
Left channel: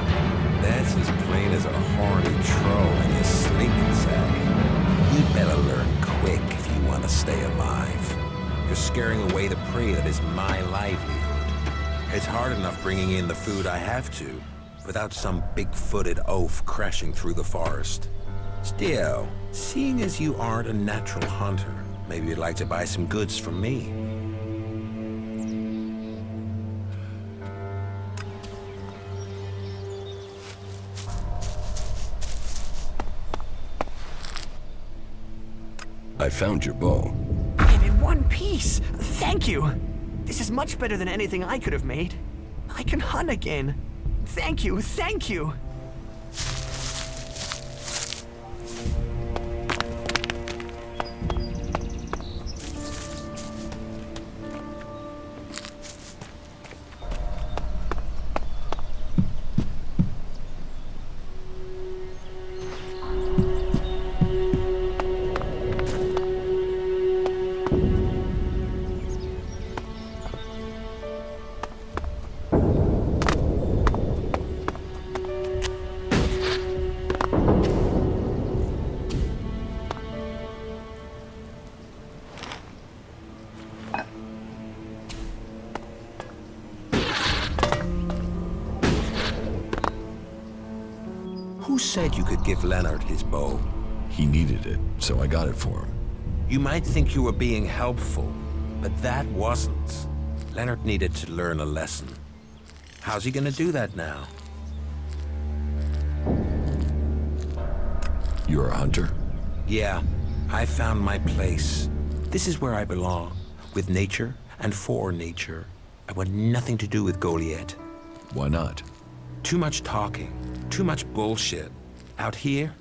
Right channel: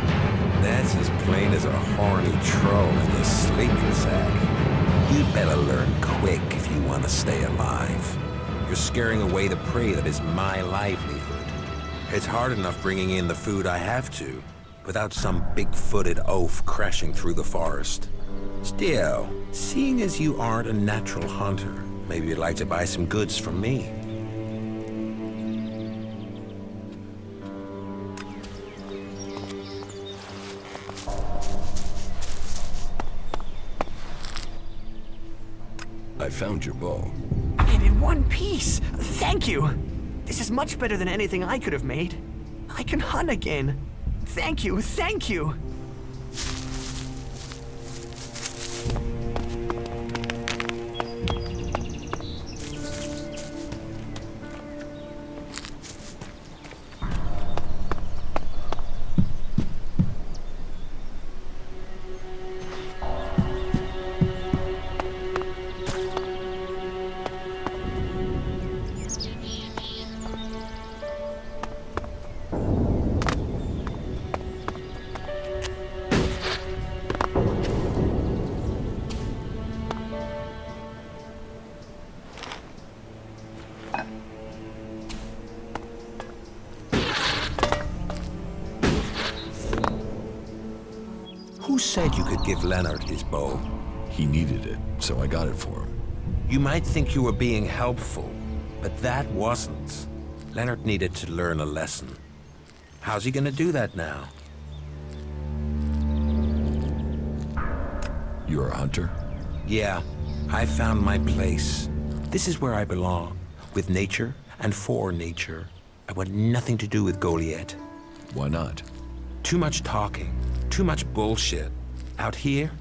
That's as plain as a horny troll in your sleeping sack. You'd better learn quick if you want to stay alive. You're scaring away the prey that is my livelihood. It's hard enough bringing in the food I have to, without some big-footed oaf crashing through the forest. Still, seeing as you aren't a natural hunter, maybe you'd like to buy some goods from me. I found your bow. And in one piece! Thank you! This is much better than anything I could have made. I can hunt again. Thank you, thank you! Who said you could give Leonard his bow? He needed it, so I got it for him. You might think you were being helpful, but that wasn't. Leonard needed to learn a lesson. How's he gonna do that now? You're a hunter? Yeah, I found my place. This is where I belong, with nature and for nature. I want nothing to do with Goliath. Why not? Too much talking, too much bullshit. Out here,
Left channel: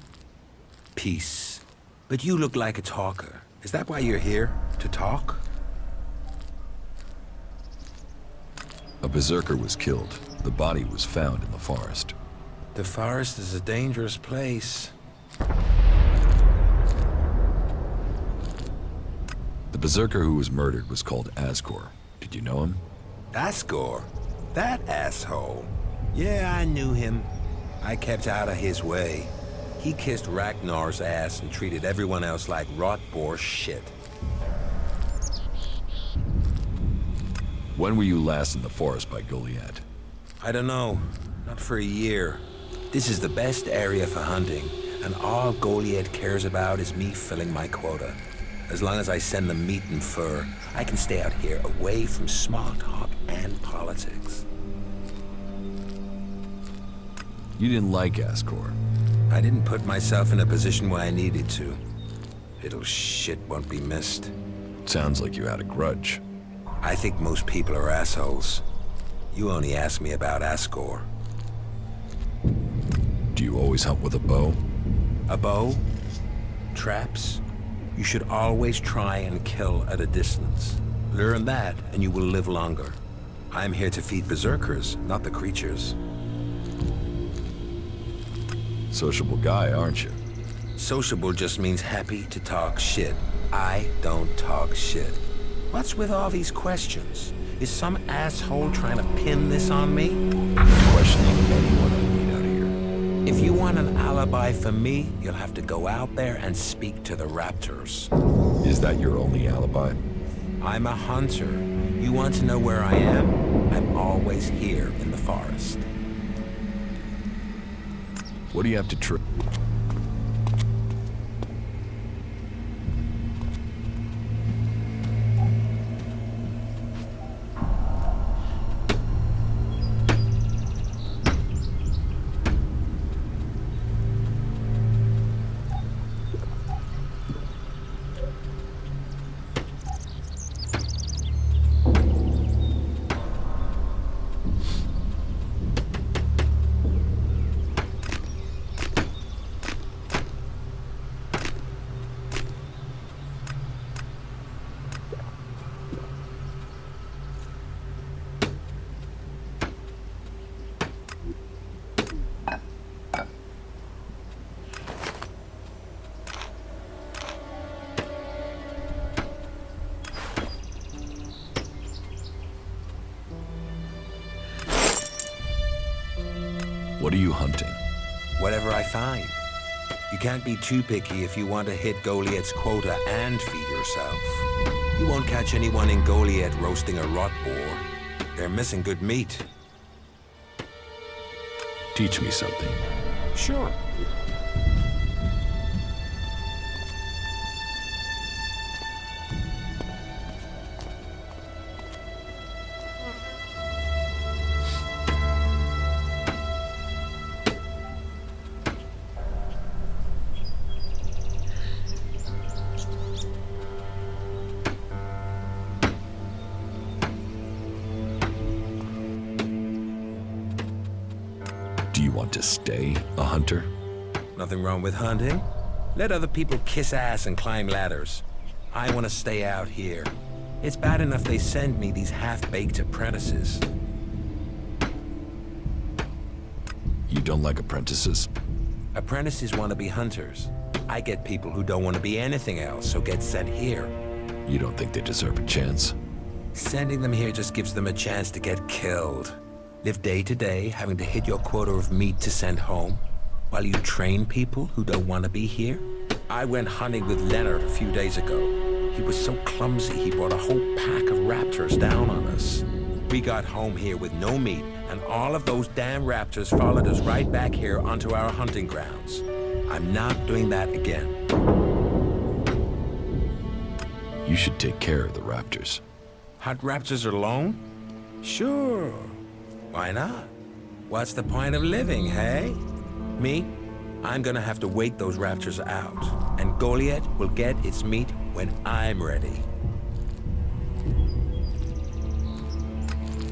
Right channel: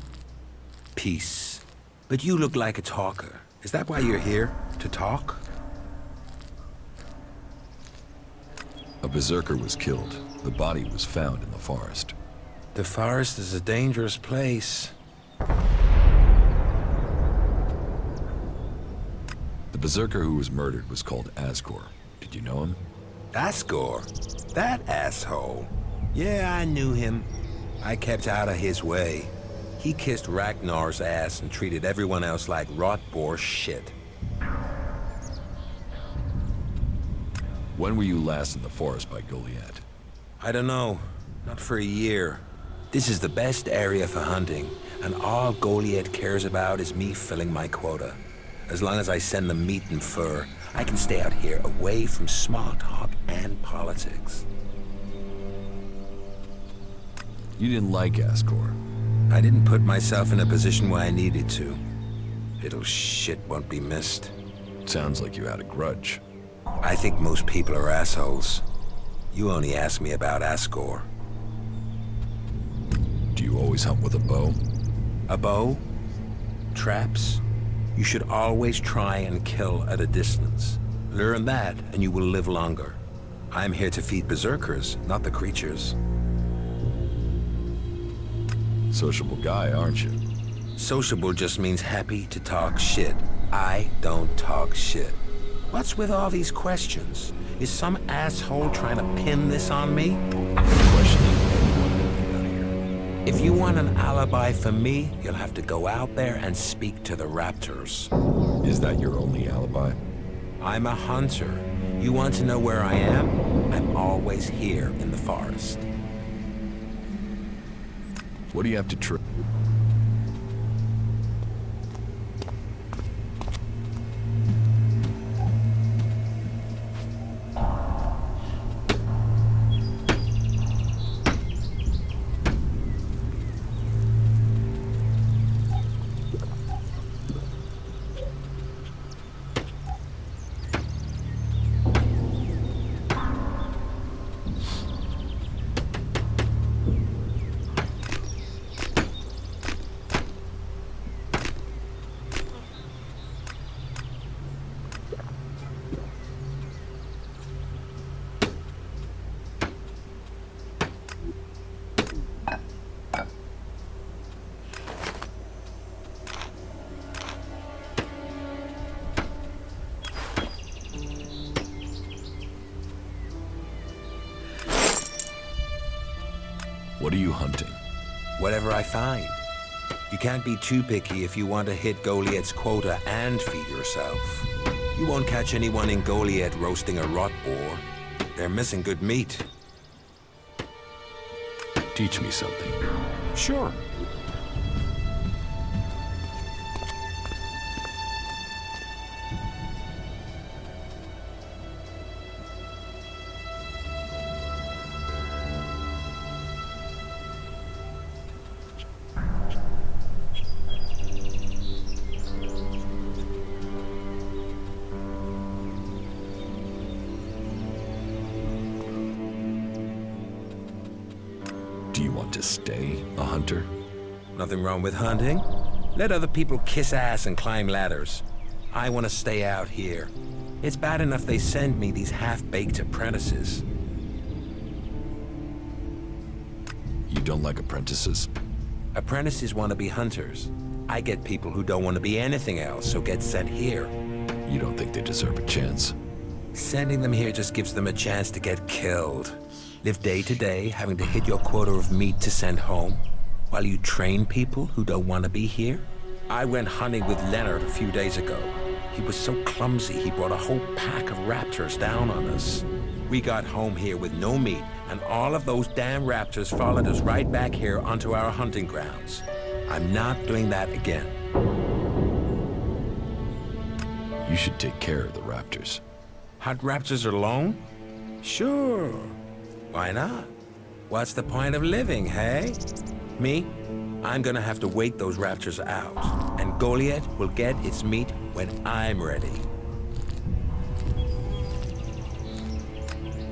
peace. But you look like a talker. Is that why you're here? To talk? A berserker was killed. The body was found in the forest. The forest is a dangerous place. The berserker who was murdered was called Asgore. Did you know him? Asgore? That asshole. Yeah, I knew him. I kept out of his way. He kissed Ragnar's ass and treated everyone else like rot-bore shit. When were you last in the forest by Goliath? I don't know. Not for a year. This is the best area for hunting, and all Goliath cares about is me filling my quota. As long as I send them meat and fur, I can stay out here away from small talk and politics. You didn't like Asgore. I didn't put myself in a position where I needed to. Little shit won't be missed. Sounds like you had a grudge. I think most people are assholes. You only asked me about Asgore. Do you always hunt with a bow? A bow? Traps? You should always try and kill at a distance. Learn that, and you will live longer. I'm here to feed berserkers, not the creatures. Sociable guy, aren't you? Sociable just means happy to talk shit. I don't talk shit. What's with all these questions? Is some asshole trying to pin this on me? I'm questioning anyone I meet out here. If you want an alibi for me, you'll have to go out there and speak to the raptors. Is that your only alibi? I'm a hunter. You want to know where I am? I'm always here in the forest. What do you have to trade? What are you hunting? Whatever I find. You can't be too picky if you want to hit Goliath's quota and feed yourself. You won't catch anyone in Goliath roasting a rot boar. They're missing good meat. Teach me something. Sure. Do you want to stay a hunter? Nothing wrong with hunting. Let other people kiss ass and climb ladders. I want to stay out here. It's bad enough they send me these half-baked apprentices. You don't like apprentices? Apprentices want to be hunters. I get people who don't want to be anything else, so get sent here. You don't think they deserve a chance? Sending them here just gives them a chance to get killed. Live day to day, having to hit your quota of meat to send home, while you train people who don't want to be here? I went hunting with Leonard a few days ago. He was so clumsy, he brought a whole pack of raptors down on us. We got home here with no meat, and all of those damn raptors followed us right back here onto our hunting grounds. I'm not doing that again. You should take care of the raptors. Hunt raptors alone? Sure. Why not? What's the point of living, hey? Me? I'm gonna have to wait those raptors out, and Goliath will get its meat when I'm ready.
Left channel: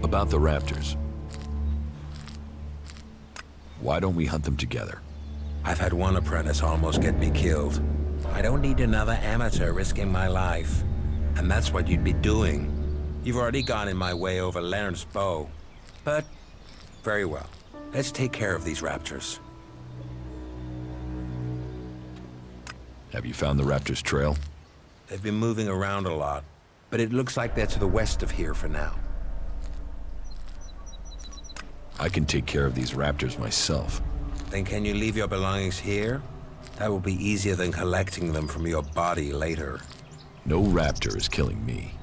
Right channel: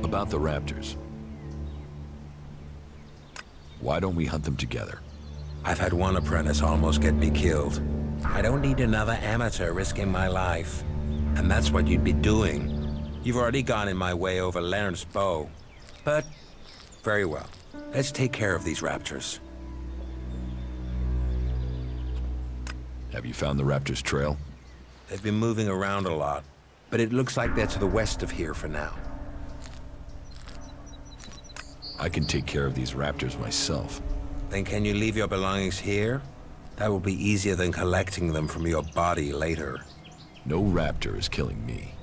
About the raptors. Why don't we hunt them together? I've had one apprentice almost get me killed. I don't need another amateur risking my life. And that's what you'd be doing. You've already gone in my way over Leonard's bow. But, very well. Let's take care of these raptors. Have you found the raptors' trail? They've been moving around a lot, but it looks like they're to the west of here for now. I can take care of these raptors myself. Then can you leave your belongings here? That will be easier than collecting them from your body later. No raptor is killing me.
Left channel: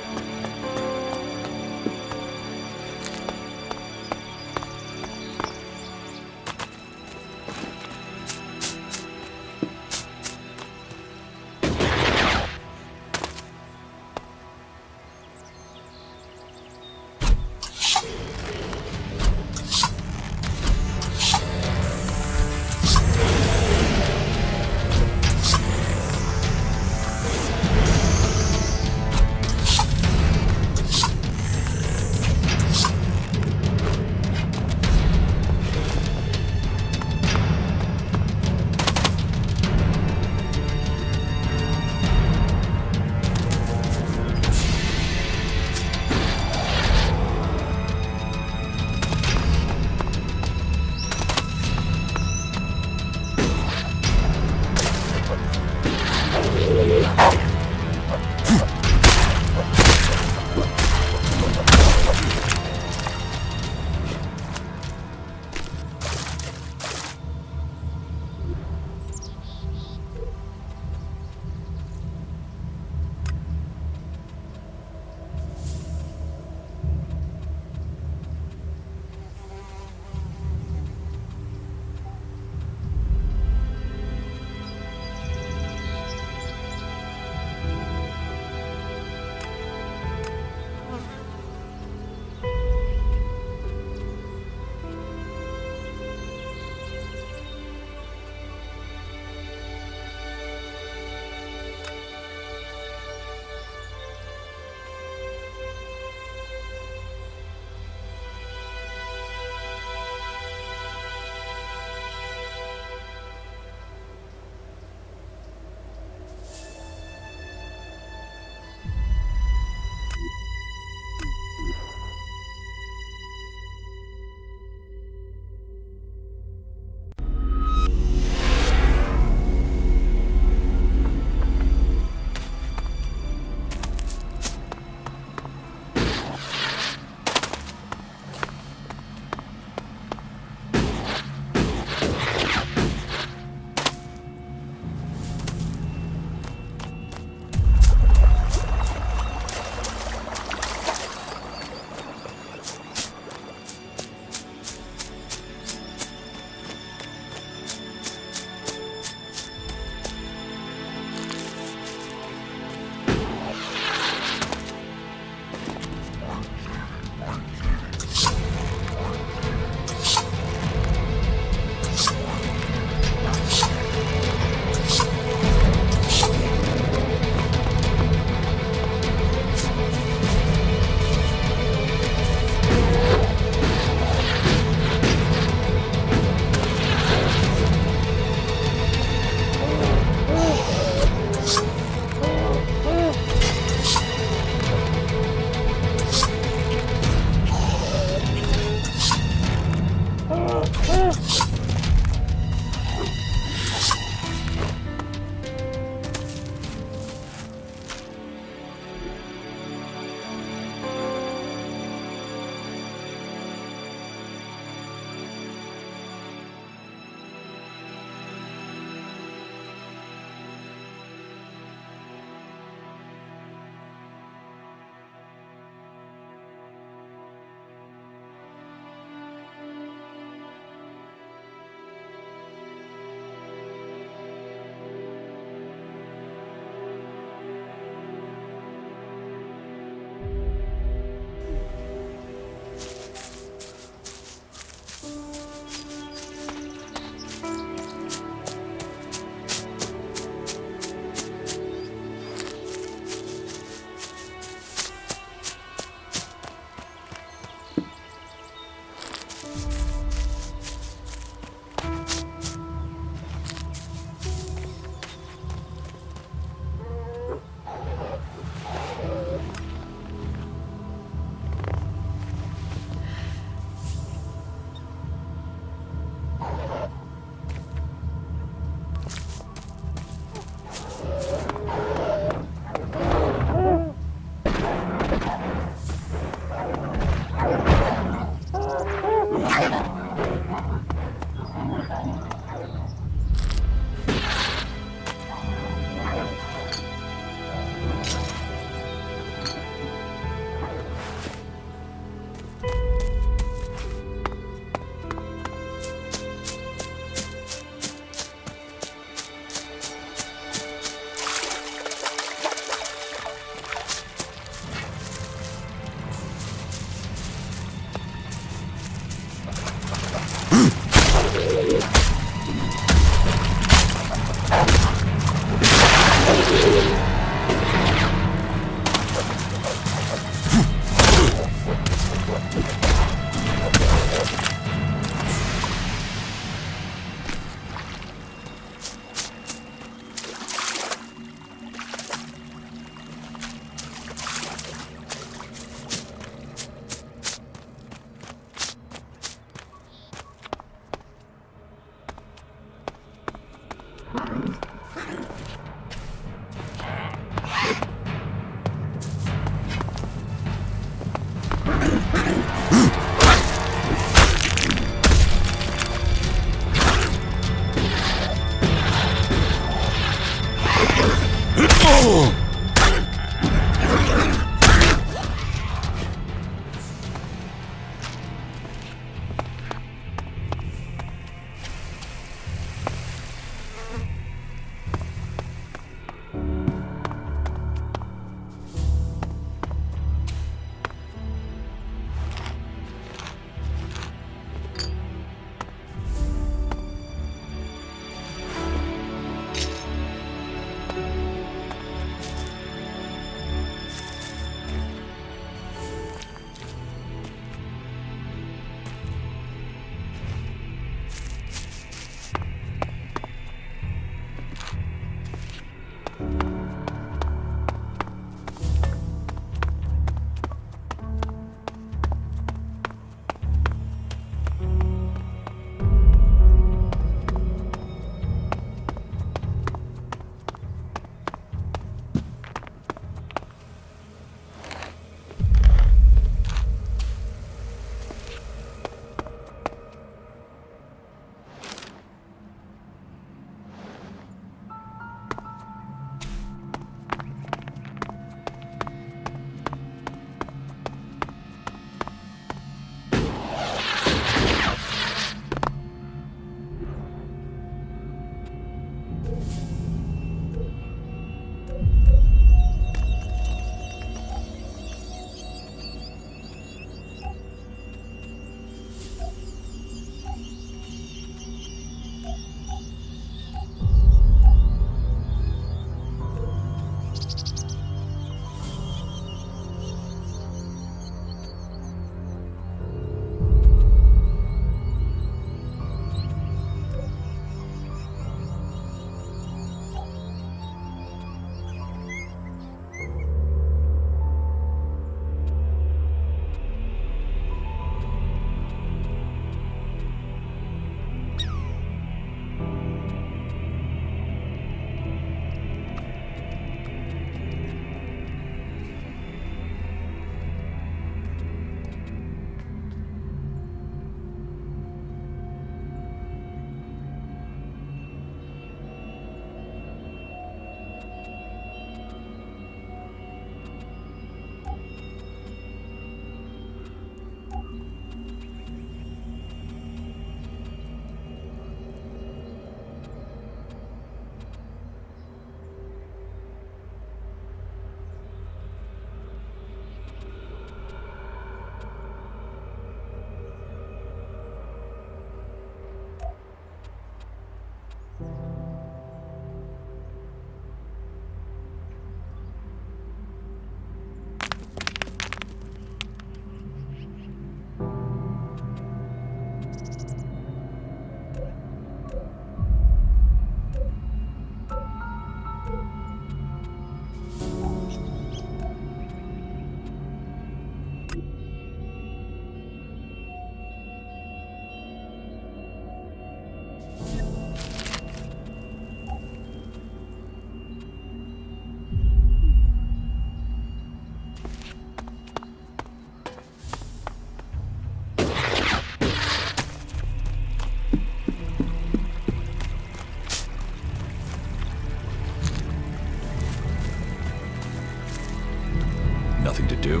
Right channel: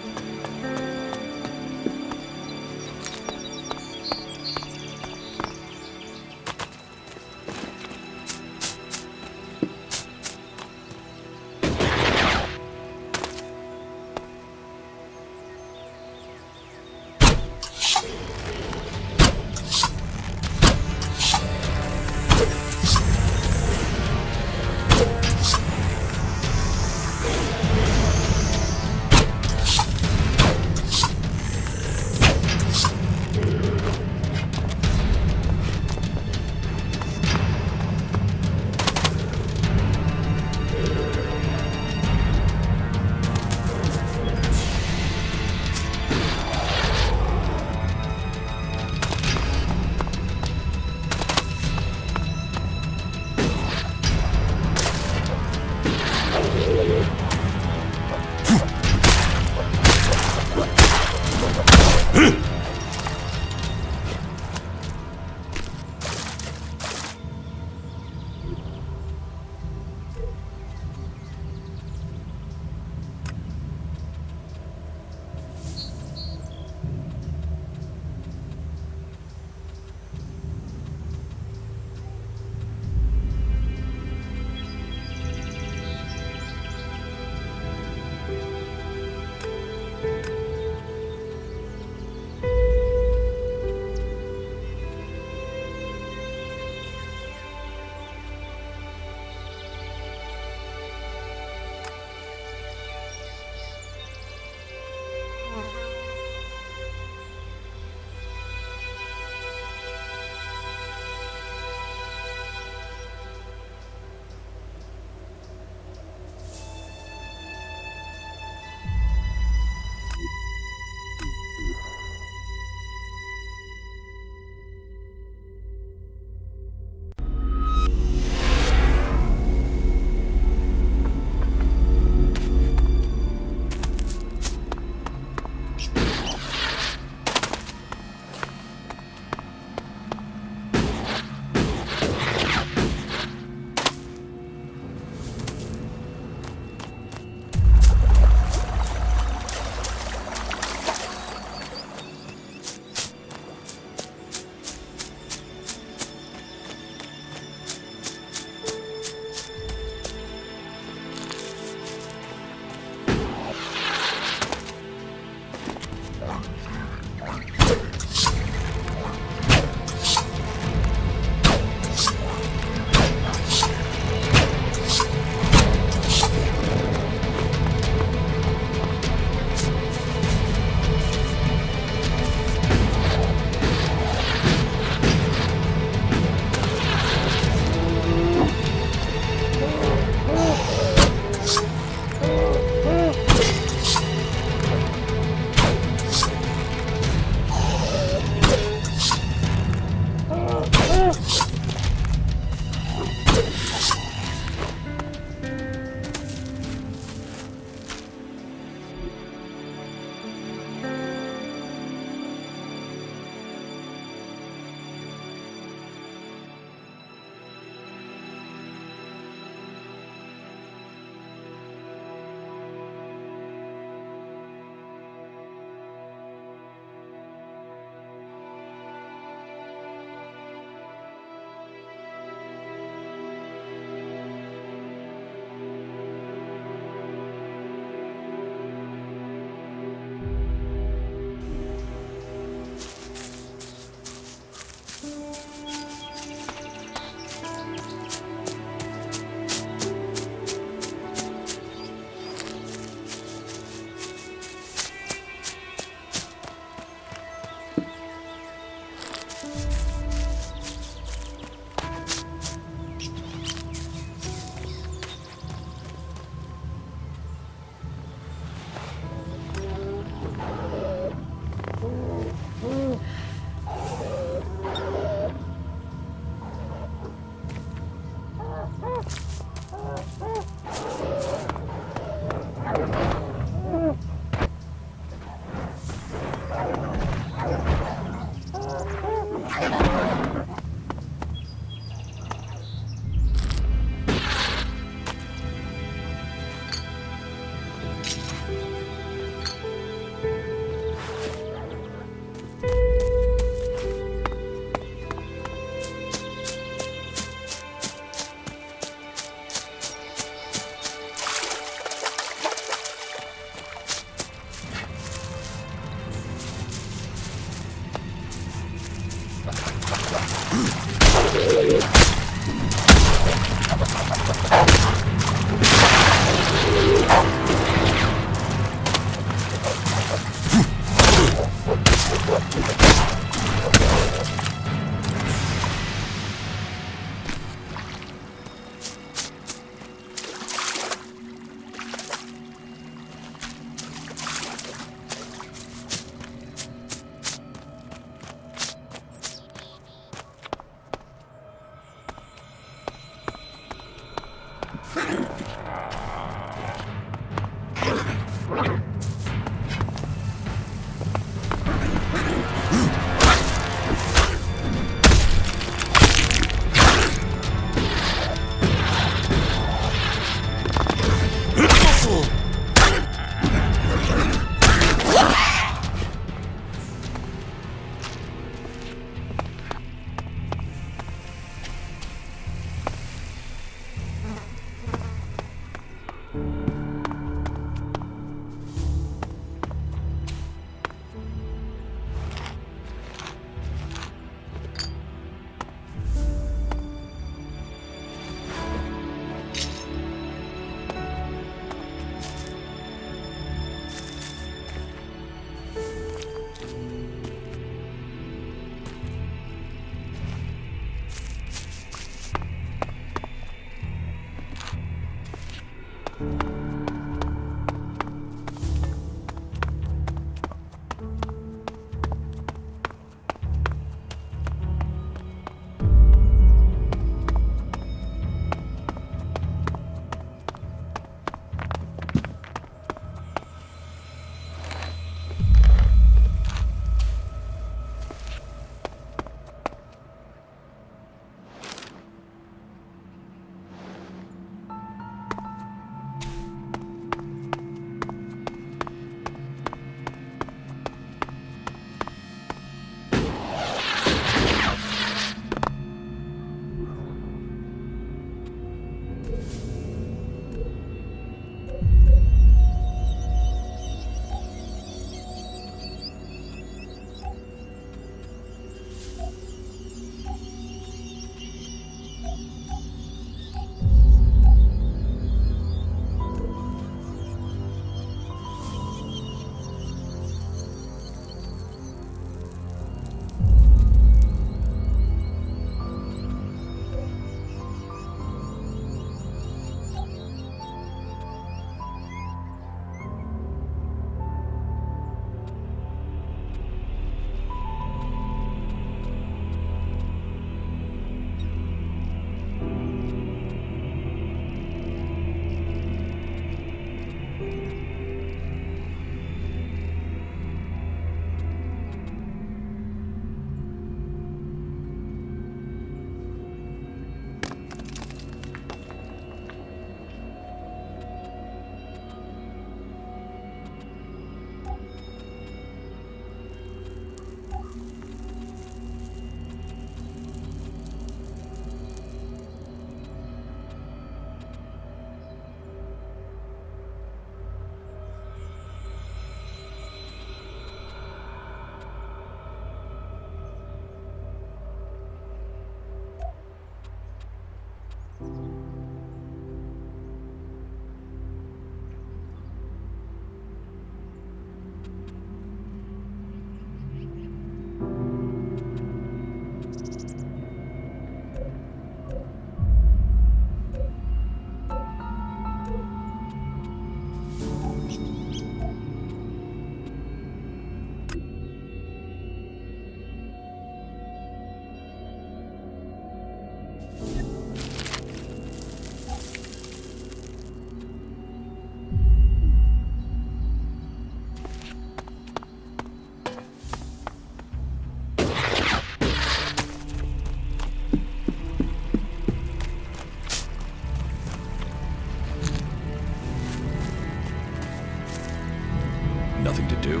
Nothing to do?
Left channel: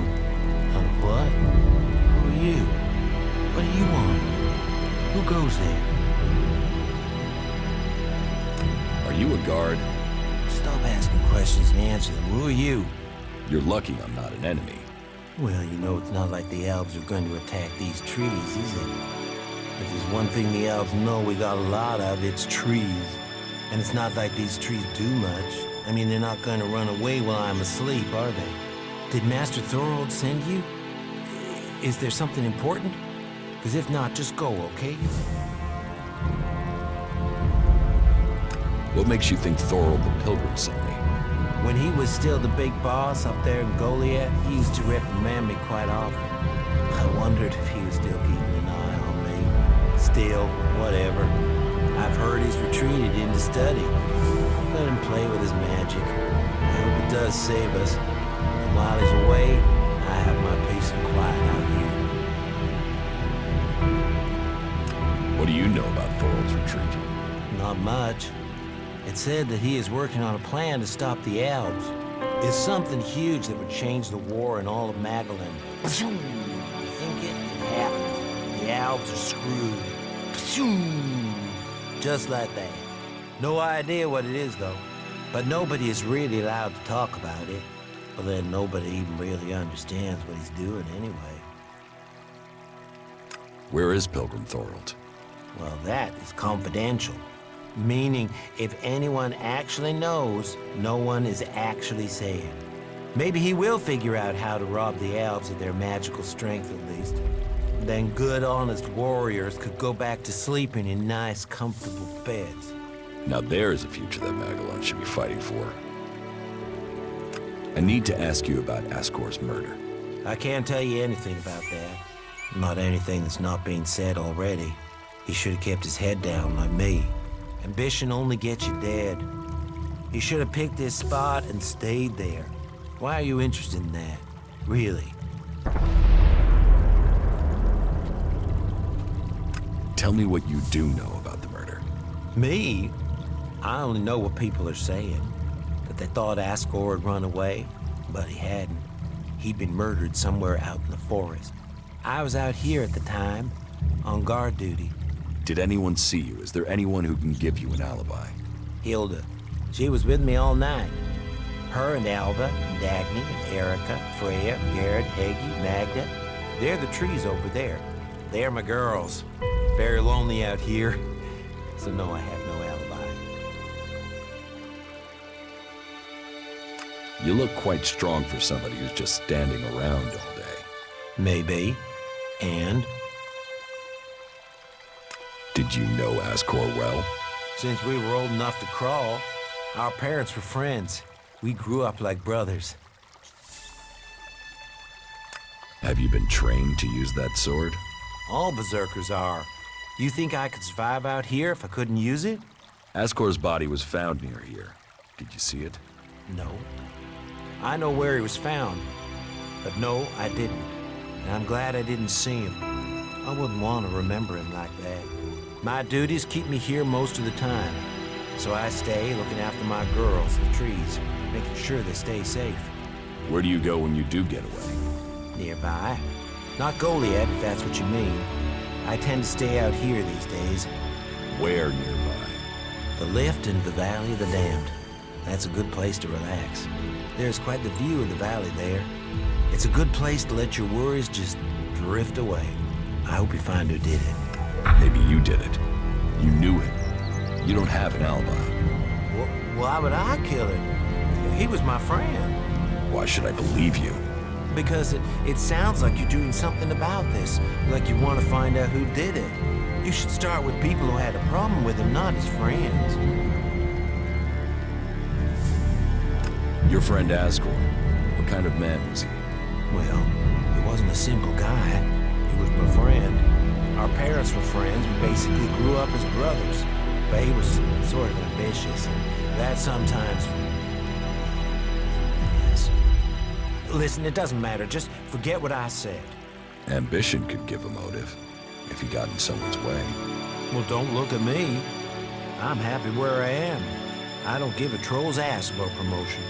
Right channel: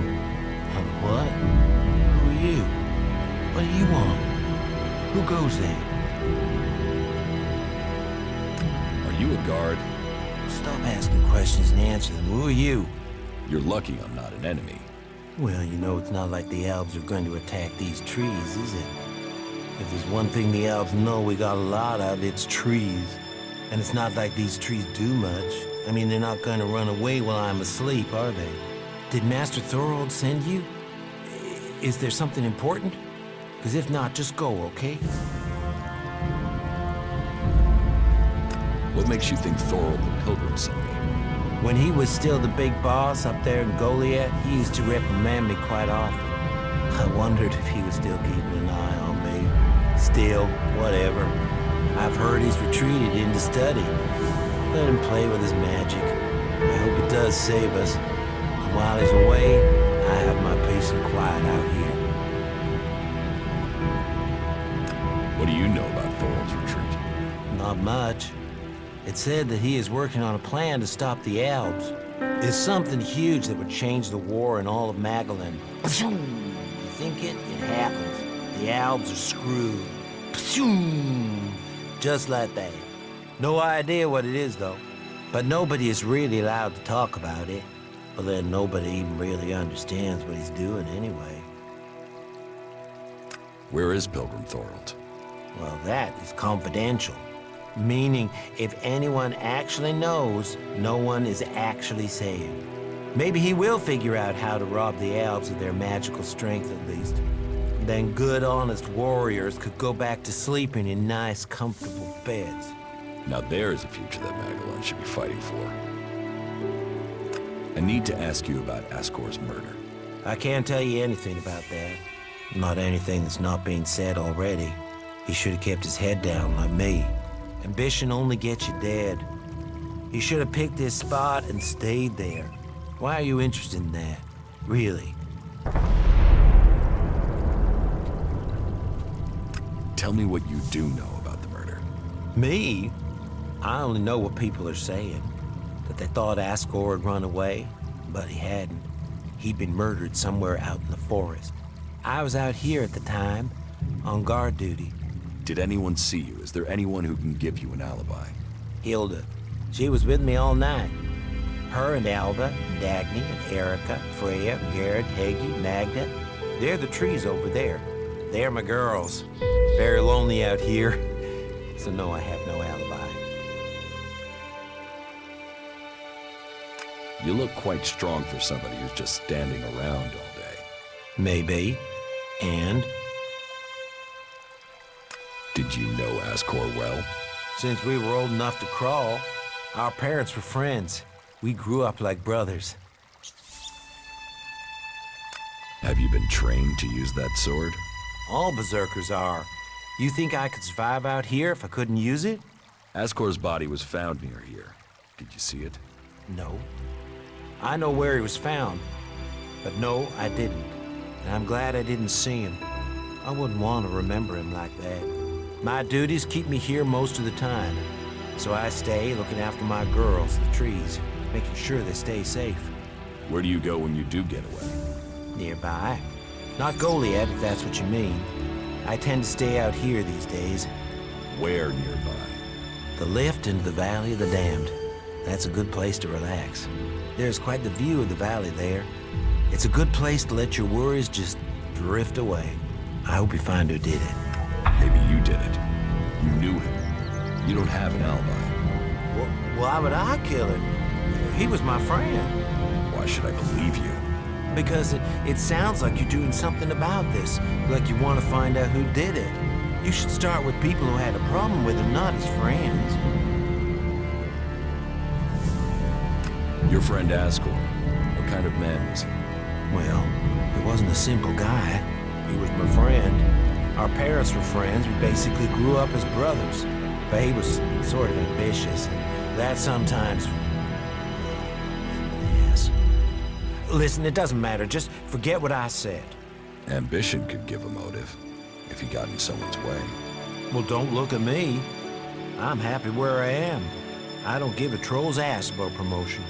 What? Who are you? What do you want? Who goes there? Are you a guard? Stop asking questions and answer them. Who are you? You're lucky I'm not an enemy. Well, you know, it's not like the Albs are going to attack these trees, is it? If there's one thing the Albs know we got a lot of, it's trees. And it's not like these trees do much. I mean, they're not going to run away while I'm asleep, are they? Did Master Thorold send you? Is there something important? Because if not, just go, okay? What makes you think Thorold the Pilgrim sent me? When he was still the big boss up there in Goliath, he used to reprimand me quite often. I wondered if he was still keeping an eye on me. Still, whatever. I've heard he's retreated into study. Let him play with his magic. I hope it does save us. And while he's away, I have my peace and quiet out here. What do you know about Thorold's retreat? Not much. It said that he is working on a plan to stop the Albs. It's something huge that would change the war in all of Magalan. You think it? It happens. The Albs are screwed. Just like that. No idea what it is, though. But nobody is really allowed to talk about it. Well, then nobody even really understands what he's doing anyway. Where is Pilgrim Thorold? Well, that is confidential. Meaning, if anyone actually knows, no one is actually saying. Maybe he will figure out how to rob the Albs of their magical strength, at least. Then good, honest warriors could go back to sleeping in nice, comfortable beds. Now there's a future that Magalan should be fighting for. I need to ask you about Ascor's murder. I can't tell you anything about that. Not anything that's not being said already. He should have kept his head down like me. Ambition only gets you dead. He should have picked his spot and stayed there. Why are you interested in that? Really? Tell me what you do know about the murder. Me? I only know what people are saying. That they thought Ascor had run away, but he hadn't. He'd been murdered somewhere out in the forest. I was out here at the time, on guard duty. Did anyone see you? Is there anyone who can give you an alibi? Hilda. She was with me all night. Her and Alba, and Dagny, and Erica, Freya, Garrett, Heggie, Magda. They're the trees over there. They're my girls. Very lonely out here. So no, I have no alibi. You look quite strong for somebody who's just standing around all day. Maybe. And? Did you know Ascor well? Since we were old enough to crawl, our parents were friends. We grew up like brothers. Have you been trained to use that sword? All berserkers are. You think I could survive out here if I couldn't use it? Ascor's body was found near here. Did you see it? No. I know where he was found. But no, I didn't. And I'm glad I didn't see him. I wouldn't want to remember him like that. My duties keep me here most of the time. So I stay looking after my girls, the trees, making sure they stay safe. Where do you go when you do get away? Nearby. Not Goliath, if that's what you mean. I tend to stay out here these days. Where nearby? The lift into the Valley of the Damned. That's a good place to relax. There's quite the view of the valley there. It's a good place to let your worries just drift away. I hope you find who did it. Maybe you did it. You knew him. You don't have an alibi. Well, why would I kill him? He was my friend. Why should I believe you? Because it sounds like you're doing something about this. Like you want to find out who did it. You should start with people who had a problem with him, not his friends. Your friend Ascor, what kind of man was he? Well, he wasn't a simple guy. He was my friend. Our parents were friends. We basically grew up as brothers. But he was sort of ambitious, and that sometimes... Yes. Listen, it doesn't matter. Just forget what I said. Ambition could give a motive, if he got in someone's way. Well, don't look at me. I'm happy where I am. I don't give a troll's ass about promotion.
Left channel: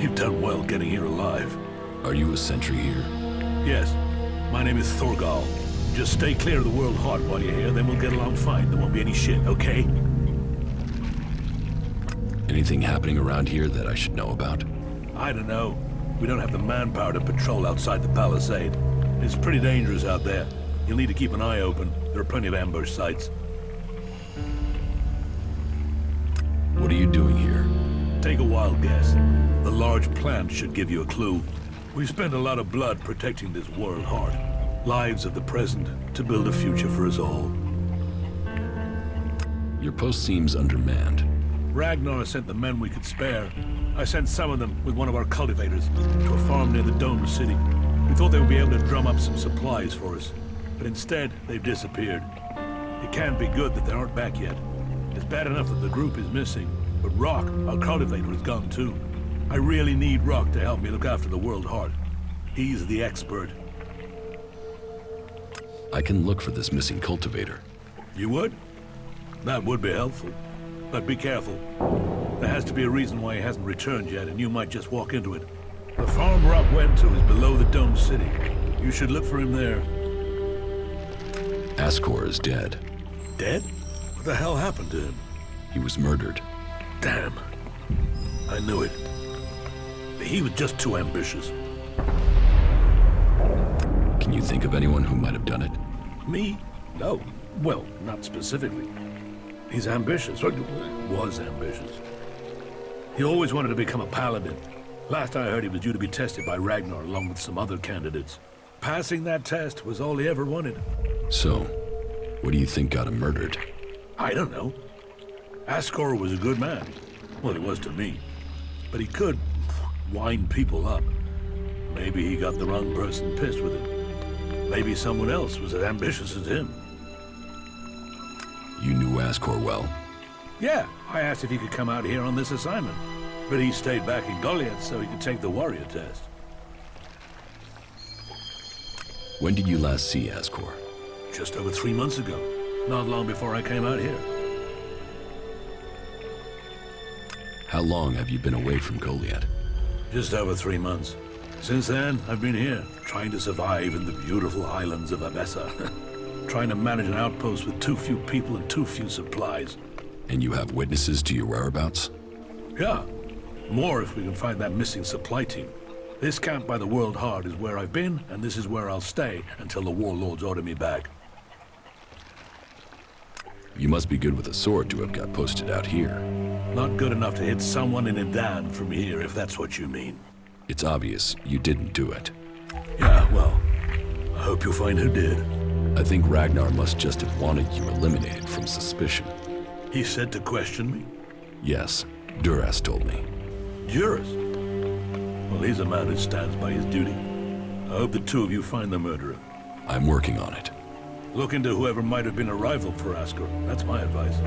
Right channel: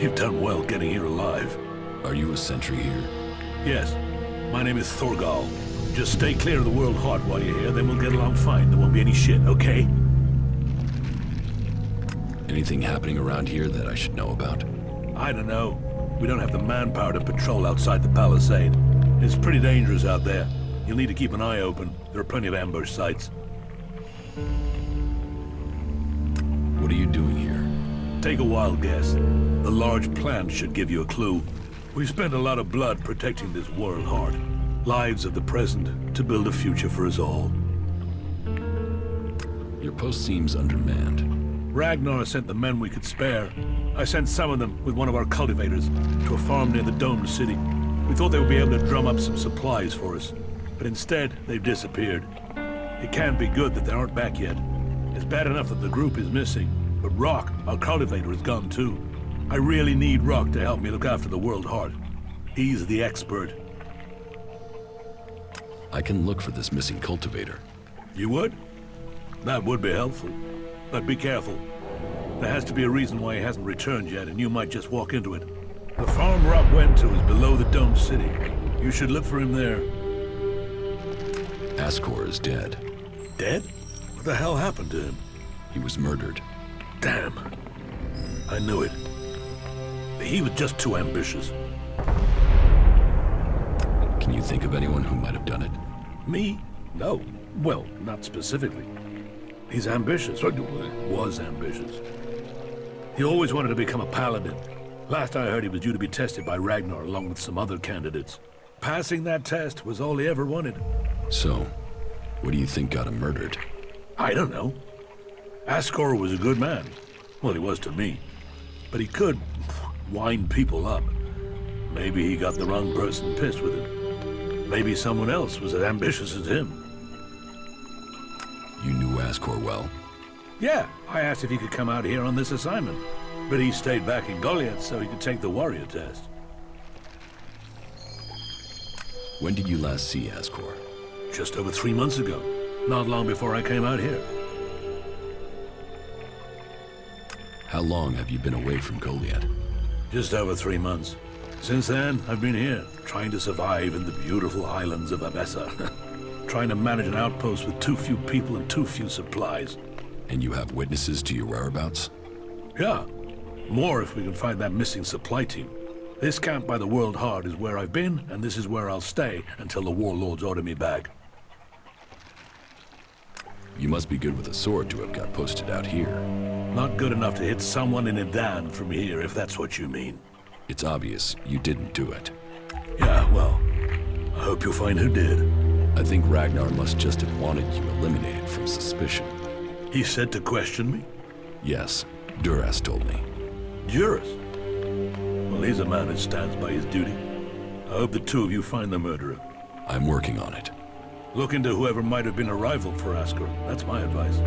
You've done well getting here alive. Are you a sentry here? Yes. My name is Thorgal. Just stay clear of the World Heart while you're here, then we'll get along fine. There won't be any shit, okay? Anything happening around here that I should know about? I don't know. We don't have the manpower to patrol outside the palisade. It's pretty dangerous out there. You'll need to keep an eye open. There are plenty of ambush sites. What are you doing here? Take a wild guess. The large plant should give you a clue. We've spent a lot of blood protecting this World Heart. Lives of the present to build a future for us all. Your post seems undermanned. Ragnar sent the men we could spare. I sent some of them with one of our cultivators to a farm near the domed city. We thought they would be able to drum up some supplies for us, but instead they've disappeared. It can't be good that they aren't back yet. It's bad enough that the group is missing, but Rock, our cultivator, is gone too. I really need Rock to help me look after the World Heart. He's the expert. I can look for this missing cultivator. You would? That would be helpful. But be careful. There has to be a reason why he hasn't returned yet, and you might just walk into it. The farm Rock went to is below the domed city. You should look for him there. Ascor is dead. Dead? What the hell happened to him? He was murdered. Damn. I knew it. He was just too ambitious. Can you think of anyone who might have done it? Me? No. Well, not specifically. He's ambitious, or was ambitious. He always wanted to become a paladin. Last I heard, he was due to be tested by Ragnar along with some other candidates. Passing that test was all he ever wanted. So, what do you think got him murdered? I don't know. Ascor was a good man. Well, he was to me. But he could wind people up. Maybe he got the wrong person pissed with him. Maybe someone else was as ambitious as him. You knew Ascor well? Yeah, I asked if he could come out here on this assignment. But he stayed back in Goliath so he could take the warrior test. When did you last see Ascor? Just over 3 months ago. Not long before I came out here. How long have you been away from Goliath? Just over 3 months. Since then, I've been here, trying to survive in the beautiful highlands of Abessa. Trying to manage an outpost with too few people and too few supplies. And you have witnesses to your whereabouts? Yeah. More if we can find that missing supply team. This camp by the World Heart is where I've been, and this is where I'll stay until the warlords order me back. You must be good with a sword to have got posted out here. Not good enough to hit someone in Edan from here, if that's what you mean. It's obvious you didn't do it. Yeah, well, I hope you'll find who did. I think Ragnar must just have wanted you eliminated from suspicion. He said to question me? Yes, Duras told me. Duras? Well, he's a man who stands by his duty. I hope the two of you find the murderer. I'm working on it. Look into whoever might have been a rival for Ascor. That's my advice.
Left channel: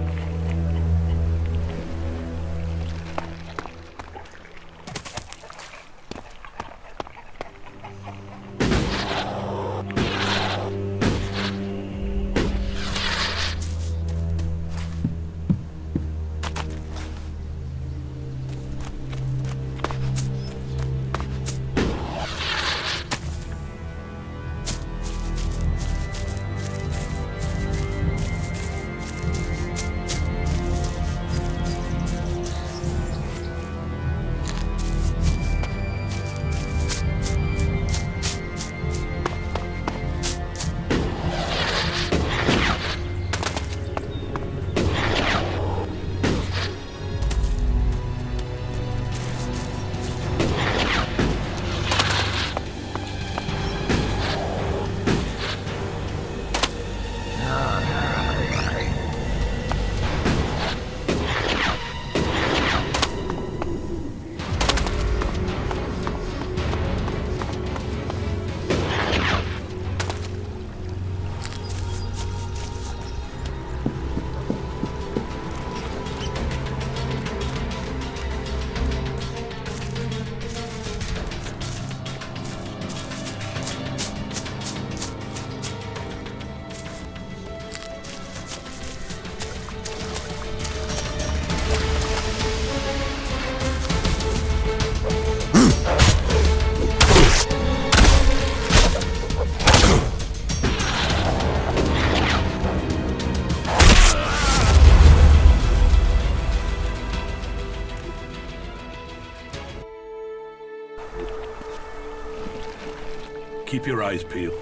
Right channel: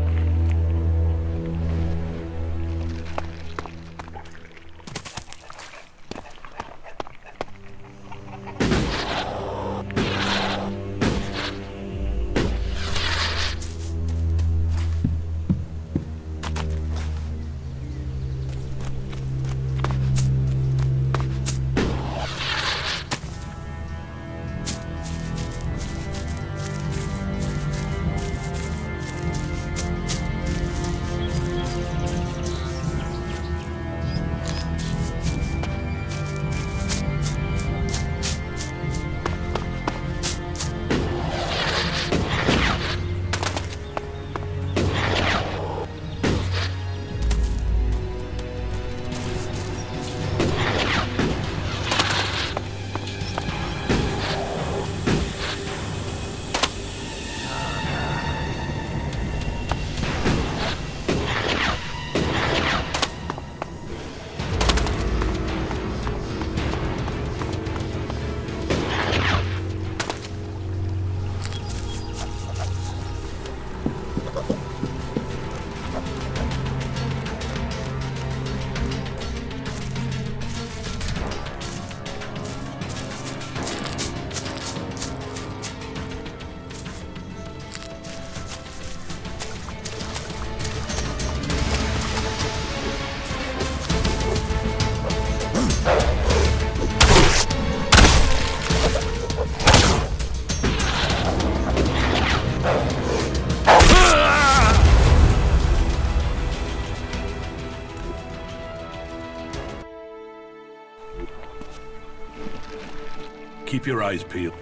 Keep your eyes peeled.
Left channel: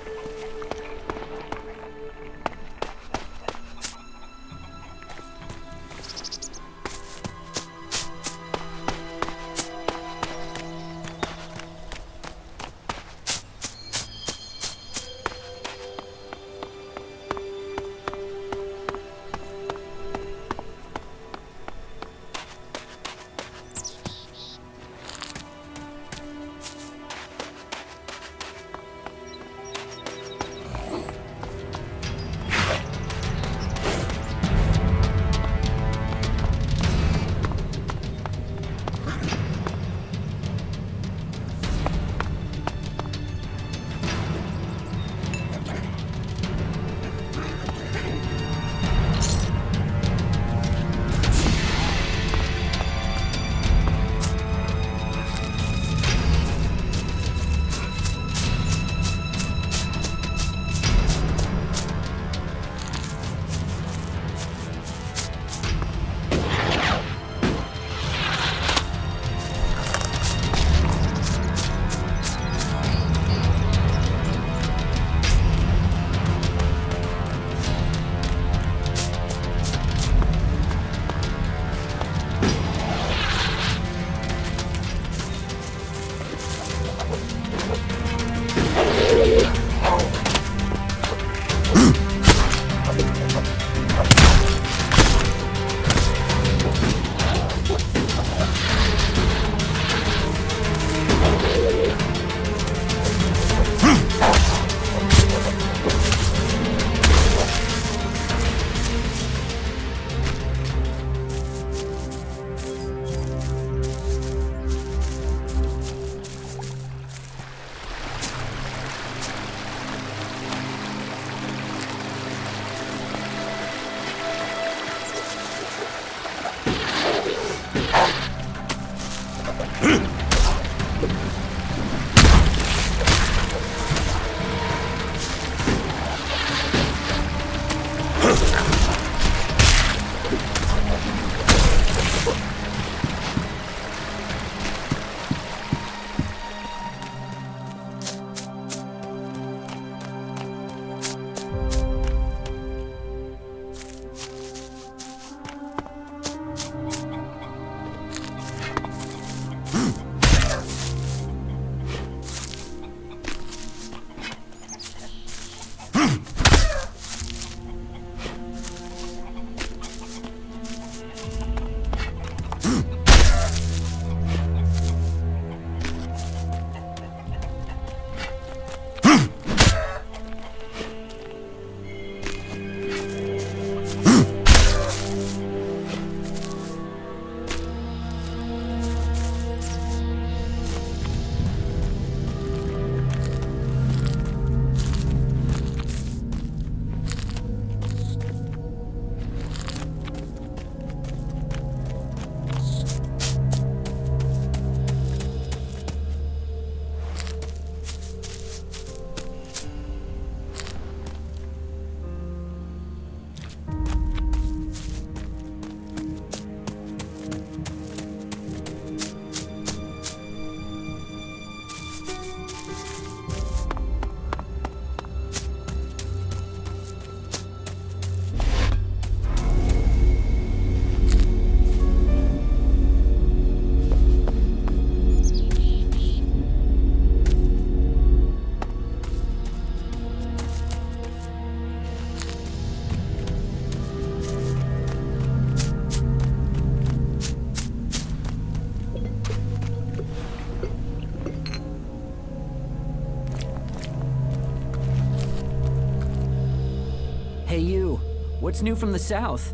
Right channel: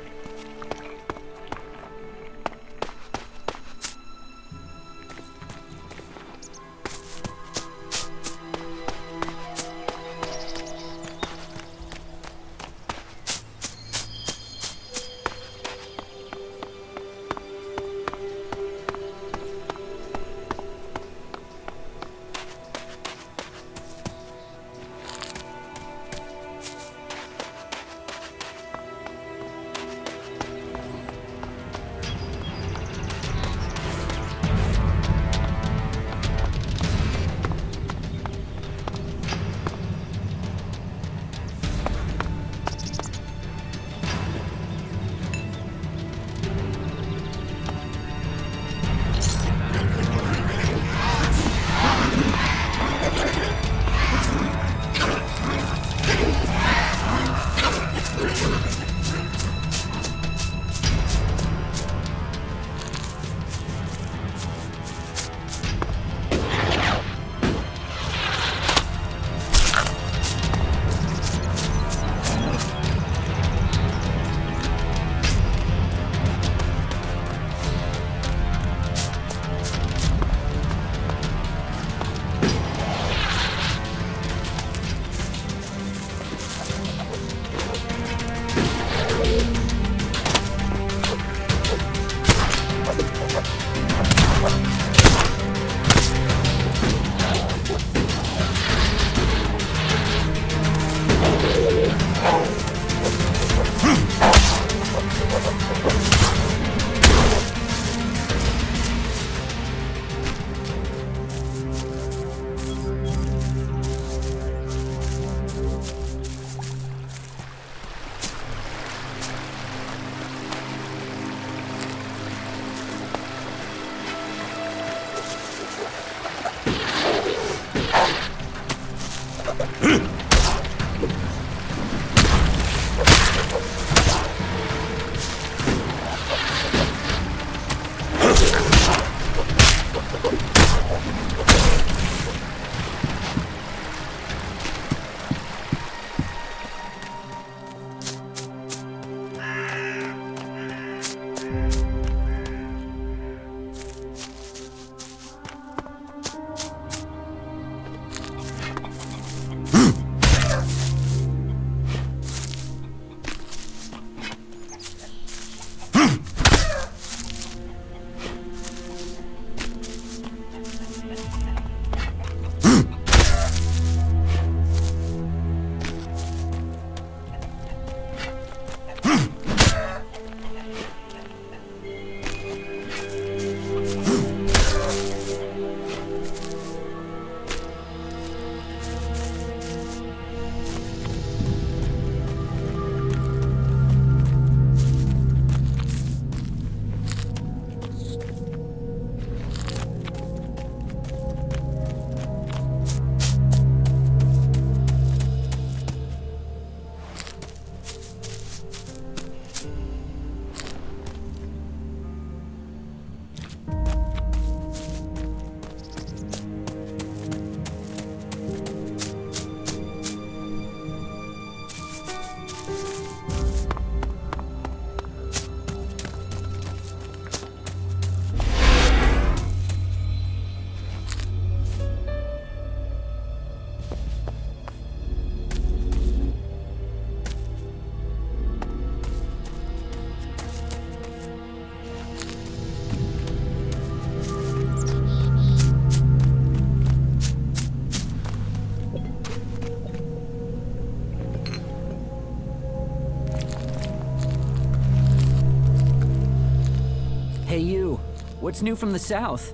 Hey you, what's new from the south?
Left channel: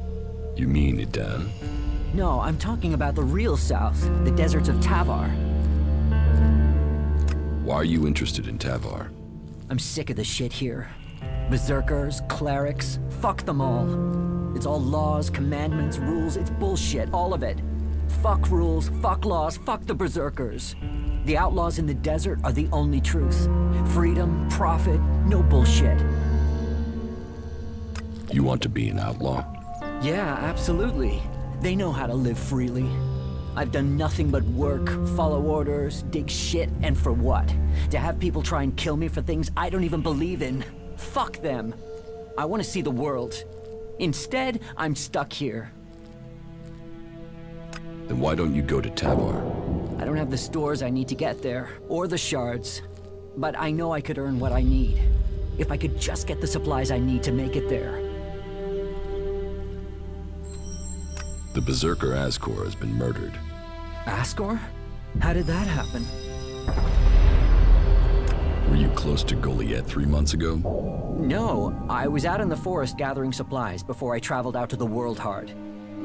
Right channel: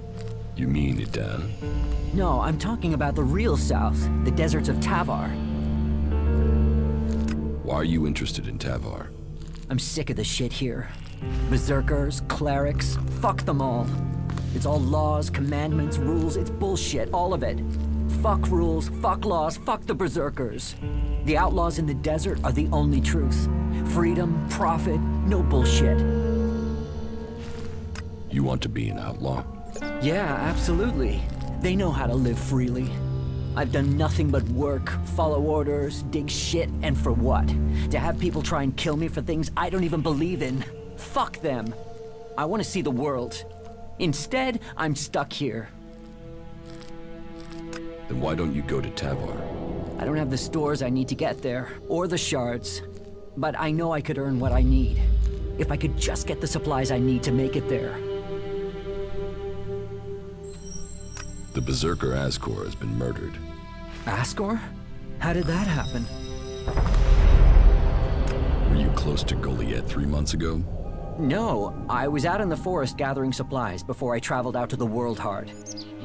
You mean Edan? No, I'm talking about the real south, the deserts of Tavar. Why are you interested in Tavar? I'm sick of the shit here. Berserkers, clerics, fuck them all. It's all laws, commandments, rules, it's bullshit, all of it. Fuck rules, fuck laws, fuck the berserkers. The outlaws in the desert are the only truth. Freedom, profit, no bullshit. You want to be an outlaw? Yeah, absolutely. They know how to live freely. I've done nothing but work, follow orders, dig shit, and for what? To have people try and kill me for things I don't even believe in? Fuck them. I want to see the world. Instead, I'm stuck here. Then why don't you go to Tavar? I don't have the stores I need to get there, or the shards. But I know I could earn what I need. If I could just get the supplies I need to make it there. The Berserker Ascor has been murdered. Ascor? How did that happen? Were you close to Goliath 3 months ago? No, I was out in the forest gathering supplies before I traveled out to the World Heart.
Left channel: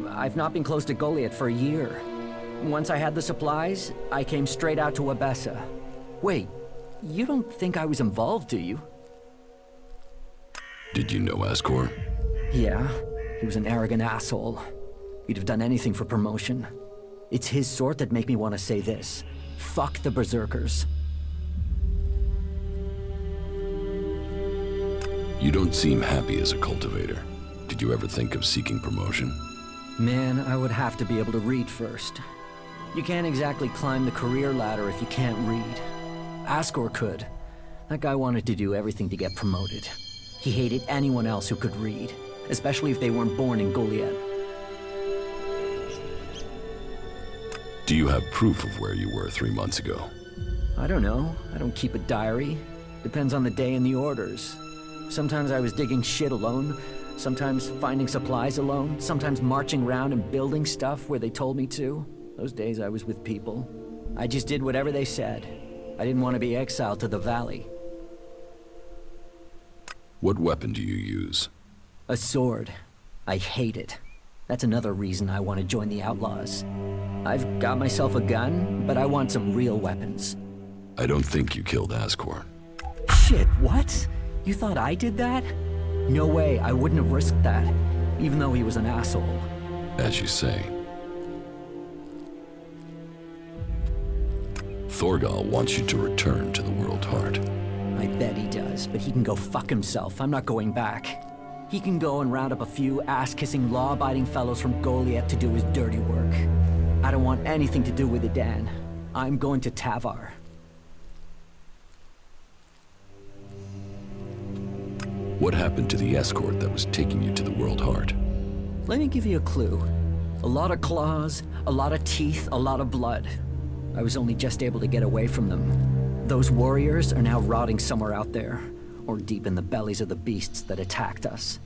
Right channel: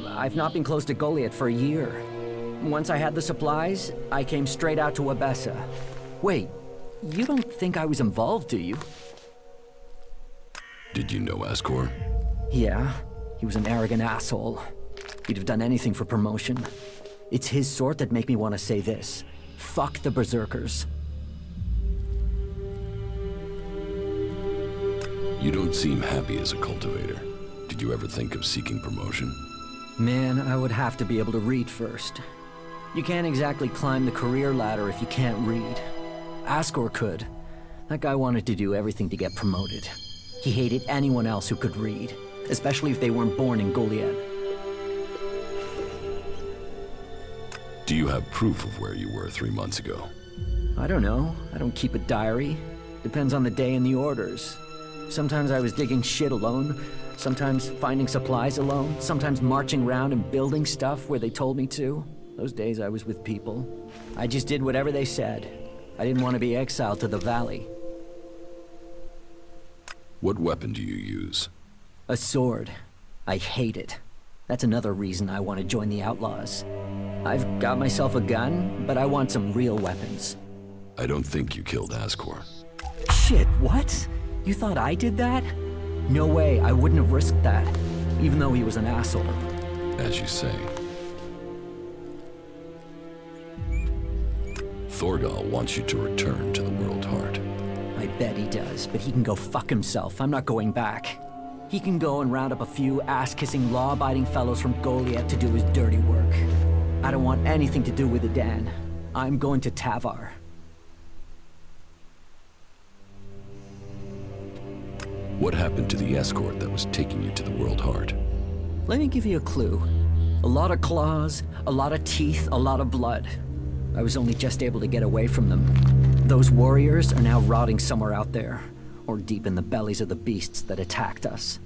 I've not been close to Goliath for a year. Once I had the supplies, I came straight out to Abessa. Wait, you don't think I was involved, do you? Did you know Ascor? Yeah, he was an arrogant asshole. He'd have done anything for promotion. It's his sort that make me want to say this. Fuck the Berserkers. You don't seem happy as a cultivator. Did you ever think of seeking promotion? Man, I would have to be able to read first. You can't exactly climb the career ladder if you can't read. Ascor could. That guy wanted to do everything to get promoted. He hated anyone else who could read, especially if they weren't born in Goliath. Do you have proof of where you were 3 months ago? I don't know. I don't keep a diary. Depends on the day and the orders. Sometimes I was digging shit alone, sometimes finding supplies alone, sometimes marching around and building stuff where they told me to. Those days I was with people. I just did whatever they said. I didn't want to be exiled to the valley. What weapon do you use? A sword. I hate it. That's another reason I want to join the Outlaws. I've got myself a gun, but I want some real weapons. I don't think you killed Ascor. Shit, what? You thought I did that? No way, I wouldn't have risked that, even though he was an asshole. As you say. Thorgal wants you to return to the World Heart. I bet he does, but he can go fuck himself. I'm not going back. He can go and round up a few ass-kissing, law-abiding fellows from Goliath to do his dirty work. I don't want anything to do with it, Dan. I'm going to Tavar. What happened to the escort that was taking you to the World Heart? Let me give you a clue. A lot of claws, a lot of teeth, a lot of blood. I was only just able to get away from them. Those warriors are now rotting somewhere out there, or deep in the bellies of the beasts that attacked us.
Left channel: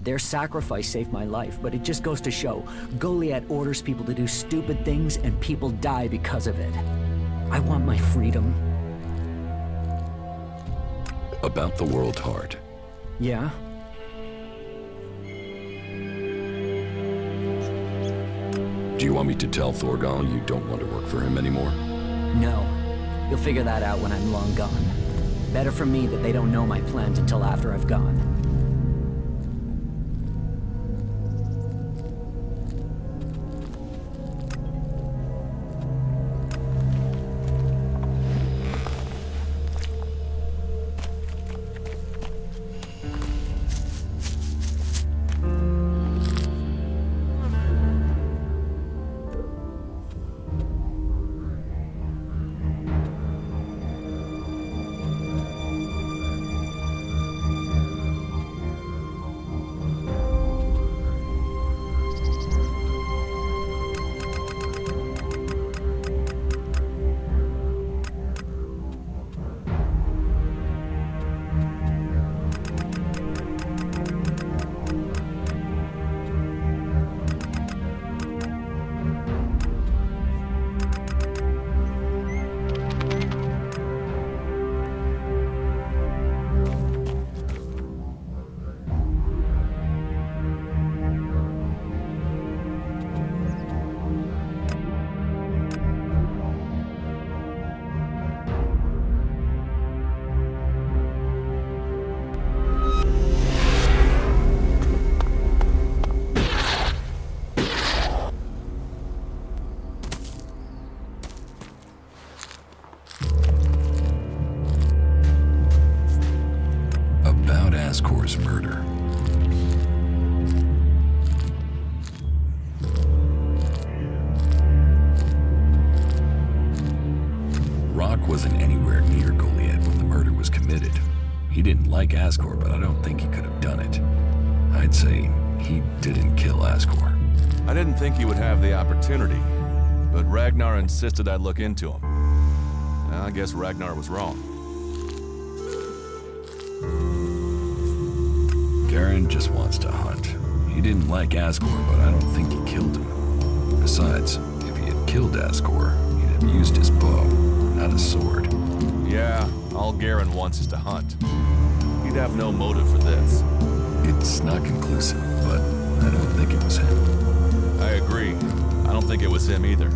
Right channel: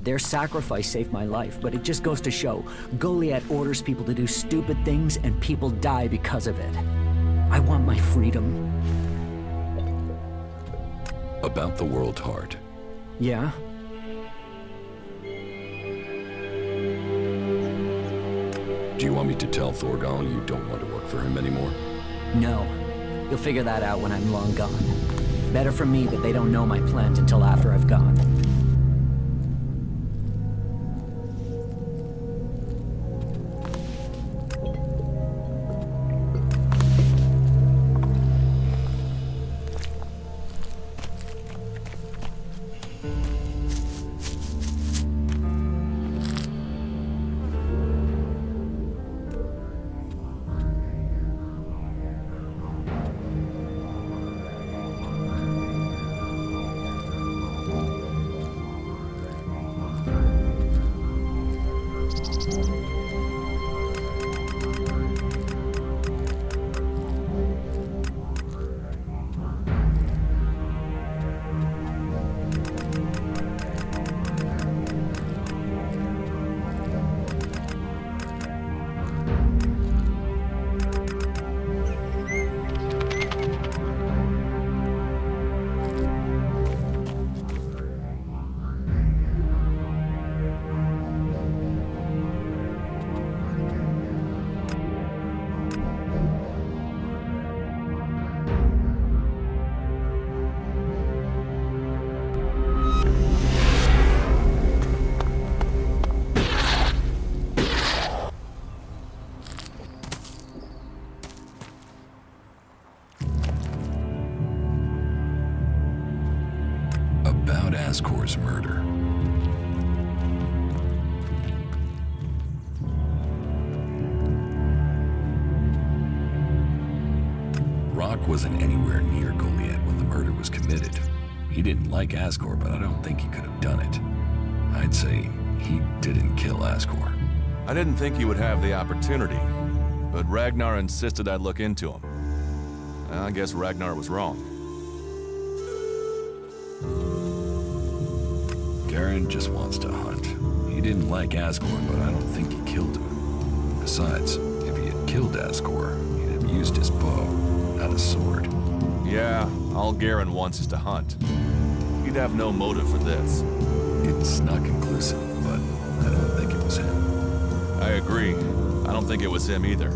Their sacrifice saved my life, but it just goes to show, Goliath orders people to do stupid things and people die because of it. I want my freedom. About the World Heart. Yeah? Do you want me to tell Thorgal you don't want to work for him anymore? No. You'll figure that out when I'm long gone. Better for me that they don't know my plans until after I've gone. wasn't anywhere near Goliath when the murder was committed. He didn't like Ascor, but I don't think he could have done it. I'd say he didn't kill Ascor. I didn't think he would have the opportunity, but Ragnar insisted I look into him. I guess Ragnar was wrong. Garen just wants to hunt. He didn't like Ascor, but I don't think he killed him. Besides, if he had killed Ascor, he'd have used his bow, not a sword. Yeah, all Garen wants is to hunt. He'd have no motive for this. It's not conclusive, but I don't think it was him. I agree. I don't think it was him either.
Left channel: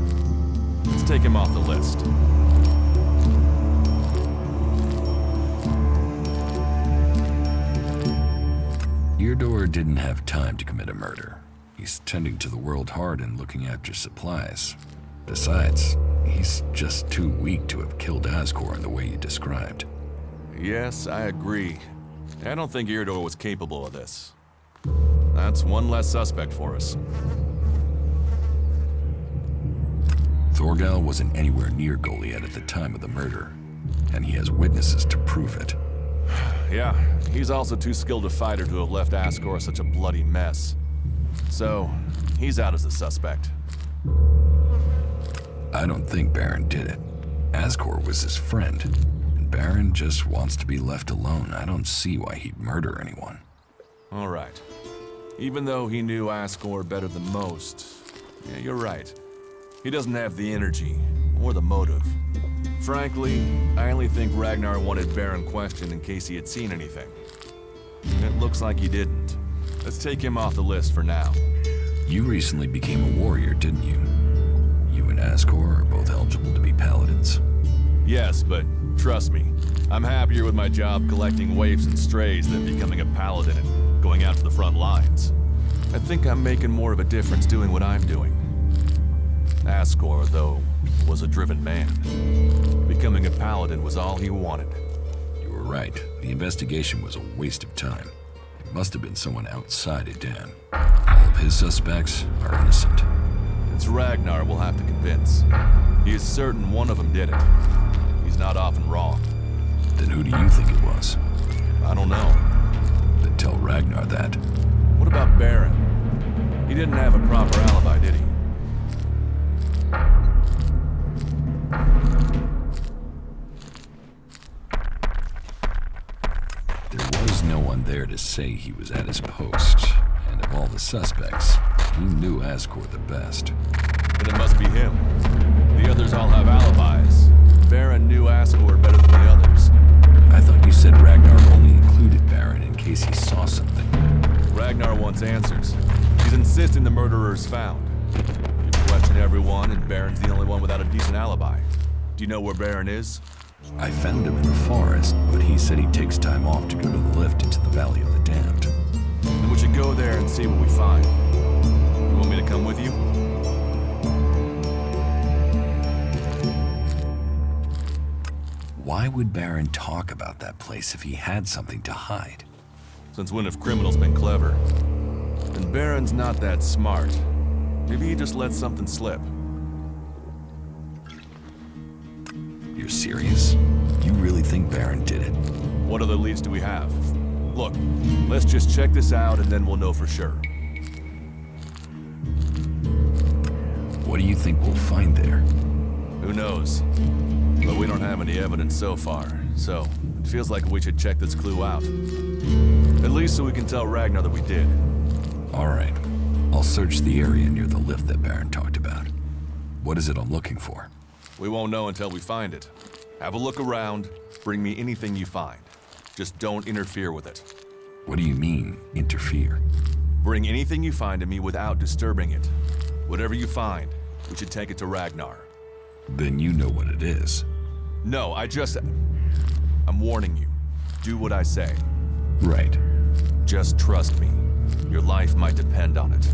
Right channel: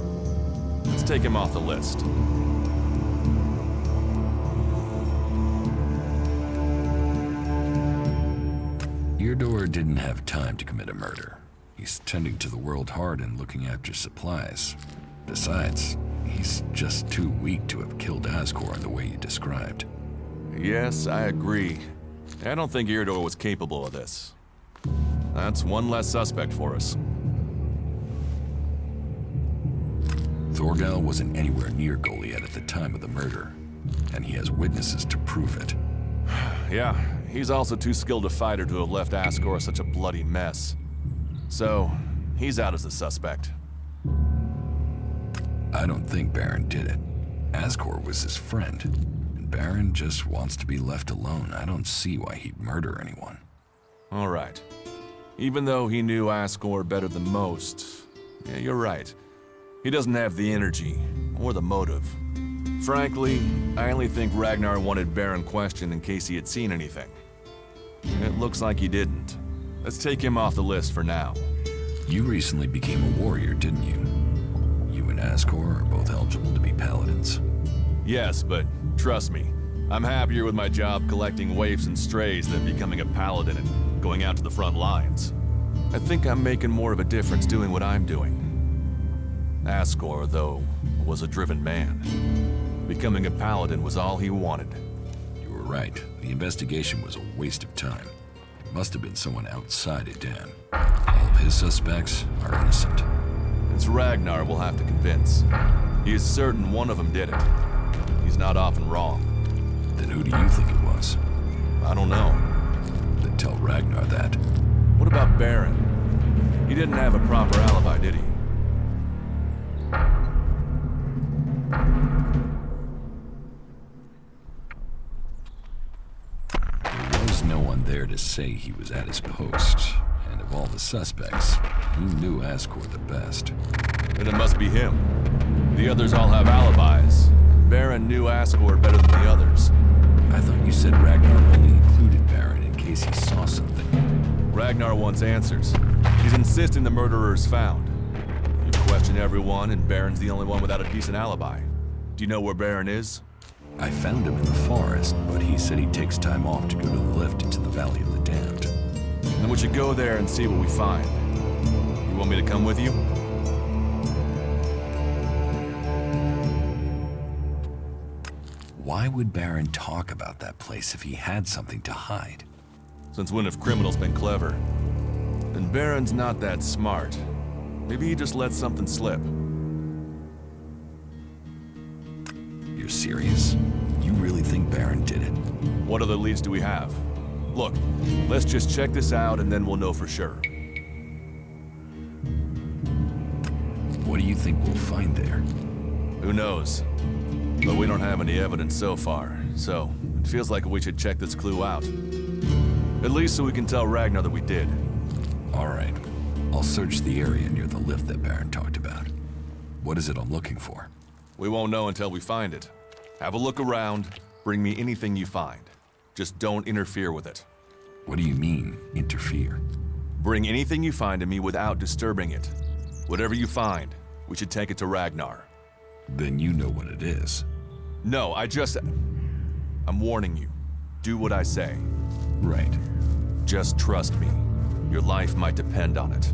Let's take him off the list. Eardor didn't have time to commit a murder. He's tending to the World Heart and looking after supplies. Besides, he's just too weak to have killed Ascor in the way you described. Yes, I agree. I don't think Eardor was capable of this. That's one less suspect for us. Thorgal wasn't anywhere near Goliath at the time of the murder, and he has witnesses to prove it. Yeah, he's also too skilled a fighter to have left Ascor such a bloody mess. So, he's out as a suspect. I don't think Baron did it. Ascor was his friend, and Baron just wants to be left alone. I don't see why he'd murder anyone. All right. Even though he knew Ascor better than most, yeah, you're right. He doesn't have the energy or the motive. Frankly, I only think Ragnar wanted Baron questioned in case he had seen anything. It looks like he didn't. Let's take him off the list for now. You recently became a warrior, didn't you? You and Ascor are both eligible to be paladins. Yes, but trust me, I'm happier with my job collecting waifs and strays than becoming a paladin and going out to the front lines. I think I'm making more of a difference doing what I'm doing. Ascor, though, was a driven man. Becoming a paladin was all he wanted. You were right. The investigation was a waste of time. It must have been someone outside Edan. All of his suspects are innocent. It's Ragnar we'll have to convince. He is certain one of them did it. He's not often wrong. Then who do you think it was? I don't know. Then tell Ragnar that. What about Baron? He didn't have a proper alibi, did he? There was no one there to say he was at his post, and of all the suspects, he knew Ascor the best. Then it must be him. The others all have alibis. Baron knew Ascor better than the others. I thought you said Ragnar only included Baron in case he saw something. Ragnar wants answers. He's insisting the murderer is found. You've questioned everyone, and Baron's the only one without a decent alibi. Do you know where Baron is? I found him in the forest, but he said he takes time off to go to the lift into the Valley of the Damned. Then we should go there and see what we find. You want me to come with you? Why would Baron talk about that place if he had something to hide? Since when have criminals been clever? And Baron's not that smart. Maybe he just let something slip. You're serious? You really think Baron did it? What other leads do we have? Look, let's just check this out and then we'll know for sure. What do you think we'll find there? Who knows? But we don't have any evidence so far, so it feels like we should check this clue out. At least so we can tell Ragnar that we did. All right. I'll search the area near the lift that Baron talked about. What is it I'm looking for? We won't know until we find it. Have a look around, bring me anything you find. Just don't interfere with it. What do you mean, interfere? Bring anything you find to me without disturbing it. Whatever you find, we should take it to Ragnar. Then you know what it is. No, I'm warning you. Do what I say. Right. Just trust me. Your life might depend on it.